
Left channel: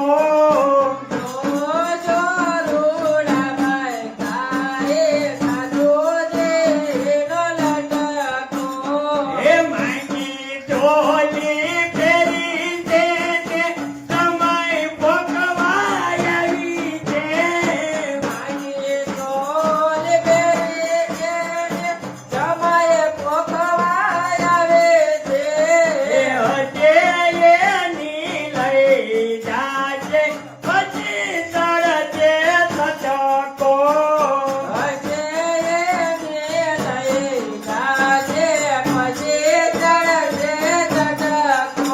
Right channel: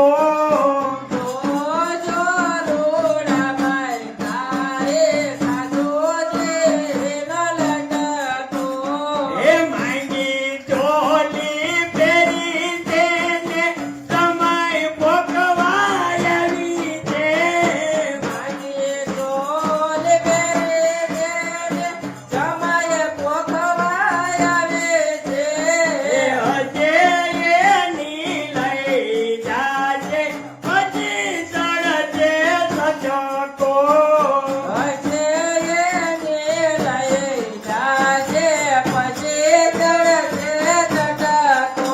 જોજો રોડાભાઈ તારે સાસુજીનો લટકો એ માંગી ઢોલી ફેરી છે ને સમય ભોગવાયરી છે માંગી ઢોલી ફેરી છે ને સમય ભોગવાયરે છે હજે એની લઈ જાજે પછી ચડજે સટકો હજે એની લઈ જાજે પછી ચડજે સટકો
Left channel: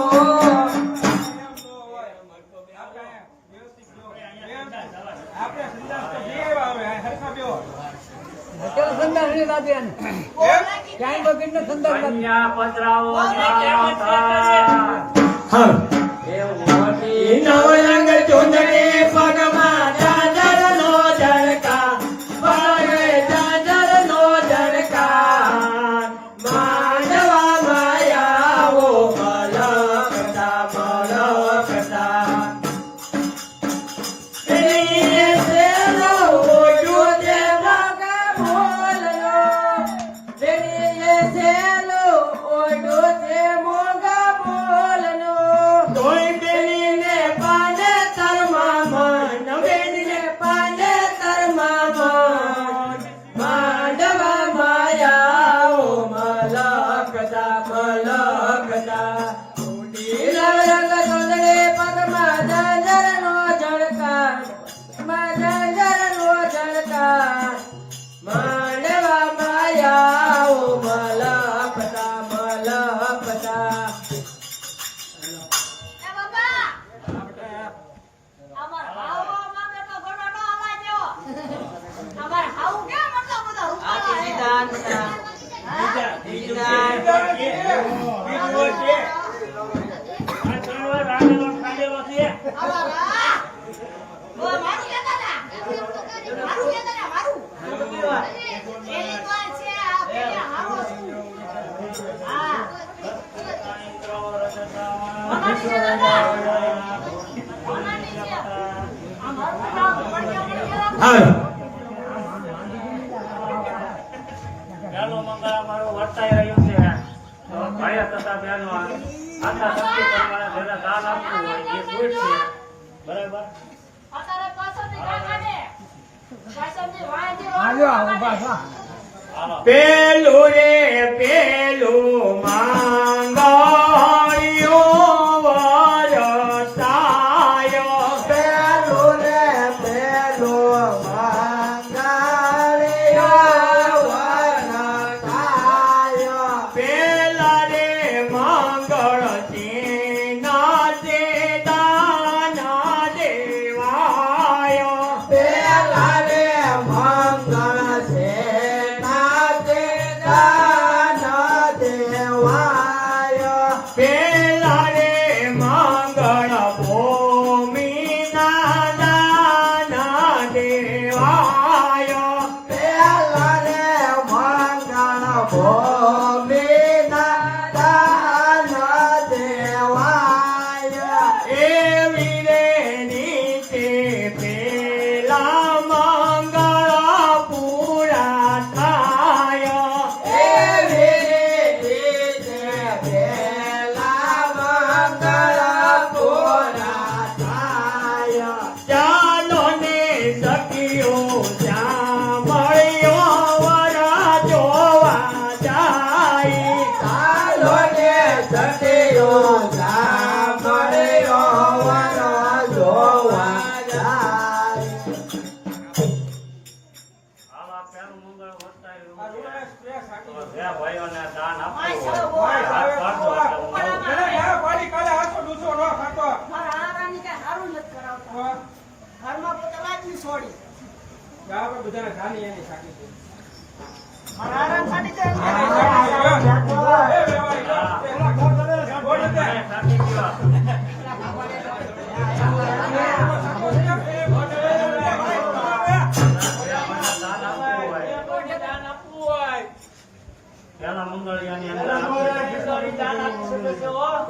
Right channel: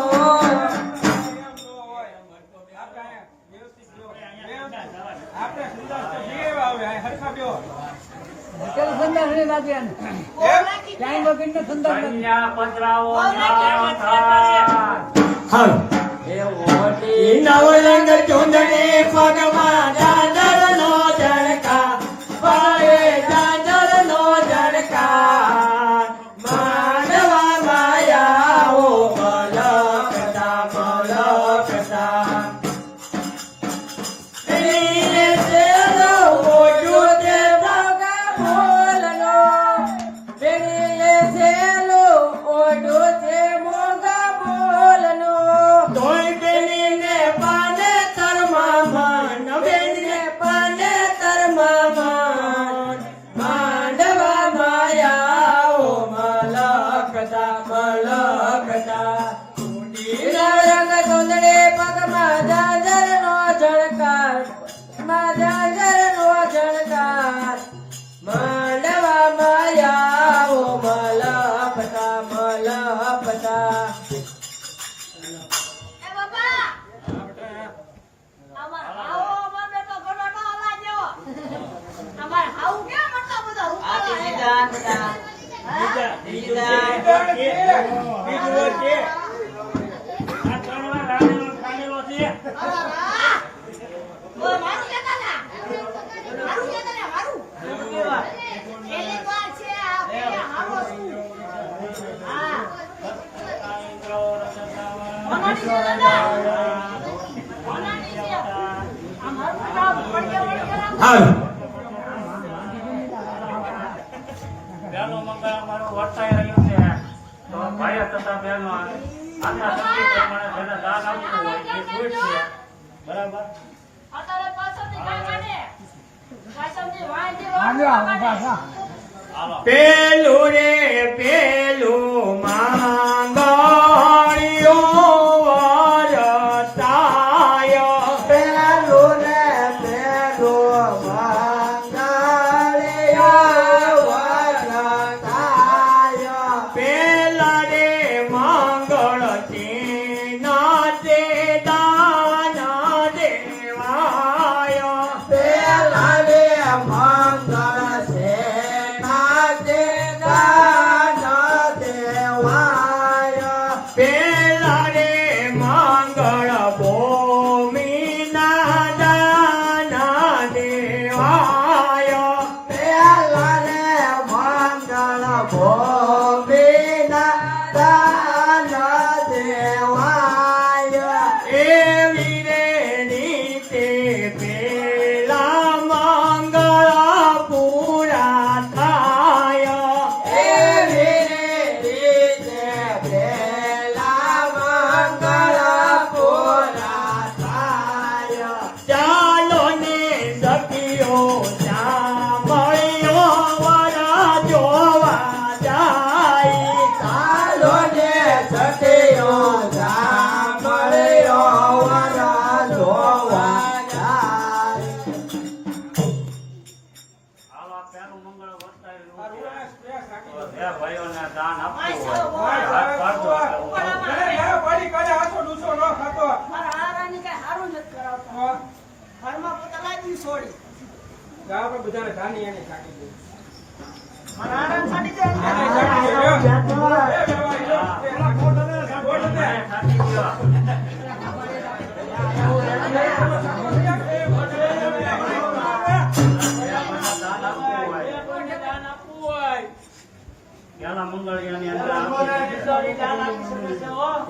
આપણે સંદાસ તો બે આવે આ હરખા બેઓ કન્યા પધરાવો હાલો નવરંગ ચૂંદડી પગમાં ચાદરનો જડકા ભલે ચાદરનો જડકા માંડવા માયાઓ બલકતા બલકતા દિને તેરો ઓજો તે ભાગા બોલનો દિને તેરો ઓજો તે મોગા બોલનો તોય બેલીને પાને તરમા મન દાન બધા બીજું છે. આ ત્રણ વાર રાંધેલો ખાધેલો છે. અરે વાહ! ઓ મારું કહેતા ના. મારું કહેતા ના, મારું. પહેલી વાર છે આ પેલા હારો છું. હા. કોનાની છે દાદા? કોનાની છે? આ મારું નામ પડકે રાખો. ચાલો મંગળ અમારો વર્તાઈ રહ્યું છે. તો ભાઈ તથા બહેનો આટલા શક્તિ પ્રમાણે જેને દાન આપ્યું હોય એ કોઈ છે. બરાબર. અત્યારે પાછળથી કાંઈ કાઢે. પાછળથી વાંયથી હાલ્યો, રોડ ઊભા કાઢે. થા. હાલો. પેલું રે પેલું માંગણ્યો વરસાયો. પેલું રે પેલું માંગણ્યો વરસાયો. પેલા રે મંગળથી નાચે દાના દેવાયો. પેલા રે મંગળ છે નાચે દાના દેવાયો. પેલા રે મંગળ ભૂમિના દાના દેવાયો. પેલા રે મંગળ ભૂમિના દાના દેવાયો. એવી રે નીચે પેલા મંગળ પૂરા થાયો. એવી રે નીચે પેલા મંગળ પૂરા થાયો. ચાલો ને સખીઓ જ્યાં મળ્યો વર જોવા જાય. ચાલો ને સખીઓ જ્યાં મળ્યો વર જોવા જાય. હાલો આ પહેલું મંગળ વર્તાઈ આ રહ્યું છે. રૂડા સ્પ્રે ફાટી ગયો. બે ભાઈઓને દાન માય આપ્યું સરો હોય. બોલ. હાથ પાડજો આપણે. અરે યાર, પાડી કાઢે, હાથો ડૂસો ન ખાતો. મારા હારાની કાંઈ હારું નથી કરાવતા. હા. ઘરમાં પોતા લાજી છોડી. આપણે બધાને ધાની એની છાંટી દીધી. મારા હારાને છાડી દે. એની છાંટી દીધી, હો. એ રેવા ગયો. એલા બોલ દે, બોલ દે. થાકી ગયો. પેલા મંગળિયાની અંદર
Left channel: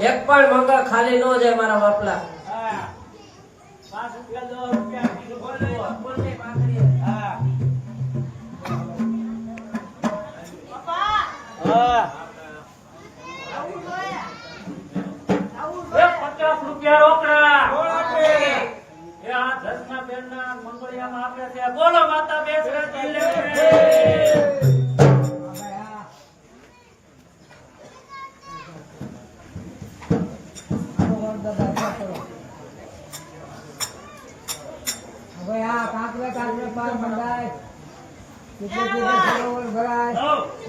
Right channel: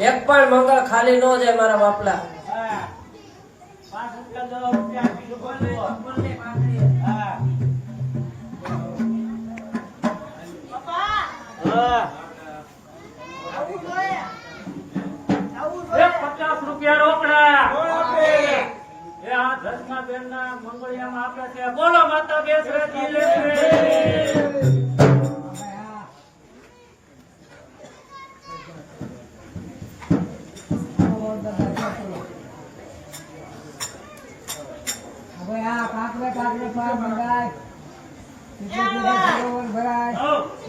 એક પણ મંગળ ખાલી ન જાય મારા બાપલા. પપ્પા, હા આવું જોઈએ. આવું એ જોઈએ. 50 રૂપિયા રોકડા. બોલ આપે. એ આ ધર્મબેનના મંગળિયામાં આપ્યા છે. બોલો માતા બેસરે લે. હવે આ કાકલે પાર મંગાય.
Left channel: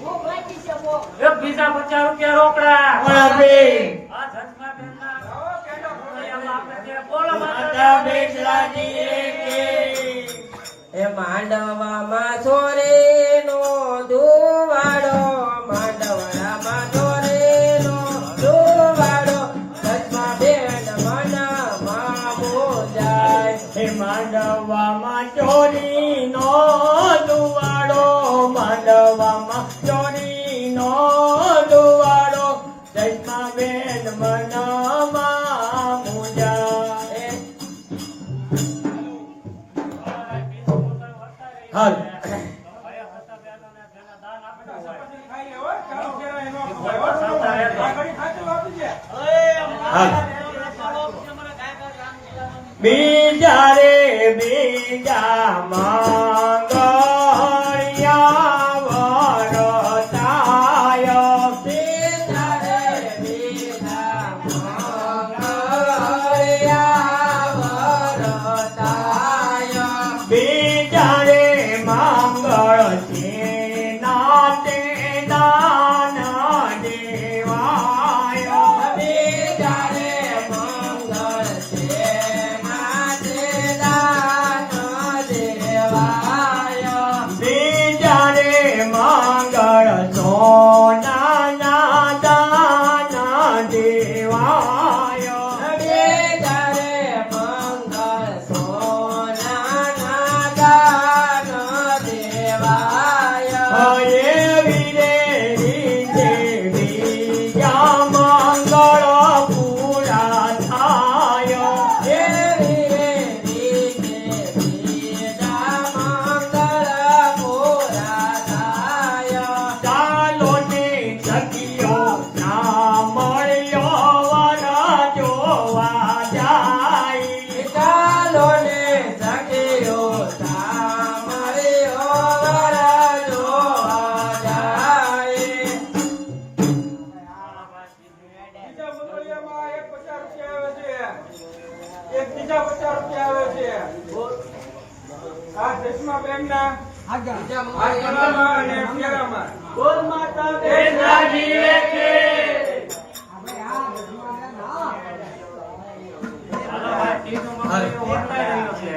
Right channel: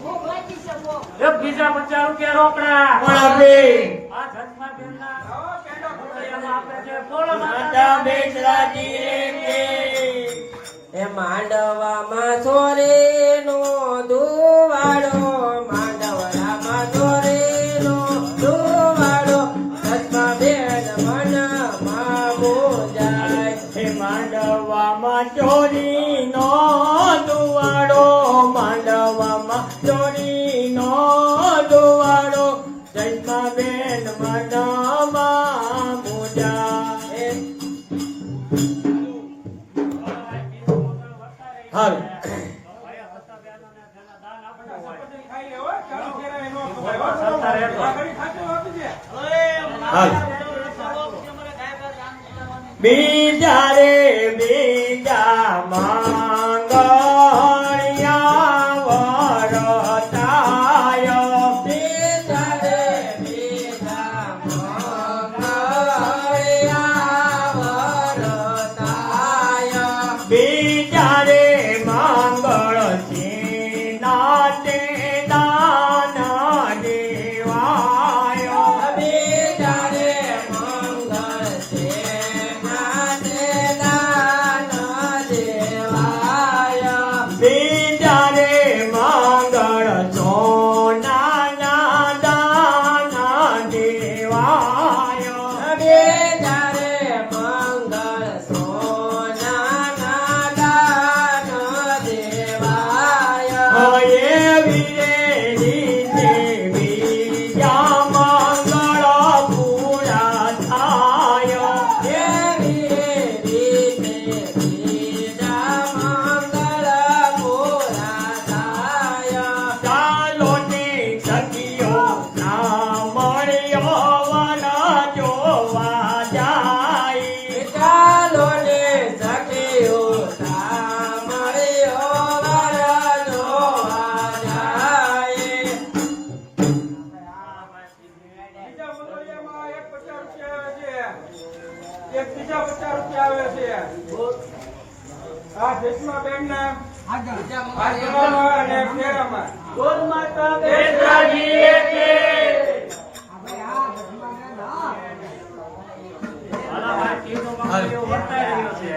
હું ગોતી છે વો. એ બીજા 50 રૂપિયા રોકડા. કોણ આપે? આ ધર્મબેનના મંગળિયામાં આપ્યા છે. બોલો માતા માતા બેસરાજી રે. એ માંડવામાં છોરેનો દુવાડો. માંડવડામાં છોરેનો દુવાડો. સચમાં બેન મનમાં મોજાય. એ માંડવામાં ચોરીનો દુવાડો. માંડવામાં ચોરીનો દુવાડો. સચમાં બેન મનમાં મોજાય. હાલ ખાઈ લે, હો. ચાલો ફેરા એનો ખવાય, હો. આ ઘડી ખાતું આપી દે. હાલ બીજા રે બીજા માંગણ્યા વરસાયો. બીજા રે બીજા માંગણ્યા વરસાયો. બીજા રે મંગળથી નાચે દાના દેવાયો. બીજા રે મંગળથી નાચે દાના દેવાયો. બીજા રે મંગળ આ જસ્માબેનના આગળમાં અને ફેરામાં બોલ માતા બેનજી કે હાલો ભાઈ તીજો મંગળીઓ વર્તાઈ રહ્યો છે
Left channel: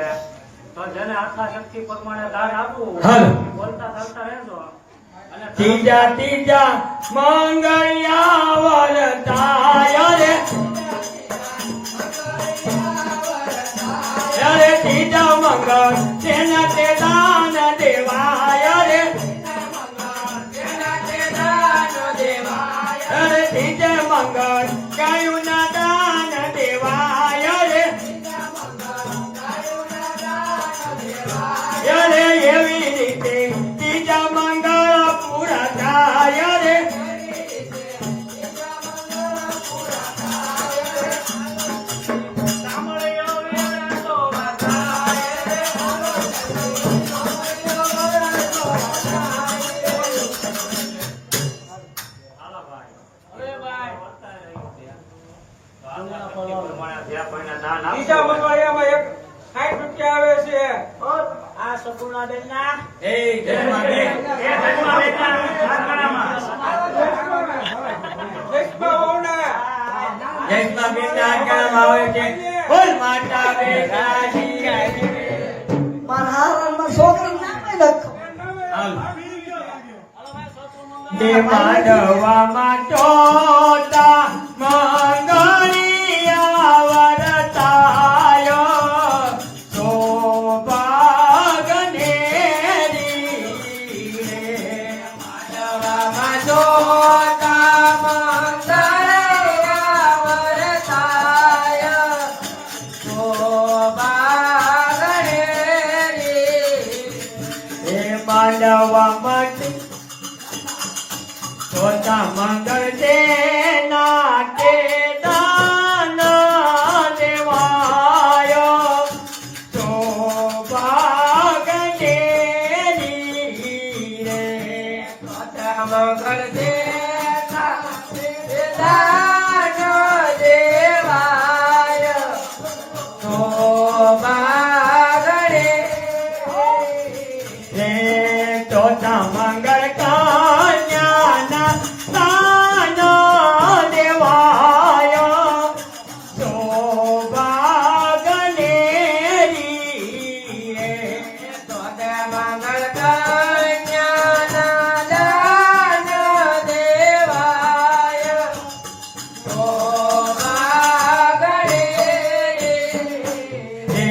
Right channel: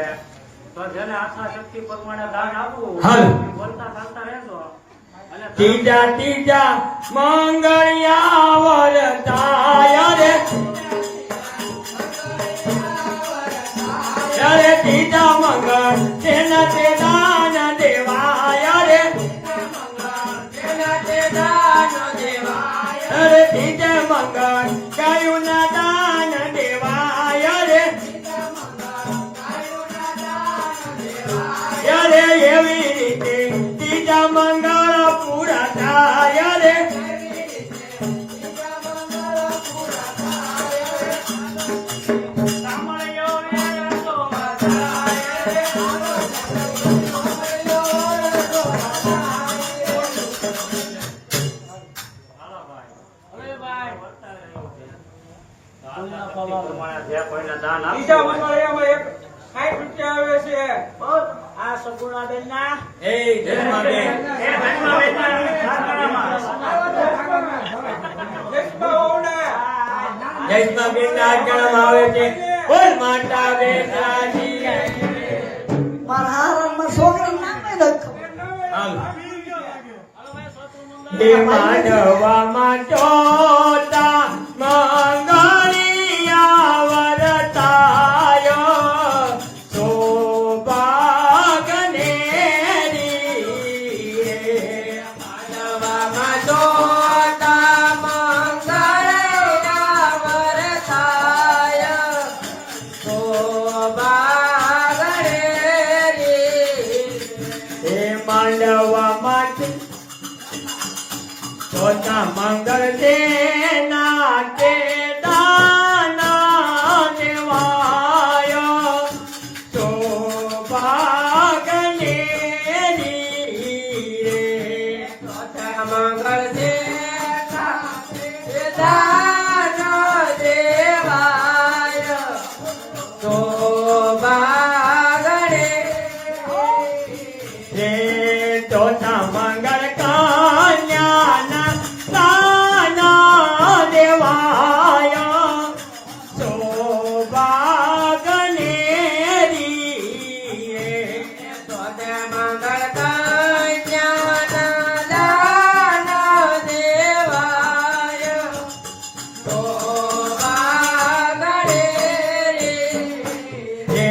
તો જેને આખા શક્તિ પ્રમાણે દાન આપવું બોલતા ચાલતા રહેજો અને ત્રીજા ત્રીજા મંગળિયા વરતાય રે અરે ત્રીજા મંગળ તેને તે દાન દેવાય રે અરે ત્રીજા મંગળ કયું ના દાન દેવાય રે અરે એવી રીતે ત્રીજા મંગળ પૂરા થાય રે સાંભળ્યો રે તો બધાય હાલો ભાઈ અરે ભાઈ વર્તાઈ રહ્યો છે તો આખા શક્તિ પ્રમાણે જે કોઈને દાન બીજા આપવું મંગળિયામાં એક 60 રૂપિયા આવે છે આ સગુણા બેન ના એ જન્માબેન એ ધર્મા બેનના ખાતામાં જસ્માઓના જન્માબેન ના કેમ આવે છે બોલ માતા બેટાજી પણ હારમાં છોકરી નામે લખો દે માનવામાં ચોટા મંગળિયા વરતાય સૌભાગને માનવામાં ચોટા મંગળિયા વરતાય સૌભાગને એ માનવામાં ચોથા મંગળ તેના તે દાન દેવાય સૌભાગ્યને રે ચોથા મંગળ તેના તે દાન દેવાય સૌભાગ્યને રે ચોથા મંગળ કન્યાના દાન દેવાય સૌભાગ્યને રે ચોથા મંગળ કન્યાના દાન દેવાય સૌભાગ્યને રે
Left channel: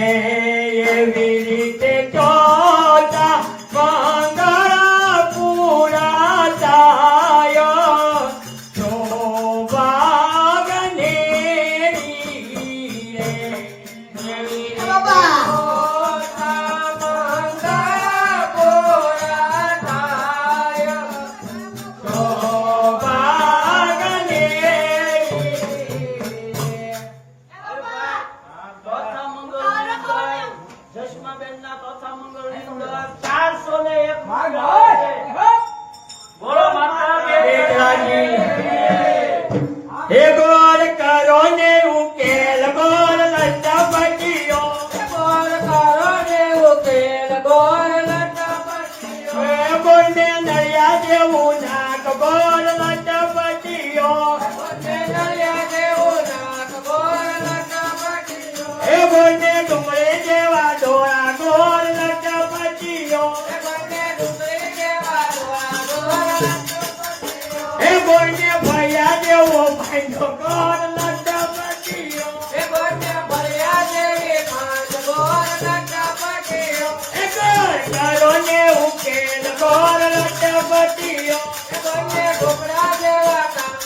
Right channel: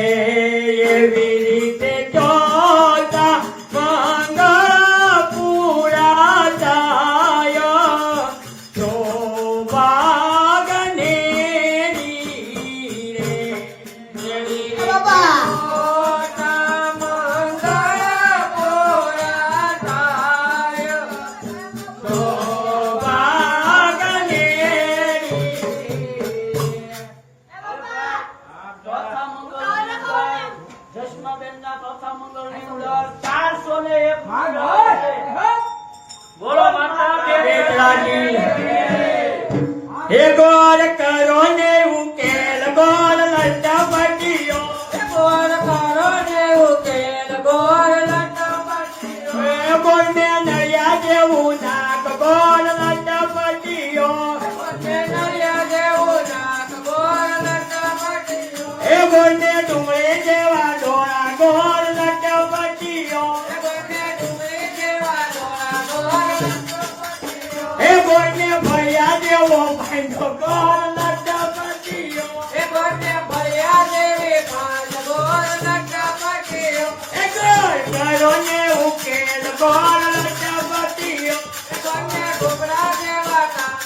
એવી રીતે ચોથા મંગળ પૂરા થાય સૌભાગ્યને ચોથા મંગળ જસ્માબેન ના ચોથા મંગળ ની અંદર 401 બોલો માતા બેટાજી હે ગોર કરો ને ઉકેલ ગોર લટાપટીઓ ગોર કરો ને ઉકેલ ગોર લટાપટીઓ હે બોને નળિયા જેવું નાક ગોર લટાપટીઓ બોને નળિયા જેવું નાક ગોર લટાપટીઓ હે બોને ડુંગળી જેવા ડોળા ગોર લટાપટીઓ હે બોને ડુંગળી જેવા ડોળા ગોર એ બોને ભૈયા દેવો ભાઈનો ગોર લટાપટીઓ એ બોને ભૈયા દેવી ભાંજ ગોર લટાપટીઓ એ ગોર કરો ને ઉકેલ ગોર લટાપટીઓ એ બોને ઢોકળા જેવા કાન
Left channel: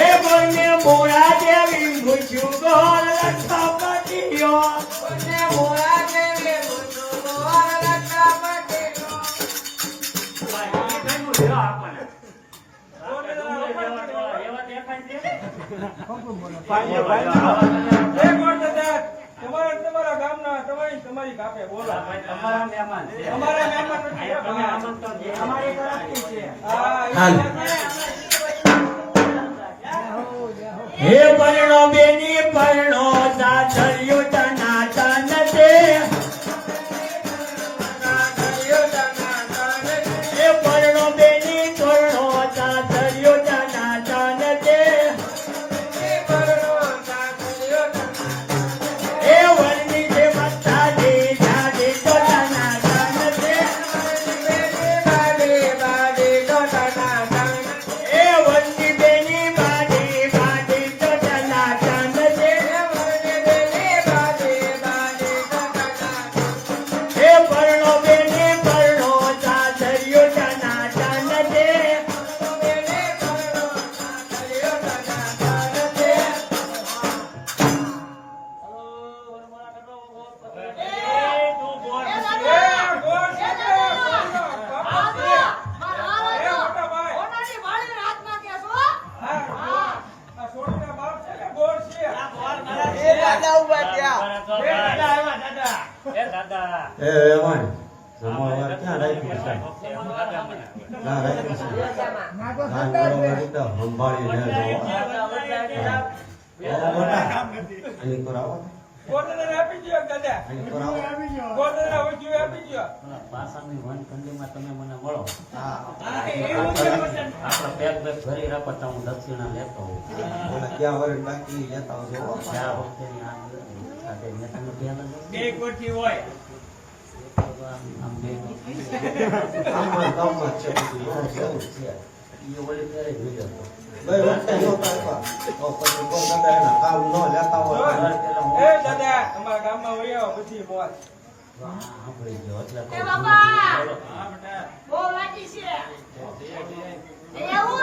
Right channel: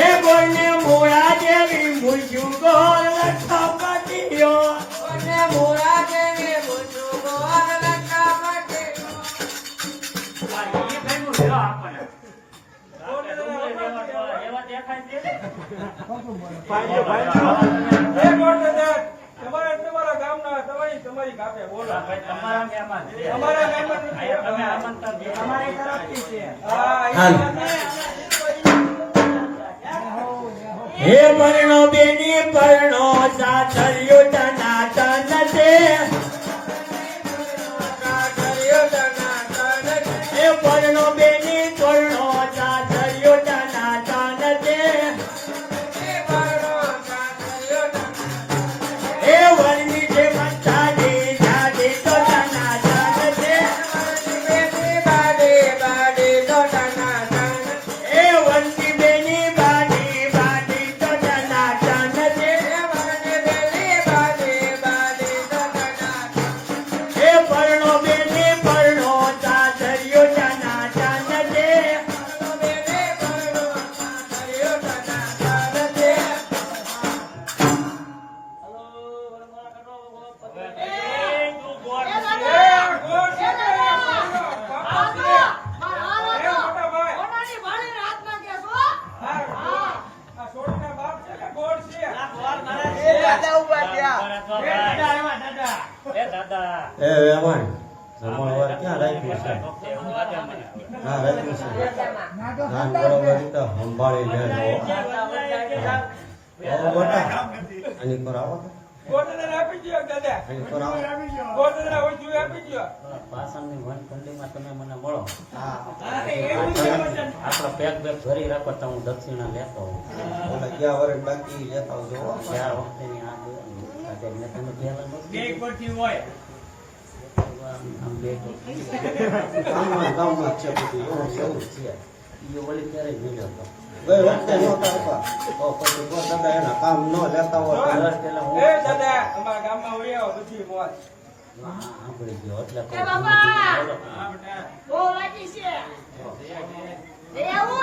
એ બોને મૂળા જેવી મૂછું ગોર લટાપટીઓ બોને મૂળા જેવી મૂછું ગોર લટાપટીઓ ભાઈ ઈ ભાઈનું લેવા આપણને આપણે ડુંગળી જેવા ડોળા એવા દેખાય છે એક વાત છે તમારા ગામના તમારી કાપે બોલો ભાઈ તમારા મહેમાન છે અમારે મહેમાન નથી. અહીંયા તમે આમંત્રણ દો. અમારી તરફથી છે હા એ હાલ. વાત નહીં. હે પરણો બેની પરણો સાચરિયો તના તન છે દાદા એ એમાં જમણવાર ક્યાં રાખ્યું છે? એવું લાગે મને હવે. ના રાખ્યું છે. ના બરોબર તો સંભાળી લેજો. અહીં કરાવો. ગોટને આપી દો દાદા, અહીં કરાવો. ગોટને ઓછું આપી દો. પાસાની વનખંડીમાં તમે મને મળો હા. આપણો પેક બેક ભરી રાખો તો હું દક્ષિણા લેતો હોઉં. ઓલા ગયા વર્ષ બાકી જતા હો. ચાર વખતેની આ આજે મેં તમે પહેલા બે કોઠી હોય આમ બે આમાં ગામમાં જ છે બધું. એવું છે. એ વળી ત્યારે જ વિડીયો હતો. ગઈ વખતે નો કાઢવા. તો પછી કોઈ તમે એના કામ ન લેતા હોય. એ દાદા, અમારા ગામમાં વળી આવો પછી બોલ. સાંભળી ગયો એટલે એ બાપા બોલો. બહુ વાટી છે એ આવું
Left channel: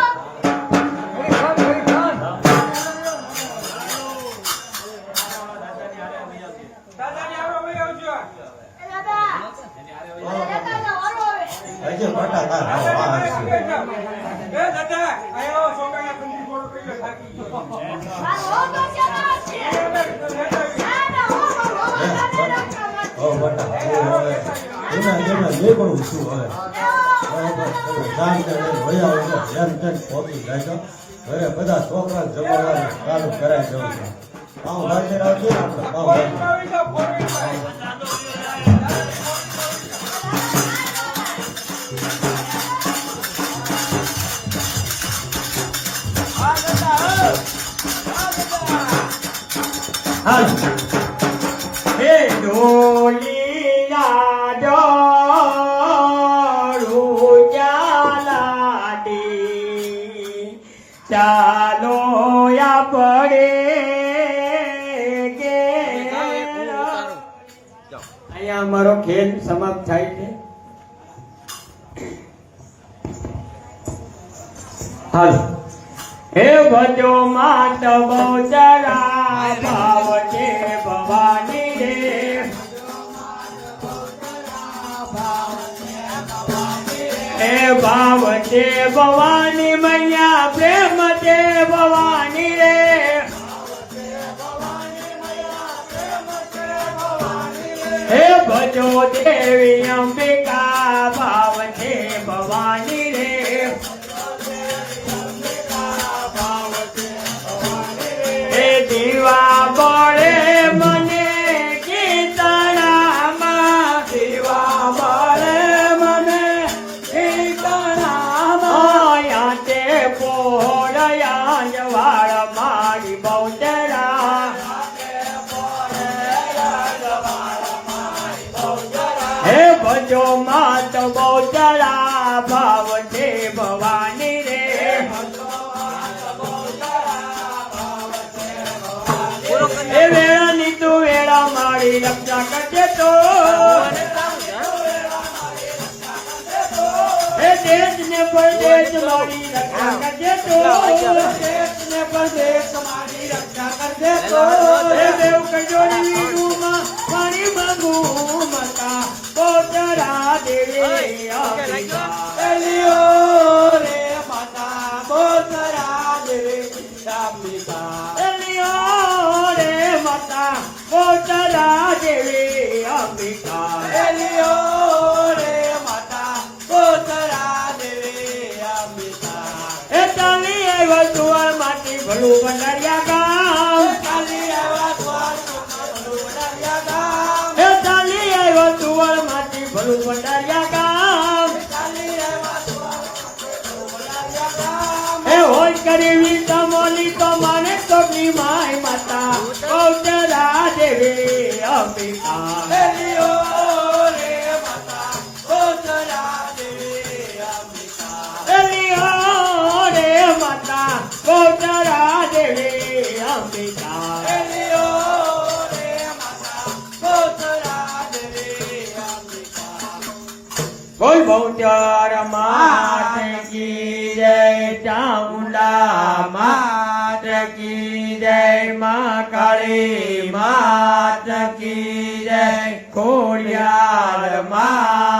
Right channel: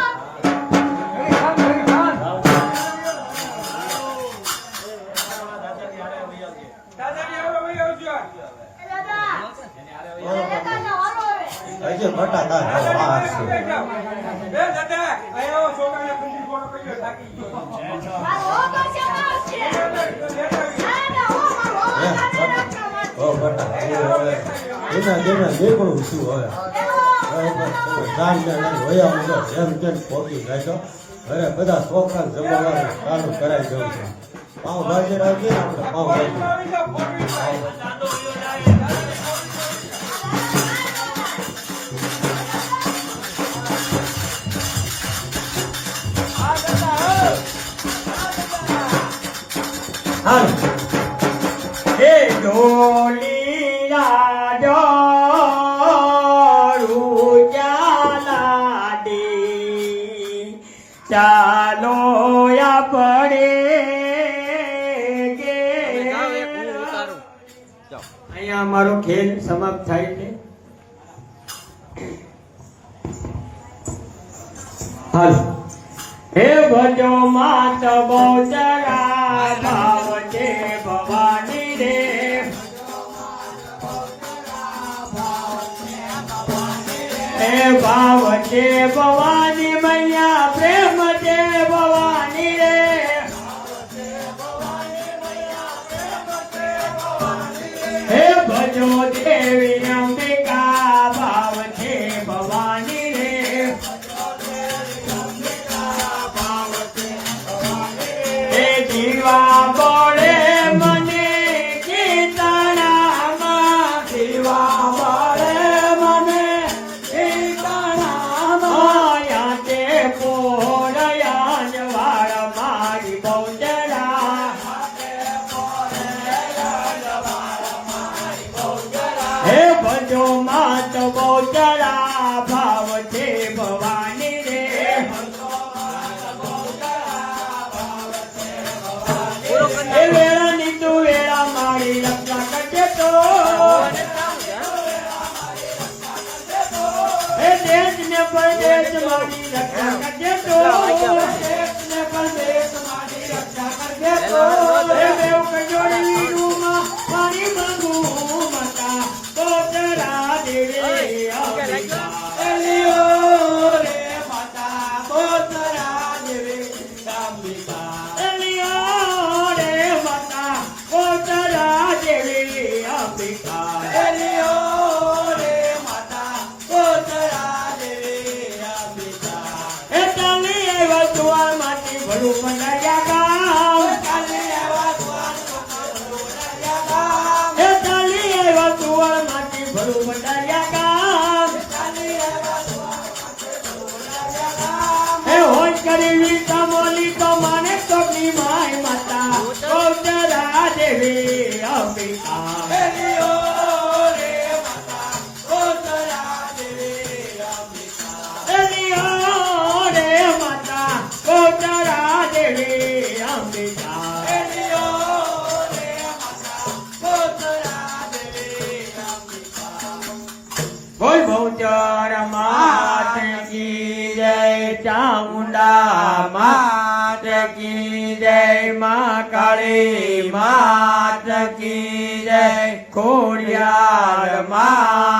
ઘડી ખાન, ઘડી ખાન. દાદાની હારે વળી આવજો. એ દાદા એ દાદા ઓરો હવે હજી ફટાકડા દાદાની હા, હારે છે. વળી જાઓ. એ દાદા, અહીંયા આવો, છોકરાને ખંડી ગોળો કર્યો, થાકી ગયો. મારો હો બચાવા છે લેતા આવી. ના ના હો મારો હો બચાવા ઓ બટા એના નીકળું છું હવે જામ ને વયા આવજો એમ તેમ ખોટી જાય હવે બધા છોકરા જમવાનું સારું કરાવી દેવું છે પાઉં ભાજી રાખીએ આપણે પાઉં ભાજી આવી જાઓ, પોણી ભાઈ. હે ઢોલિયા જોરું ચાલા દે ચાલો આપણે અહીંયા અમારો ખેલ સમાપ્ત થાય છે. હાલો હે ભજો માત બહુચરા ભાવ છે ભવાની રે હે ભાવ છે ભવાની મૈયા પ્રેમ છે ભવાની રે હે ભજો દેવી અંબિકા ભાવ છે ભવાની રે હે દીવા પડે મને કીર્તનામાં દીવા પડે મને કીર્તનામાં યાતે પોળયા જવાળ મારી બહુચરા હે ભજો માત બહુચરા ભાવ છે ભવાની રે એ વેળાની તું વેળા મારી રક્ષા કરજે તો એ દેશ ને પરદેશ મારી રક્ષા કરજે તો દેશ ને પરદેશ મારી રક્ષા કરજે તો એ દેવ કજોડી ગુમા પાણી માંગુ મતા બોતરા દેવી એલિયો રે માતા બોતરા દેવી અંબિકા એલિયો રે માતા બોતરા દેવી અંબિકા એલિયો રે માતા બોતરા દેવી અંબિકા એ ચાલી એવા તુઆ માટી ભલું બંધાયા ગામ ચાલી એવા તુઆ માટી ભલું બંધાયા ગામ એ ચાલી એવા તુઆ માટી ભલું બંધાયા ગામ ચાલી એવા તુઆ માટી ભલું બંધાયા ગામ એ હોલ કરી તો મોલી તો માને તો ની માય માતા બોતરા દેવી અંબિકા એલિયો રે માતા બોતરા દેવી અંબિકા એલિયો રે માતા બોતરા દેવી અંબિકા એલિયો રે માતા બોતરા દેવી અંબિકા બોલ બહુચર માત કી જય ચામુંડા માત કી જય મા કાળી માત કી જય ખોડિયાર માત